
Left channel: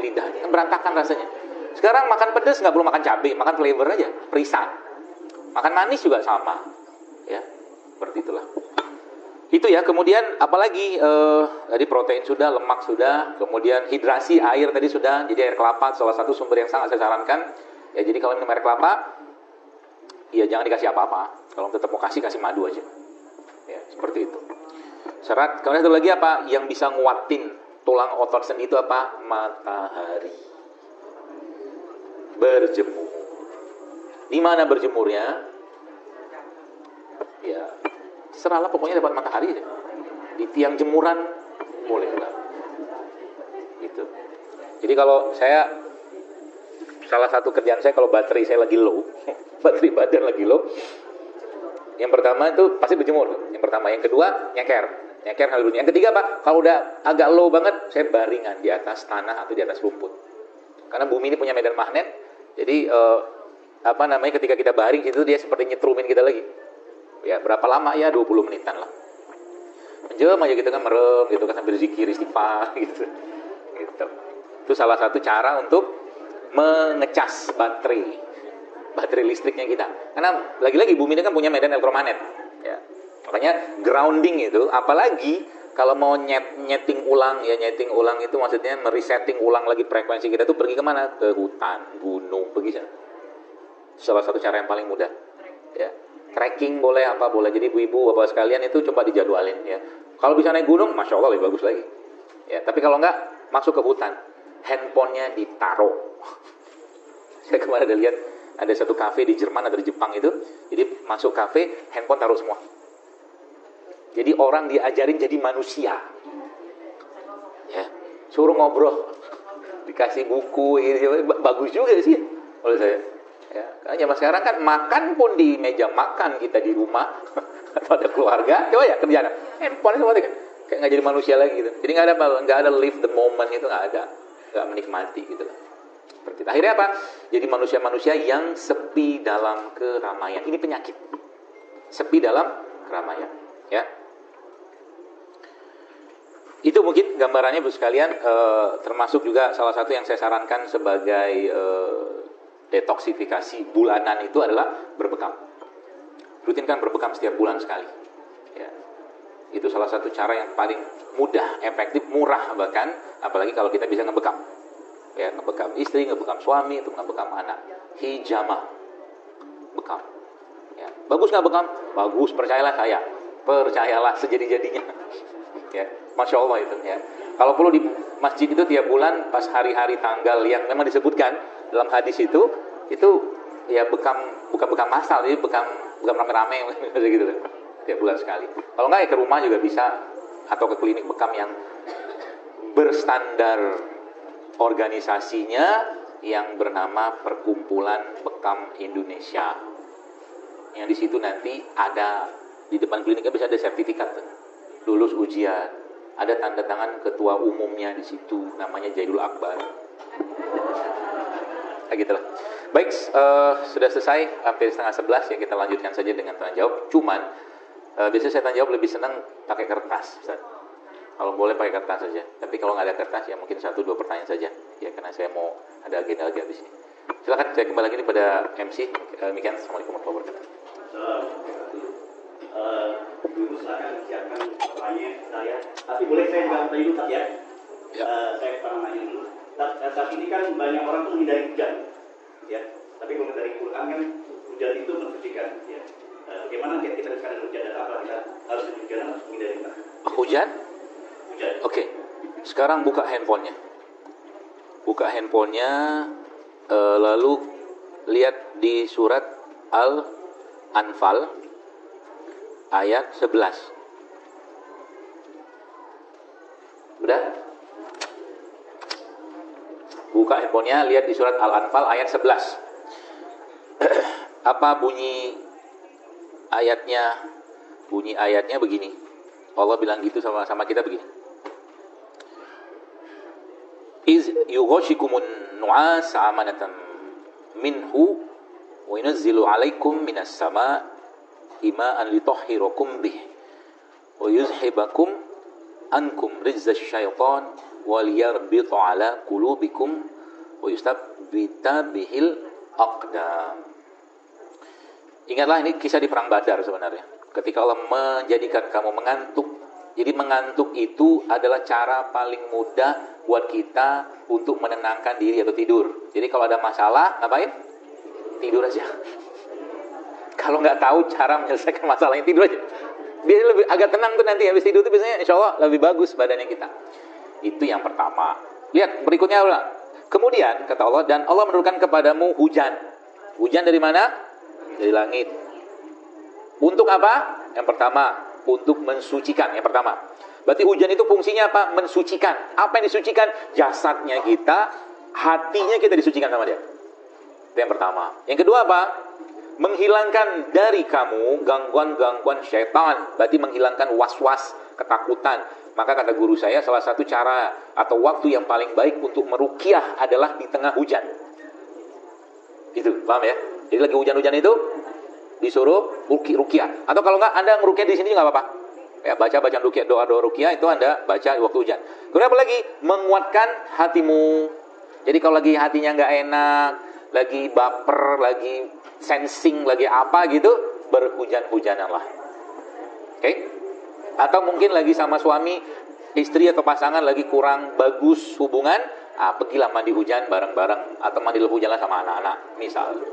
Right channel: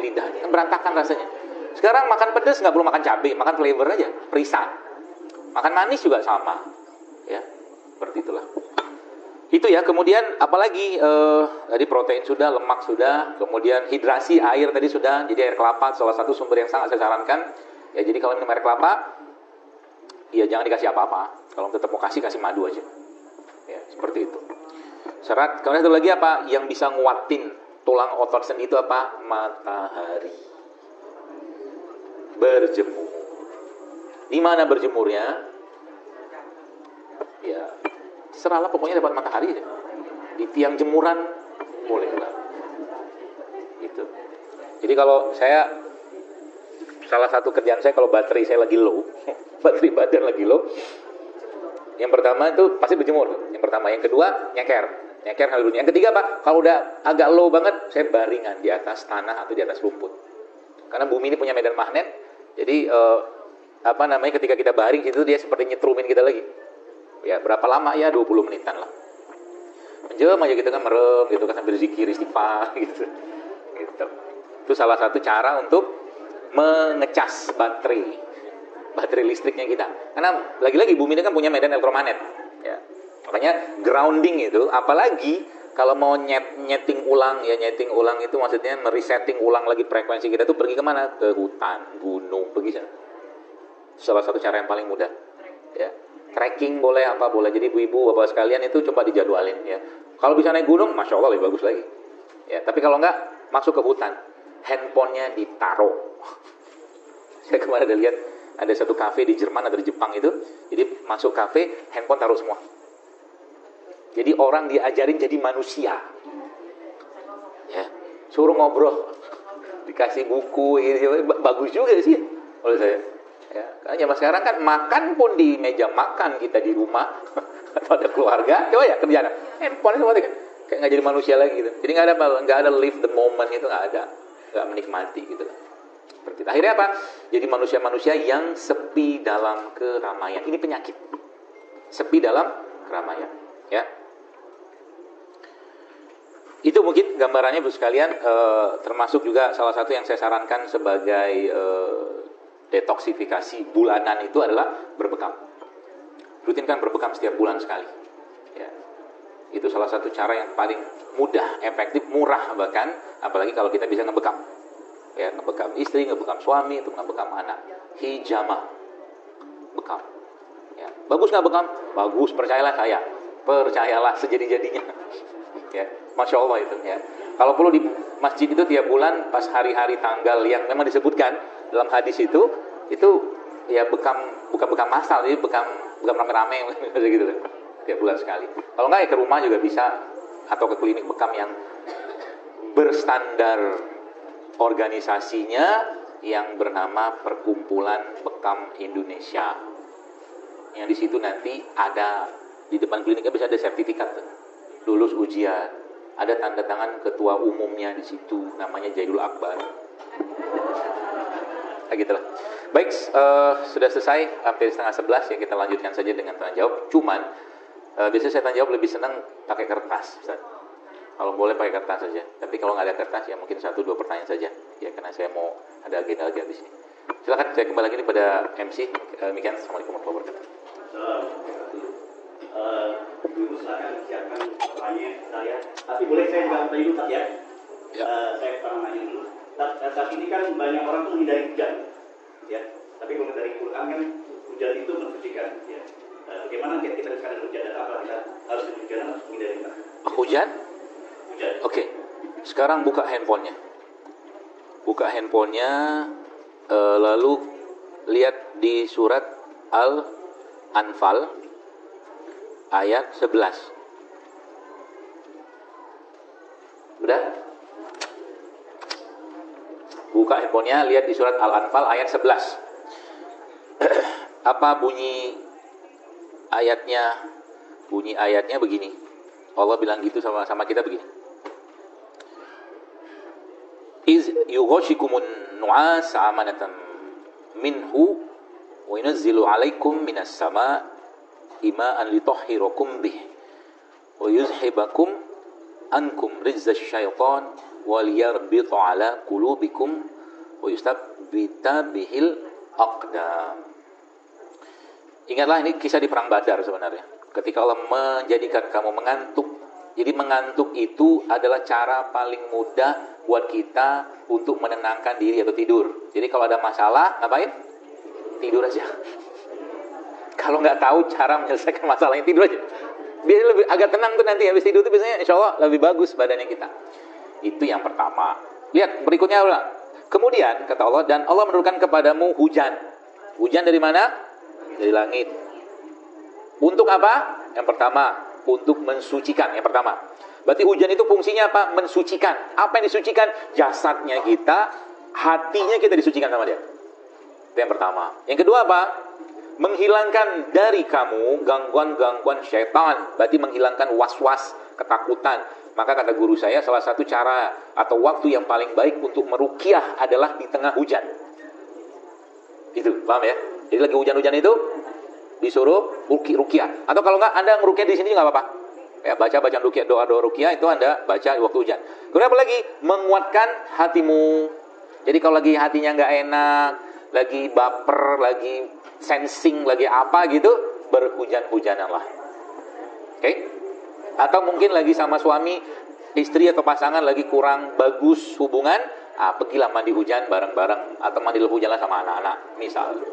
Lidah meratakan rasanya. Sekarang makan pedas nggak perlu makan cabai, makan flavor aja, perisan. Makan manis juga sama, ya, seperti itulah. Itu ya. Kemudian apalagi tadi protein sudah, lemak sudah, kemudian hidrasi air tadi sudah. Jadi air kelapa salah satu sumber yang sangat saya sarankan. Ya jadi kalau minum air kelapa, ya jangan dikasih apa-apa. Kalau tetap mau kasih madu aja. Ya, seperti itu. Serat. Kemudian satu lagi apa? Yang bisa nguatin tulang otot sendi itu apa? Matahari. Berjemur. Di mana berjemurnya? Ya, serahlah pokoknya depan matahari deh. Di tiang jemuran boleh. Gitu. Jadi kalau saya salah satu kerjaan saya kalau baterai saya lagi low, baterai badan lagi low, yang pertama itu pasti berjemur. Yang pertama, yang kedua nyeker dunia. Yang ketiga Pak, kalau udah agak low banget, saya baringan di atas tanah atau di atas rumput. Karena bumi ini punya medan magnet, jadi ketika kita baring itu dia seperti nyetrumin kita lagi. Ya, berapa lama ya? 20 menitan lah. Menjauh aja kita kan merem gitu kan sambil zikir istighfar gitu. Gitu. Itu salah satu cara untuk mengecas baterai listriknya kita. Karena lagi-lagi bumi ini kan punya medan elektromagnet. Ya. Makanya grounding itu, apalagi kalau mau nyeting ulang itu maksudnya meresetting ulang lagi frekuensi kita tuh pergi kemana? Ke hutan, gunung, begitu. Salah satu cara yang paling mudah. Ya. Trekking boleh, apa boleh. Jadi ibu-ibu, bapak sekalian itu coba dijadwalin ya. Kalau bisa naik gunung, Masya Allah lebih bagus lagi. Ya, tapi kalau enggak, masuk ke hutan. Handphonenya ditaruh. Saya kemarin lihat ada satu kafe di Jerman atau di Jepang itu. Jadi masuk kafe, handphone taruh semua. Jadi orang diajarin jadi manusia. Ya, suruh ngobrol. Dikasih buku, bagus juga sih kalau saya. Ya, karena zaman sekarang kan makan pun di meja makan kita di rumah atau ada keluarga, coba ya kerjaan, handphone semua kan kayak nggak jadi manusia lagi gitu. Jadi nggak ada live the moment itu nggak menikmati gitu. Seperti itu. Akhirnya apa? Jadi manusia-manusia yang sepi dalam keramaian. Ini penyakit. Sepi dalam keramaian, ya. Itu mungkin gambarannya Bu sekalian, termasuk juga salah satu yang saya sarankan sebagai detoksifikasi bulanan itu adalah berbekam. Rutinkan berbekam setiap bulan sekali. Ya. Itu salah satu cara yang paling mudah, efektif, murah bahkan, apalagi kalau kita bisa ngebekam. Ya, ngebekam istri, ngebekam suami, untuk ngebekam anak. Hijamah. Bekam. Ya. Bagus nggak bekam? Bagus, percayalah saya. Percayalah sejadi-jadinya. Ya, Masya Allah itu. Ya. Kalau perlu di masjid itu tiap bulan pas hari-hari tanggal yang memang disebutkan dalam hadis itu ya bukan bekam masal, ya bekam rame-rame gitu kan. Tiap bulan sekali. Kalau nggak ya ke rumah juga bisa, atau ke klinik bekam yang berstandar organisasinya yang bernama Perkumpulan Bekam Indonesia. Yang di situ nanti ada di depan kliniknya bisa ada sertifikat lulus ujian, ada tanda tangan ketua umumnya di situ, namanya Jainul Akbar. Kayak gitu lah. Baik, sudah selesai, hampir 10:30 ya, kita lanjutkan saja dengan tanya jawab. Cuman biasanya saya tanya jawab lebih senang pakai kertas, Ustaz. Kalau boleh pakai kertas saja. Tapi kalau nggak ada kertas ya mungkin 1-2 pertanyaan saja. Ya karena saya mau ada agenda lagi di sini. Silakan, saya kembali lagi pada MC. Demikian, assalamualaikum warahmatullahi wabarakatuh. Tapi boleh saya jawab dulu Pak ya? Saya nanya dulu. Saat ini kan banyak orang tuh hindari hujan, ya. Tapi kalau dari Quran kan hujan itu bertiga. Bagaimana kita mencari hujan yang apa? Hujan? Hujan. Oke. Sekarang buka handphonenya. Buka handphonenya, lalu lihat di surat Al-Anfal ayat 11. Udah? Buka handphonenya, lihat di surat Al-Anfal ayat 11. Apa bunyi ayatnya? Bunyi ayatnya begini. Allah bilang gitu sama kita begini. Iz yughashikumun nu'as amanatan minhu wa yunazzilu 'alaikum minas sama'i ma'an litahhirakum bih wa yuzhibakum ankum rizza syaitan wal yarbita 'ala qulubikum wa yustabbita bihil aqdam. Ingatlah, ini kisah di perang Badar sebenarnya. Ketika Allah menjadikan kamu mengantuk. Jadi mengantuk itu adalah cara paling mudah buat kita untuk menenangkan diri atau tidur. Jadi kalau ada masalah, ngapain? Tidur aja. Kalau nggak tahu cara menyelesaikan masalah, tidur aja. Dia lebih agak tenang tuh nanti habis tidur itu biasanya insya Allah lebih bagus badannya kita. Itu yang pertama. Lihat berikutnya Allah. Kemudian kata Allah, dan Allah menurunkan kepadamu hujan. Hujan dari mana? Dari langit. Untuk apa? Yang pertama, untuk mensucikan. Yang pertama. Berarti hujan itu fungsinya apa? Mensucikan. Apa yang disucikan? Jasadnya kita, hatinya kita disucikan sama dia. Itu yang pertama. Yang kedua apa? Menghilangkan dari kamu gangguan-gangguan syaitan. Berarti menghilangkan was-was, ketakutan. Maka kata guru saya, salah satu cara atau waktu yang paling baik untuk meruqyah adalah di tengah hujan. Itu, paham ya? Jadi lagi hujan-hujan itu disuruh ruqyah. Atau kalau enggak Anda ngeruqyah di sini juga enggak apa-apa. Ya, baca ruqyah, doa-doa ruqyah itu Anda baca waktu hujan. Kemudian apa lagi? Menguatkan hatimu. Jadi kalau lagi hatinya enggak enak, lagi baper, lagi sensing, lagi apa gitu, berhujan-hujananlah. Oke? Atau mungkin lagi sama suami, istri atau pasangan lagi kurang bagus hubungan, pergilah mandi hujan bareng-bareng atau mandi hujan sama anak-anak, misalnya.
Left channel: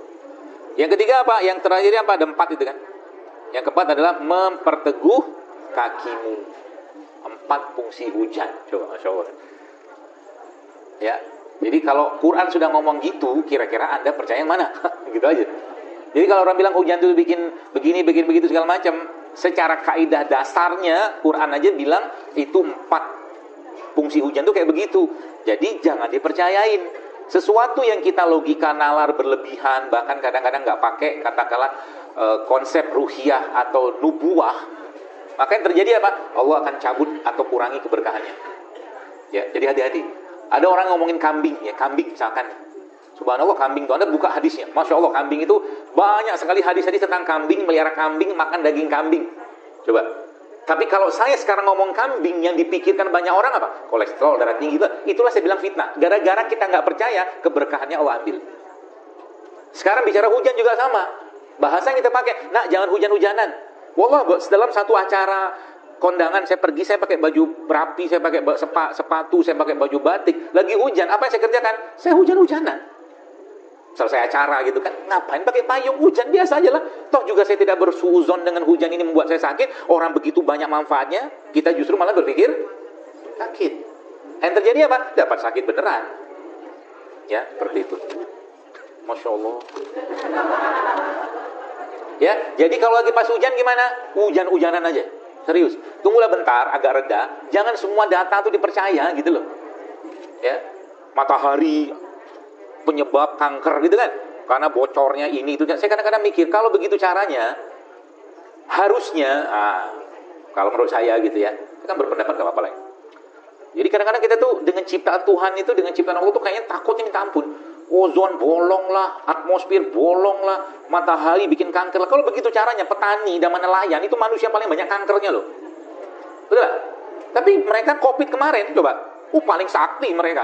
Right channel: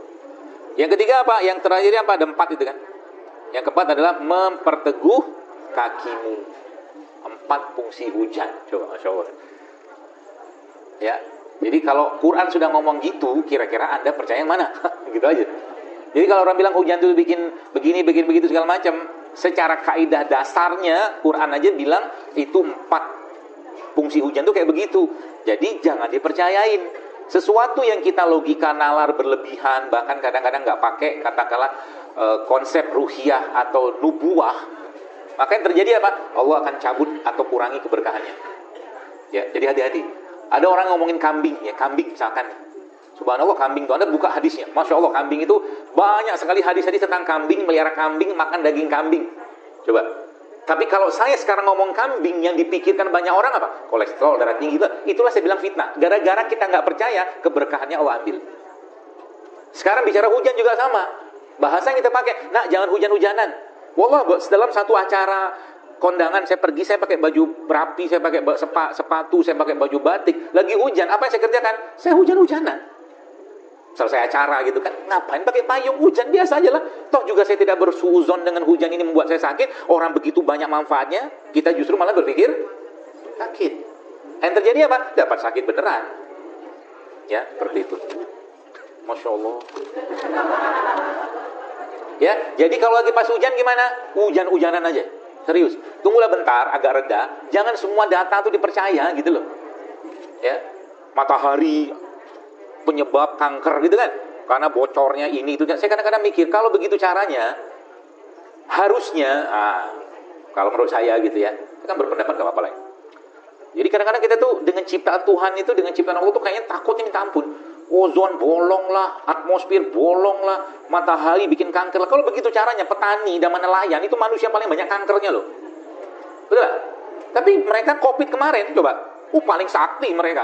Yang ketiga apa? Yang terakhir apa? Ada 4 itu kan. Yang keempat adalah memperteguh kakimu. 4 fungsi hujan. Coba, Masya Allah. Ya. Jadi kalau Quran sudah ngomong gitu, kira-kira Anda percaya yang mana? Gitu aja. Jadi kalau orang bilang hujan itu bikin begini, begitu segala macam, secara kaidah dasarnya Quran aja bilang itu 4 fungsi hujan tuh kayak begitu. Jadi jangan dipercayain. Sesuatu yang kita logika nalar berlebihan, bahkan kadang-kadang nggak pakai katakanlah konsep ruhiyah atau nubuah, maka yang terjadi apa? Allah akan cabut atau kurangi keberkahannya. Ya, jadi hati-hati. Ada orang ngomongin kambing, ya kambing misalkan. Subhanallah, kambing itu Anda buka hadisnya. Masya Allah, kambing itu banyak sekali hadis-hadis tentang kambing, melihara kambing, makan daging kambing. Coba. Tapi kalau saya sekarang ngomong kambing, yang dipikirkan banyak orang apa? Kolesterol, darah tinggi, itulah saya bilang fitnah. Gara-gara kita nggak percaya, keberkahannya Allah ambil. Sekarang bicara hujan juga sama. Bahasa yang kita pakai, nah jangan hujan-hujanan. Wallah, dalam satu acara kondangan saya pergi, saya pakai baju rapi, saya pakai sepatu, saya pakai baju batik. Lagi hujan, apa yang saya kerjakan? Saya hujan-hujanan. Selesai acara gitu kan, ngapain pakai payung, hujan biasa aja lah. Toh juga saya tidak bersuzon dengan hujan ini membuat saya sakit. Orang begitu banyak manfaatnya, kita justru malah berpikir sakit. Yang terjadi apa? Dapat sakit beneran. Ya, seperti itu. Masya Allah. Ya, jadi kalau lagi pas hujan gimana? Hujan-hujanan aja. Serius. Tunggulah bentar, agak reda. Jangan semua data itu dipercaya gitu loh. Ya. Matahari penyebab kanker gitu kan. Karena bocornya ini itu. Dan saya kadang-kadang mikir, kalau begitu caranya, harusnya, kalau menurut saya gitu ya, kita berpendapat gak apa-apa lah. Jadi kadang-kadang kita tuh dengan ciptaan Tuhan itu, dengan ciptaan Allah tuh kayaknya takut ini minta ampun. Ozon bolong lah, atmosfer bolong lah, matahari bikin kanker lah. Kalau begitu caranya, petani dan nelayan itu manusia paling banyak kankernya loh. Betul gak? Tapi mereka COVID kemarin, coba. Paling sakti mereka.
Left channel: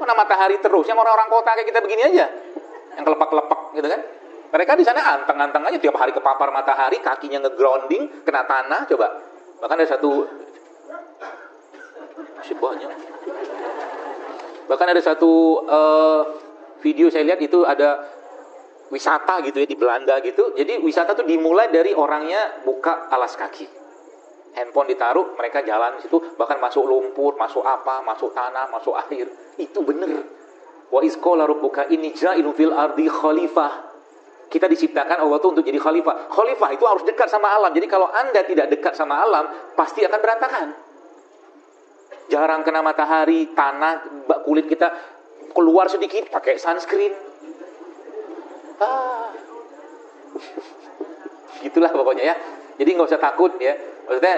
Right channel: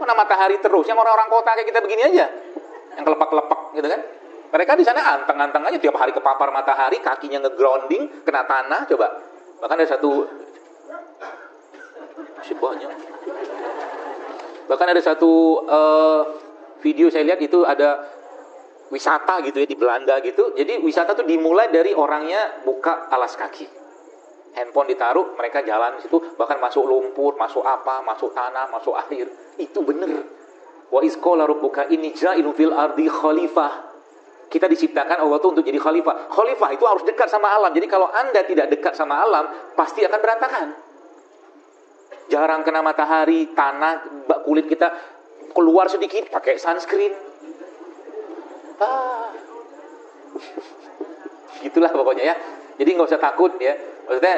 Kena matahari terus, yang orang-orang kota kayak kita begini aja. Yang kelepak-kelepak gitu kan. Mereka di sana anteng-anteng aja tiap hari terpapar matahari, kakinya nge-grounding, kena tanah, coba. Bahkan ada satu masih banyak. Bahkan ada satu video saya lihat itu ada wisata gitu ya, di Belanda gitu. Jadi wisata tuh dimulai dari orangnya buka alas kaki. Handphone ditaruh, mereka jalan di situ, bahkan masuk lumpur, masuk apa, masuk tanah, masuk air. Itu bener. Wa izqala rabbuka inni ja'ilun fil ardi khalifah. Kita diciptakan Allah tuh untuk jadi khalifah. Khalifah itu harus dekat sama alam. Jadi kalau Anda tidak dekat sama alam, pasti akan berantakan. Jarang kena matahari, tanah, kulit kita keluar sedikit, pakai sunscreen. Itulah pokoknya ya. Jadi nggak usah takut ya. Maksudnya,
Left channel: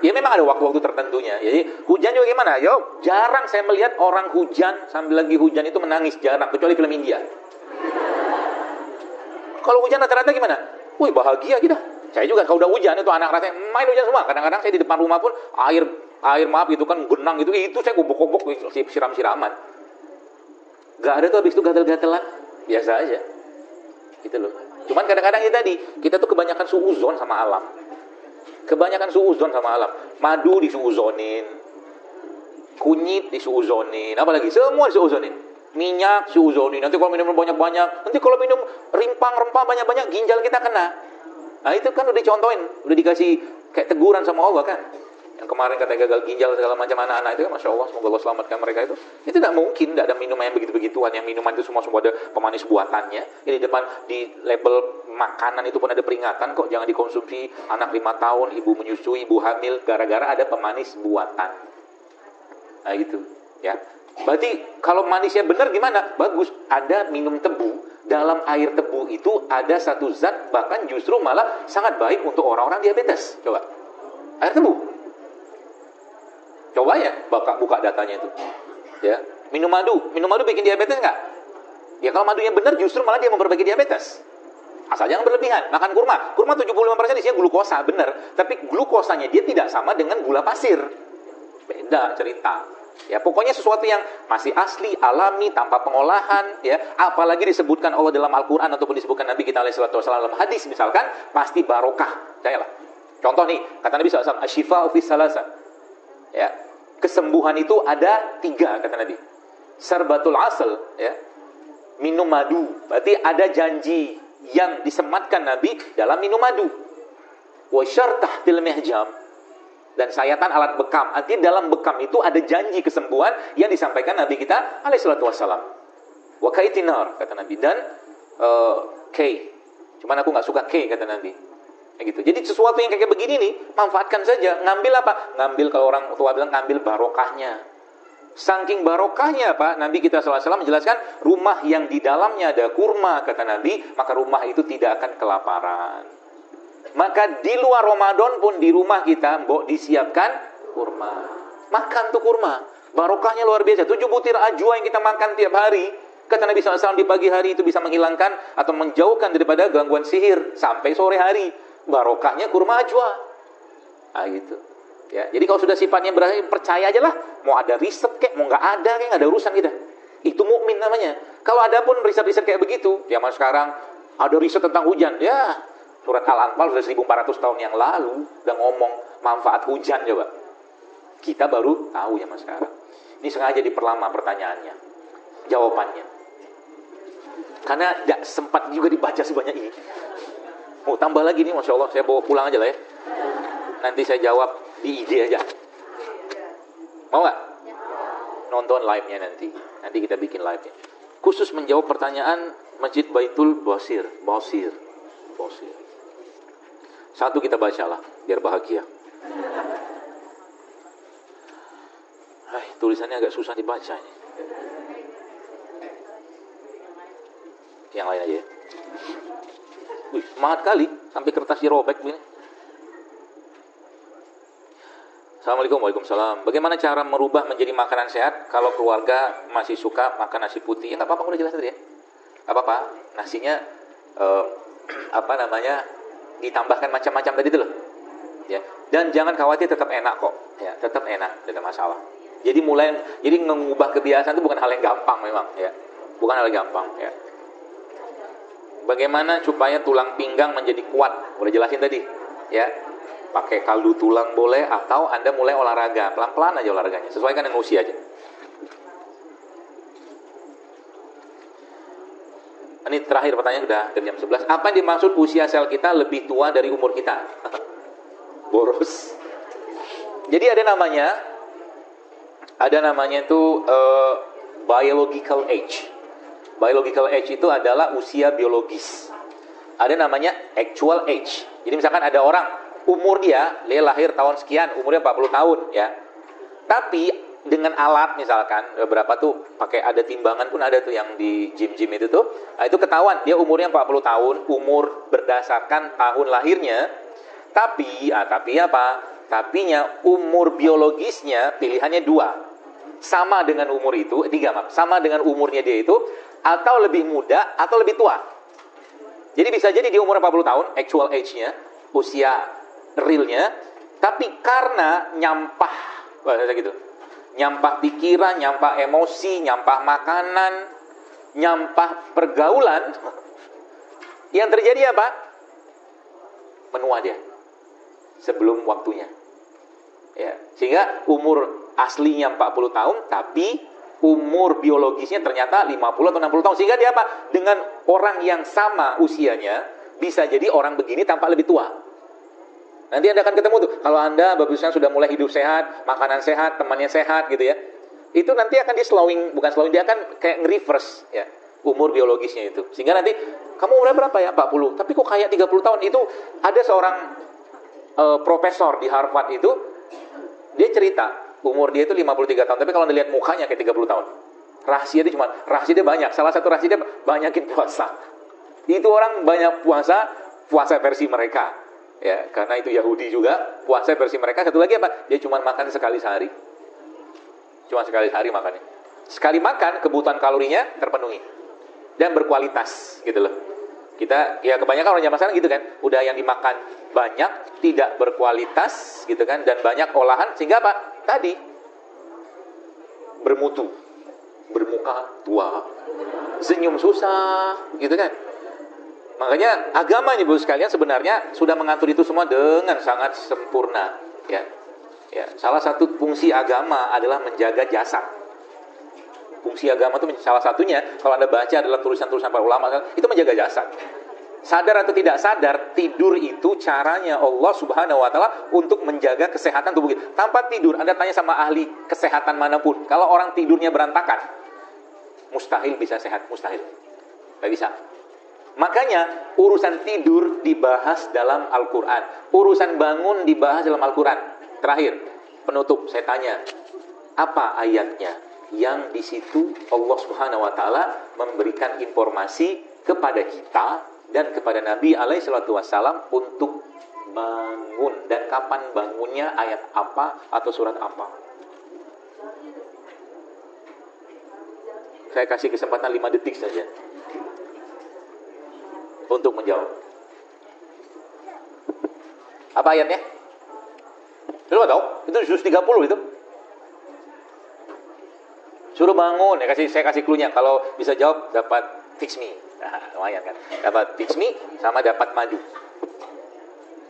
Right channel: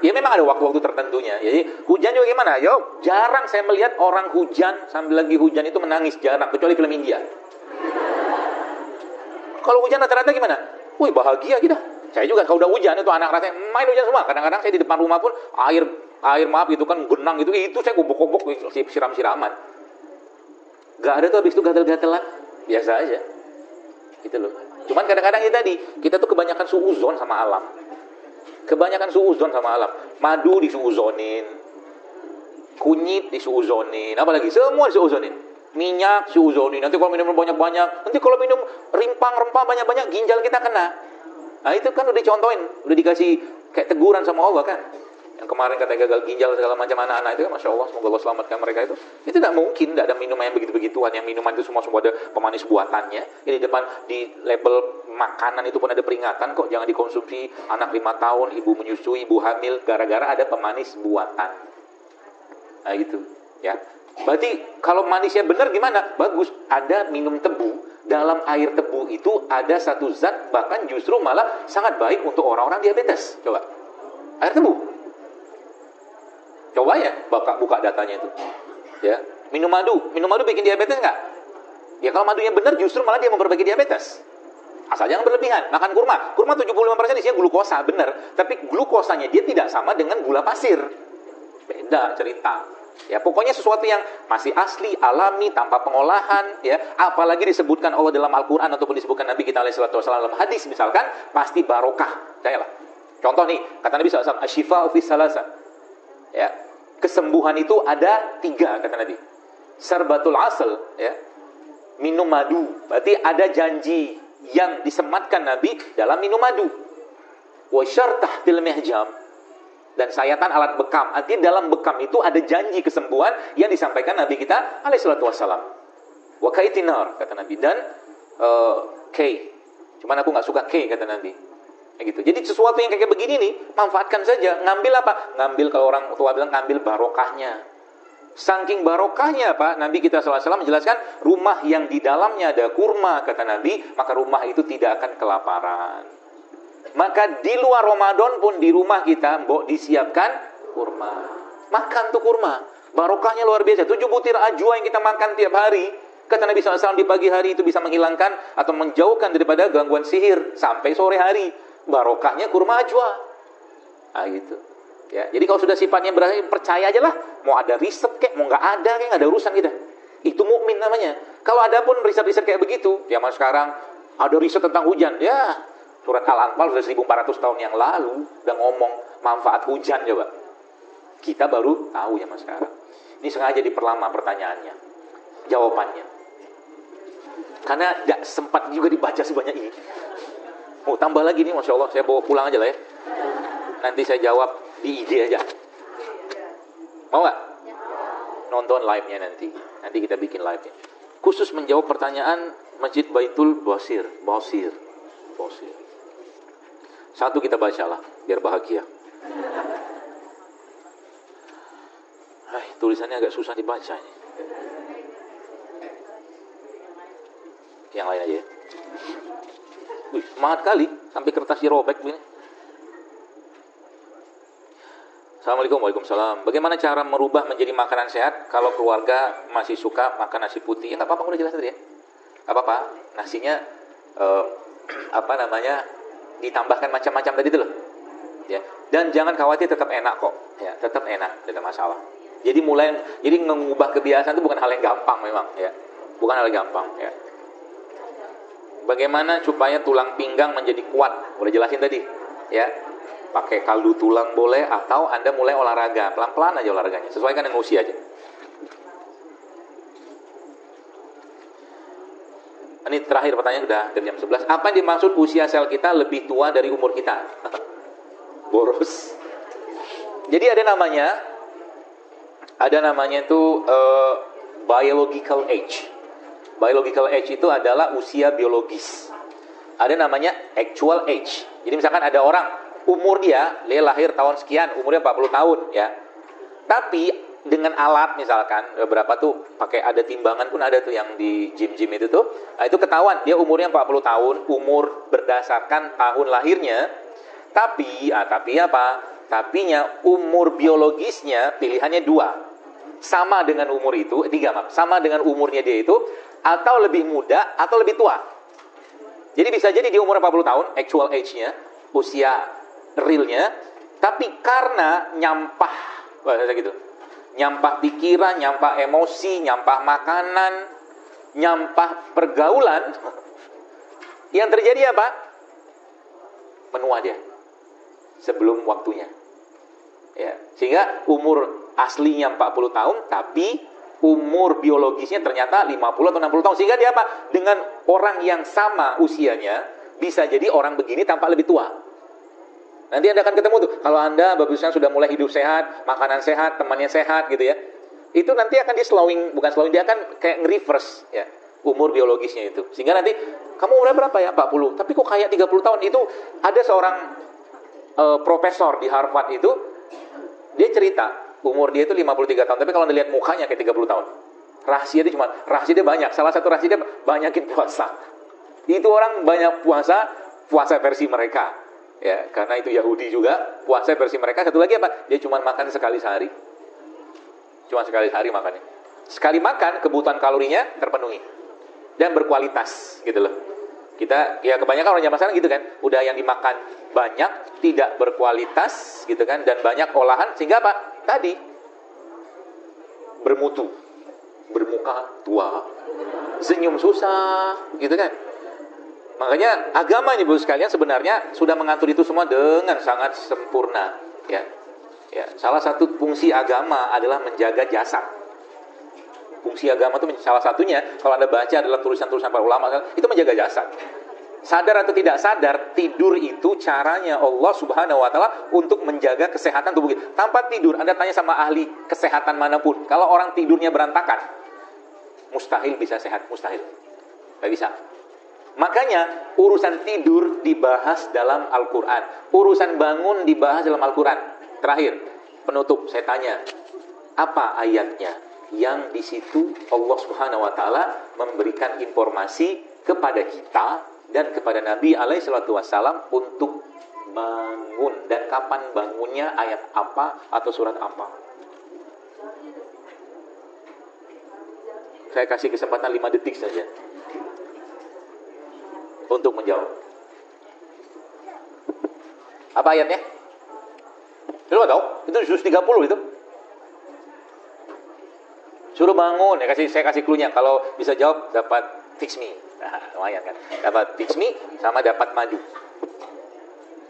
ya memang ada waktu-waktu tertentunya. Jadi hujan juga gimana? Yo, jarang saya melihat orang hujan sambil lagi hujan itu menangis, jarang. Kecuali film India. Kalau hujan rata-rata gimana? Wih bahagia gitu. Saya juga kalau udah hujan itu anak rasanya main hujan semua. Kadang-kadang saya di depan rumah pun air maaf itu kan genang gitu. Itu saya gubuk-gubuk siram-siraman. Gak ada tuh habis itu gatel-gatelan. Biasa aja. Gitu loh. Cuman kadang-kadang ya tadi kita tuh kebanyakan suuzon sama alam. Kebanyakan suuzon sama alam. Madu disuuzonin. Kunyit disuuzonin. Apalagi semua disuuzonin. Minyak suuzonin. Nanti kalau minum banyak-banyak, nanti kalau minum rempah banyak-banyak ginjal kita kena. Nah itu kan udah dicontohin, udah dikasih kayak teguran sama Allah kan. Yang kemarin katanya gagal ginjal segala macam anak-anak itu, Masya Allah, semoga Allah selamatkan mereka itu. Itu gak mungkin, gak ada minuman yang begitu-begituan. Yang minuman itu semua ada pemanis buatannya. Ini di depan di label makanan itu pun ada peringatan kok, jangan dikonsumsi anak 5 tahun, ibu menyusui, ibu hamil, gara-gara ada pemanis buatan. Nah gitu, ya. Berarti kalau manisnya benar gimana? Bagus, ada minum tebu. Dalam air tebu itu ada satu zat bahkan justru malah sangat baik untuk orang-orang diabetes. Coba, air tebu. Coba ya, buka datanya itu. Ya, minum madu bikin diabetes nggak? Ya kalau madunya benar justru malah dia memperbaiki diabetes. Asal jangan berlebihan. Makan kurma 75% isinya glukosa, benar. Tapi glukosanya dia tidak sama dengan gula pasir. Beda cerita. Ya pokoknya sesuatu yang masih asli, alami, tanpa pengolahan, ya. Apalagi disebutkan Allah dalam Al-Quran ataupun disebutkan Nabi kita alaihi salatu wasallam dalam hadis misalkan, pasti barokah. Percayalah. Contoh nih, kata Nabi SAW, asyifa'u fis salasa. Ya, kesembuhan itu ada 3 kata Nabi. Sarbatul asal, ya. Minum madu. Berarti ada janji yang disematkan Nabi dalam minum madu. Wa syartah fil mihjam. Dan sayatan alat bekam. Artinya dalam bekam itu ada janji kesembuhan yang disampaikan Nabi kita alaihi salatu wassalam. Wa kaitinar kata Nabi, dan K. Cuman aku gak suka K kata Nabi. Kayak gitu. Jadi sesuatu yang kayak begini nih, manfaatkan saja. Ngambil apa? Ngambil, kalau orang tua bilang, ngambil barokahnya. Saking barokahnya apa? Nabi kita SAW menjelaskan, rumah yang di dalamnya ada kurma kata Nabi, maka rumah itu tidak akan kelaparan. Maka di luar Ramadan pun di rumah kita disiapkan kurma. Makan tuh kurma. Barokahnya luar biasa. 7 butir ajwa yang kita makan tiap hari, kata Nabi SAW, di pagi hari itu bisa menghilangkan atau menjauhkan daripada gangguan sihir sampai sore hari. Barokahnya kurma ajwa. Nah gitu. Ya, jadi kalau sudah sifatnya berarti percaya aja lah. Mau ada riset kek, mau nggak ada kek, nggak ada urusan kita. Itu mukmin namanya. Kalau ada pun riset-riset kayak begitu, zaman sekarang ada riset tentang hujan. Ya, surat Al-Anfal sudah 1400 tahun yang lalu udah ngomong manfaat hujan coba. Kita baru tahu zaman sekarang. Ini sengaja diperlama pertanyaannya, jawabannya. Karena gak sempat juga dibaca sebanyak ini. Oh tambah lagi nih, Masya Allah, saya bawa pulang aja lah ya. Nanti saya jawab di IG aja. Mau gak? Nonton live-nya nanti. Nanti kita bikin live-nya. Khusus menjawab pertanyaan Masjid Baitul Basir. Satu kita baca lah, biar bahagia. Tulisannya agak susah dibaca ini. Yang lain aja ya. Semangat kali, sampai kertasnya robek. Assalamualaikum, waalaikumsalam. Bagaimana cara merubah menjadi makanan sehat kalau keluarga masih suka makan nasi putih? Nggak apa-apa, udah jelasin ya. Nggak apa-apa, nasinya ditambahkan macam-macam tadi itu loh. Ya. Dan jangan khawatir, tetap enak kok. Ya, tetap enak, tidak masalah. Jadi mengubah kebiasaan itu bukan hal yang gampang memang, ya. Bukan hal yang gampang, ya. Bagaimana supaya tulang pinggang menjadi kuat? Udah jelasin tadi, ya. Pakai kaldu tulang boleh, atau Anda mulai olahraga, pelan-pelan aja olahraganya, sesuaikan dengan usianya. Ini terakhir pertanyaan, sudah jam 11. Apa yang dimaksud usia sel kita lebih tua dari umur kita? Boros. Jadi ada namanya itu biological age. Biological age itu adalah usia biologis. Ada namanya actual age. Jadi misalkan ada orang umur dia lahir tahun sekian, umurnya 40 tahun ya. Tapi dengan alat misalkan berapa tuh, pakai ada timbangan pun ada tuh yang di gym-gym itu tuh. Nah, itu ketahuan dia umurnya 40 tahun, umur berdasarkan tahun lahirnya. Tapi apa? Tapinya umur biologisnya pilihannya 2. Sama dengan umur itu, 3 sama dengan umurnya dia itu, atau lebih muda atau lebih tua. Jadi bisa jadi dia umur 40 tahun, actual age-nya, usia realnya, tapi karena nyampah pikiran, nyampah emosi, nyampah makanan, nyampah pergaulan, yang terjadi apa? Menua dia sebelum waktunya. Ya, sehingga umur aslinya 40 tahun, tapi umur biologisnya ternyata 50 atau 60 tahun. Sehingga dia apa? Dengan orang yang sama usianya, bisa jadi orang begini tampak lebih tua. Nanti Anda akan ketemu tuh, kalau Anda bagusnya sudah mulai hidup sehat, makanan sehat, temannya sehat gitu ya, itu nanti akan dia dia akan kayak nge-reverse ya, umur biologisnya itu. Sehingga nanti, kamu umur berapa ya? 40, tapi kok kayak 30 tahun. Itu ada seorang profesor di Harvard itu, dia cerita, umur dia itu 53 tahun, tapi kalau dilihat mukanya kayak 30 tahun. Rahasia dia banyak, salah satu rahasia dia banyakin puasa. Itu orang banyak puasa versi mereka. Ya, karena itu Yahudi juga, puasa versi mereka. Satu lagi apa? Dia cuma makan sekali sehari. Cuma sekali sehari makannya. Sekali makan, kebutuhan kalorinya terpenuhi. Dan berkualitas, gitu loh. Kita, ya kebanyakan orang zaman sekarang gitu kan. Udah yang dimakan banyak, tidak berkualitas, gitu kan. Dan banyak olahan, sehingga apa? Tadi, bermutu. Bermuka tua. Senyum susah, gitu kan. Makanya agama Ibu sekalian sebenarnya sudah mengatur itu semua dengan sangat sempurna. Ya. Salah satu fungsi agama adalah menjaga jasad. Fungsi agama itu salah satunya, kalau Anda baca adalah tulisan-tulisan para ulama, itu menjaga jasad. Sadar atau tidak sadar, tidur itu caranya Allah Subhanahu wa Ta'ala untuk menjaga kesehatan tubuh kita. Tanpa tidur, Anda tanya sama ahli kesehatan manapun, kalau orang tidurnya berantakan, mustahil bisa sehat, mustahil. Tidak bisa. Makanya urusan tidur dibahas dalam Al-Quran, urusan bangun dibahas dalam Al-Quran. Terakhir, penutup, saya tanya, apa ayatnya yang di situ Allah Subhanahu Wa Taala memberikan informasi kepada kita dan kepada Nabi Alaihissalam untuk bangun, dan kapan bangunnya, ayat apa atau surat apa? Saya kasih kesempatan 5 detik saja untuk menjawab. Apa ayatnya? Lu tahu? Itu juz 30 itu. Suruh bangun, saya kasih clue-nya. Kalau bisa jawab dapat fix me. Ayat kan. Dapat fix me sama dapat madu.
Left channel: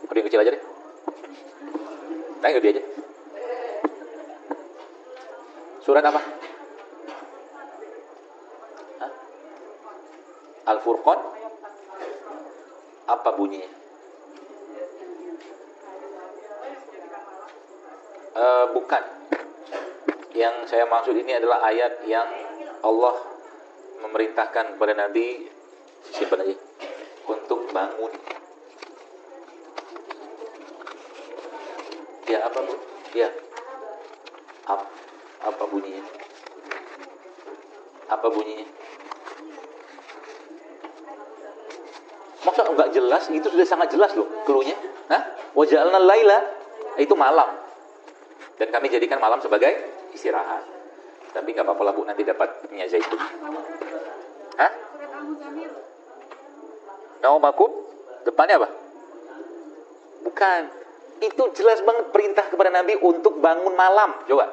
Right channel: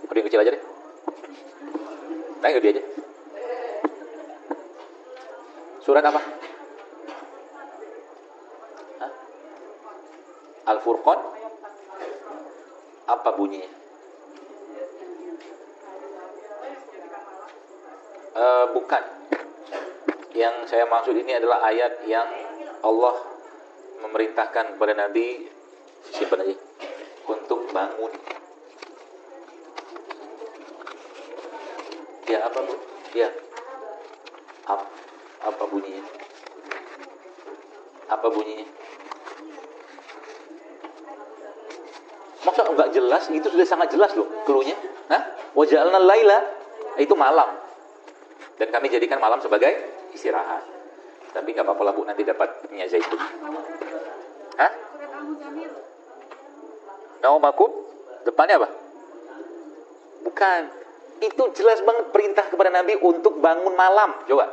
Udah yang kecil aja deh. Tanya dia aja. Surat apa? Hah? Al-Furqan. Apa bunyinya? Bukan. Yang saya maksud ini adalah ayat yang Allah memerintahkan kepada Nabi siapa lagi untuk bangun. Ya. Apa bunyinya? Apa bunyinya? Masa enggak jelas? Itu sudah sangat jelas loh clue-nya. Hah? Wa ja'alna laila, itu malam. Dan kami jadikan malam sebagai istirahat. Tapi enggak apa-apa lah Bu, nanti dapat punya Zaitun. Hah? Naumakum? Depannya apa? Bukan. Itu jelas banget perintah kepada Nabi untuk bangun malam. Coba.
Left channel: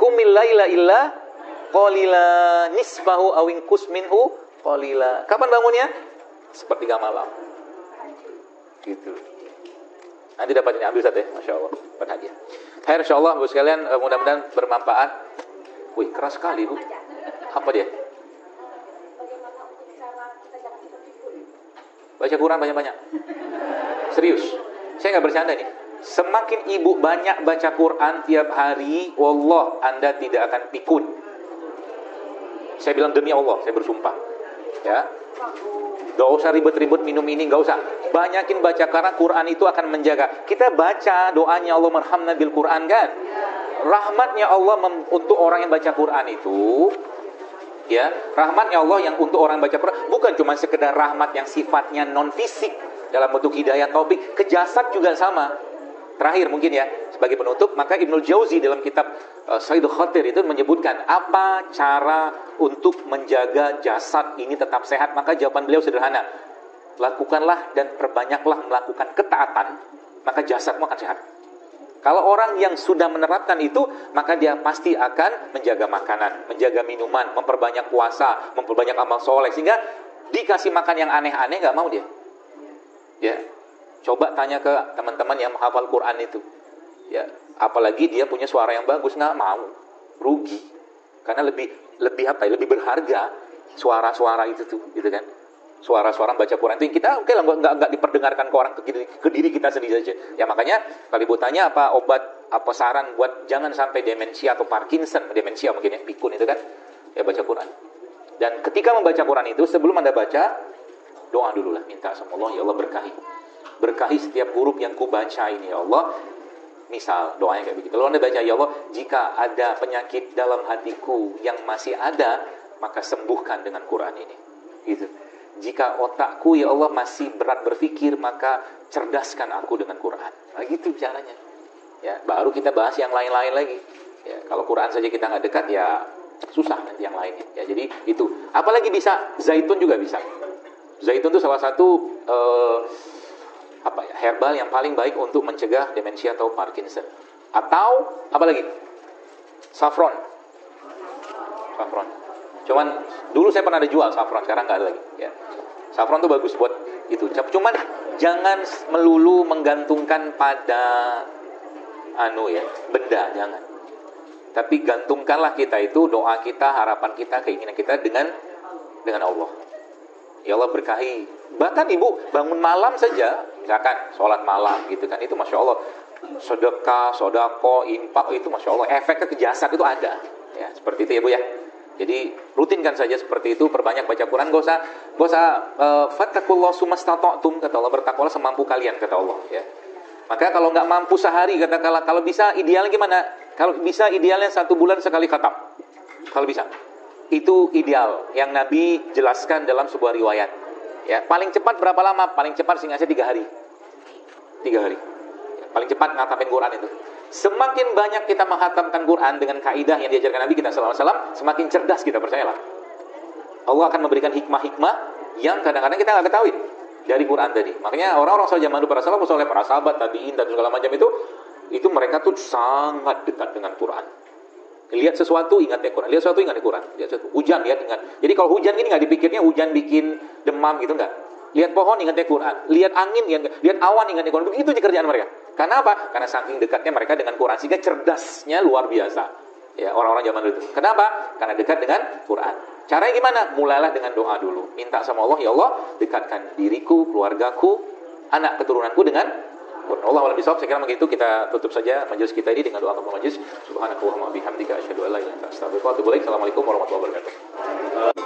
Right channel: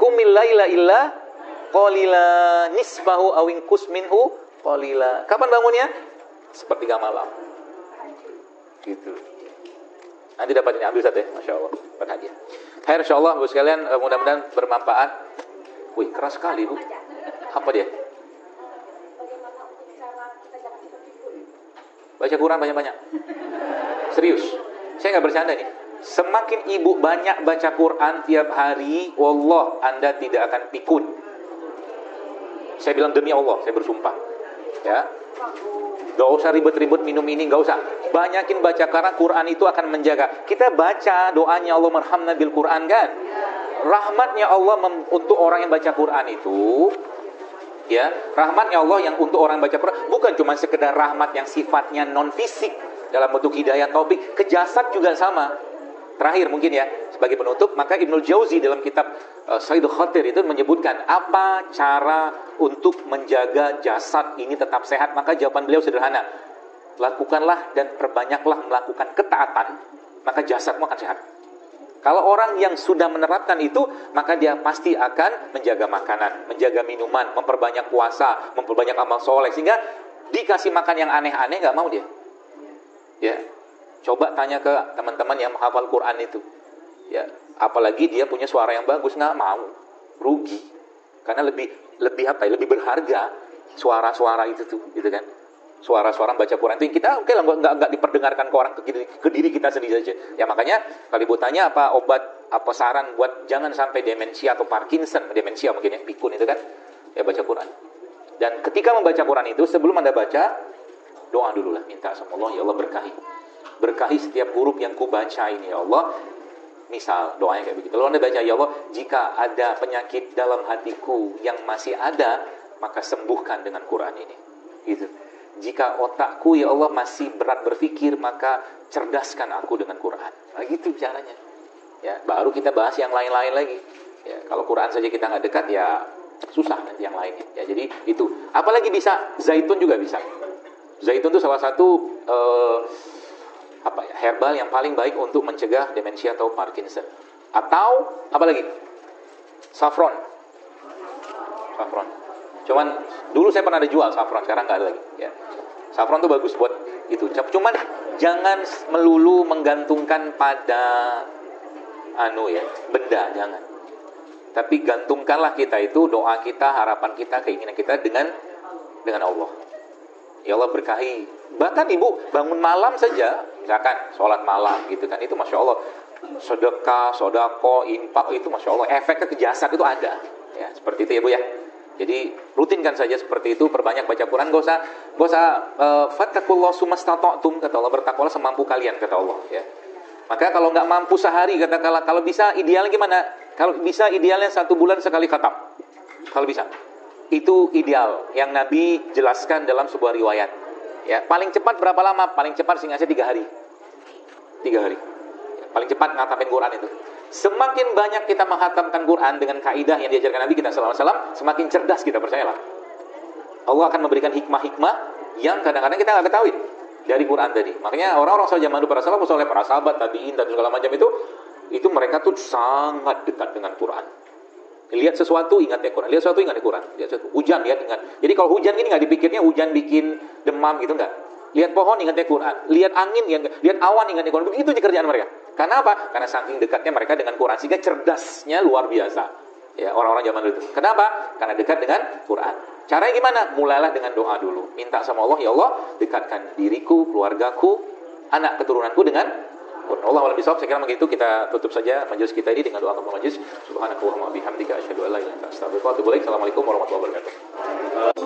Qumil laila illa qalila nisfahu aw inqus minhu qalila. Kapan bangunnya? Sepertiga malam. Gitu. Nanti dapat ini ambil satu ya. Masyaallah. Dapat hadiah. Khair insyaallah Bu sekalian, mudah-mudahan bermanfaat. Wih, keras sekali Bu. Apa dia? Baca Quran banyak-banyak. Serius. Saya nggak bercanda nih. Semakin ibu banyak baca Quran tiap hari, wallah Anda tidak akan pikun. Saya bilang demi Allah, saya bersumpah. Ya. Gak usah ribet-ribet minum ini, gak usah. Banyakin baca karena Quran itu akan menjaga. Kita baca doanya Allah marhamna bil Quran kan. Rahmatnya Allah untuk orang yang baca Quran itu, ya, rahmatnya Allah yang untuk orang baca Quran bukan cuma sekedar rahmat yang sifatnya non fisik dalam bentuk hidayah taufik, ke jasad juga sama. Terakhir mungkin ya, sebagai penutup, maka Ibnul Jauzi dalam kitab Saidul Khatir itu menyebutkan apa cara untuk menjaga jasad ini tetap sehat. Maka jawaban beliau sederhana. Lakukanlah dan perbanyaklah melakukan ketaatan, maka jasadmu akan sehat. Kalau orang yang sudah menerapkan itu, maka dia pasti akan menjaga makanan, menjaga minuman, memperbanyak puasa, memperbanyak amal soleh. Sehingga dikasih makan yang aneh-aneh gak mau dia. Ya. Coba tanya ke teman-teman yang menghafal Quran itu. Ya, apalagi dia punya suara yang bagus, nggak mau, rugi. Karena lebih apa ya? Lebih berharga suara-suara itu tuh, gitu kan? Suara-suara baca Quran itu kita oke lah, nggak diperdengarkan ke orang, ke diri kita sendiri saja. Ya makanya kalau ibu tanya apa obat, apa saran buat jangan sampai demensia atau Parkinson, demensia mungkin yang pikun itu kan? Ya baca Quran. Dan ketika membaca Quran itu sebelum Anda baca, doa dulu lah, minta sama Allah, ya Allah berkahi setiap huruf yang kubaca ini ya Allah. Misal doanya kayak begitu. Kalau Anda baca ya Allah, jika ada penyakit dalam hatiku yang masih ada, maka sembuhkan dengan Quran ini. Gitu. Jika otakku ya Allah masih berat berpikir, maka cerdaskan aku dengan Quran. Nah, gitu caranya. Ya, baru kita bahas yang lain-lain lagi. Ya, kalau Quran saja kita nggak dekat ya susah yang lain. Ya, jadi itu. Apalagi bisa zaitun juga bisa. Zaitun itu salah satu herbal yang paling baik untuk mencegah demensia atau Parkinson. Atau apa lagi? Saffron. Cuman dulu saya pernah ada jual saffron, sekarang nggak ada lagi. Ya. Saffron tuh bagus buat itu. Cuman jangan melulu menggantungkan pada benda, jangan. Tapi gantungkanlah kita itu doa kita, harapan kita, keinginan kita dengan Allah. Ya Allah berkahi. Bahkan ibu bangun malam saja, misalkan sholat malam gitu kan, itu masya Allah sedekah, sodako, infak, itu masya Allah efeknya ke jasad itu ada. Ya seperti itu ya bu ya. Jadi rutinkan saja seperti itu, perbanyak baca Quran, gak usah fattakullah sumastata'tum, kata Allah, bertakwalah semampu kalian, kata Allah. Ya. Maka kalau nggak mampu sehari, kata Allah, kalau bisa idealnya gimana? Kalau bisa idealnya 1 bulan sekali khatam. Kalau bisa. Itu ideal yang Nabi jelaskan dalam sebuah riwayat. Ya, paling cepat berapa lama? Paling cepat sehingga 3 hari. 3 hari. Paling cepat ngatamin Quran itu. Semakin banyak kita menghatamkan Quran dengan kaidah yang diajarkan Nabi kita sallallahu alaihi wasallam, semakin cerdas kita, percayalah. Allah akan memberikan hikmah-hikmah yang kadang-kadang kita nggak ketahui dari Quran tadi. Makanya orang-orang zaman dulu para sahabat, tabi'in dan segala macam itu mereka tuh sangat dekat dengan Quran. Lihat sesuatu ingat ya Quran, lihat sesuatu ingat ya Quran, lihat sesuatu hujan ya ingat. Jadi kalau hujan ini nggak dipikirnya hujan bikin demam gitu enggak. Lihat pohon ingat ya Quran, lihat angin lihat awan ingat ya Quran. Itu kerjaan mereka. Karena apa? Karena saking dekatnya mereka dengan Quran sehingga cerdasnya luar biasa. Ya orang-orang zaman dulu itu. Kenapa? Karena dekat dengan Quran. Caranya gimana? Mulailah dengan doa dulu. Minta sama Allah, ya Allah dekatkan diriku, keluargaku, anak keturunanku dengan Allah. Saya kira begitu, kita tutup saja majelis kita ini dengan doa majelis. Subhanallah wa bihamdika asyhadu an la ilaha illa anta astaghfiruka wa atubu ilaik. Assalamualaikum warahmatullahi wabarakatuh.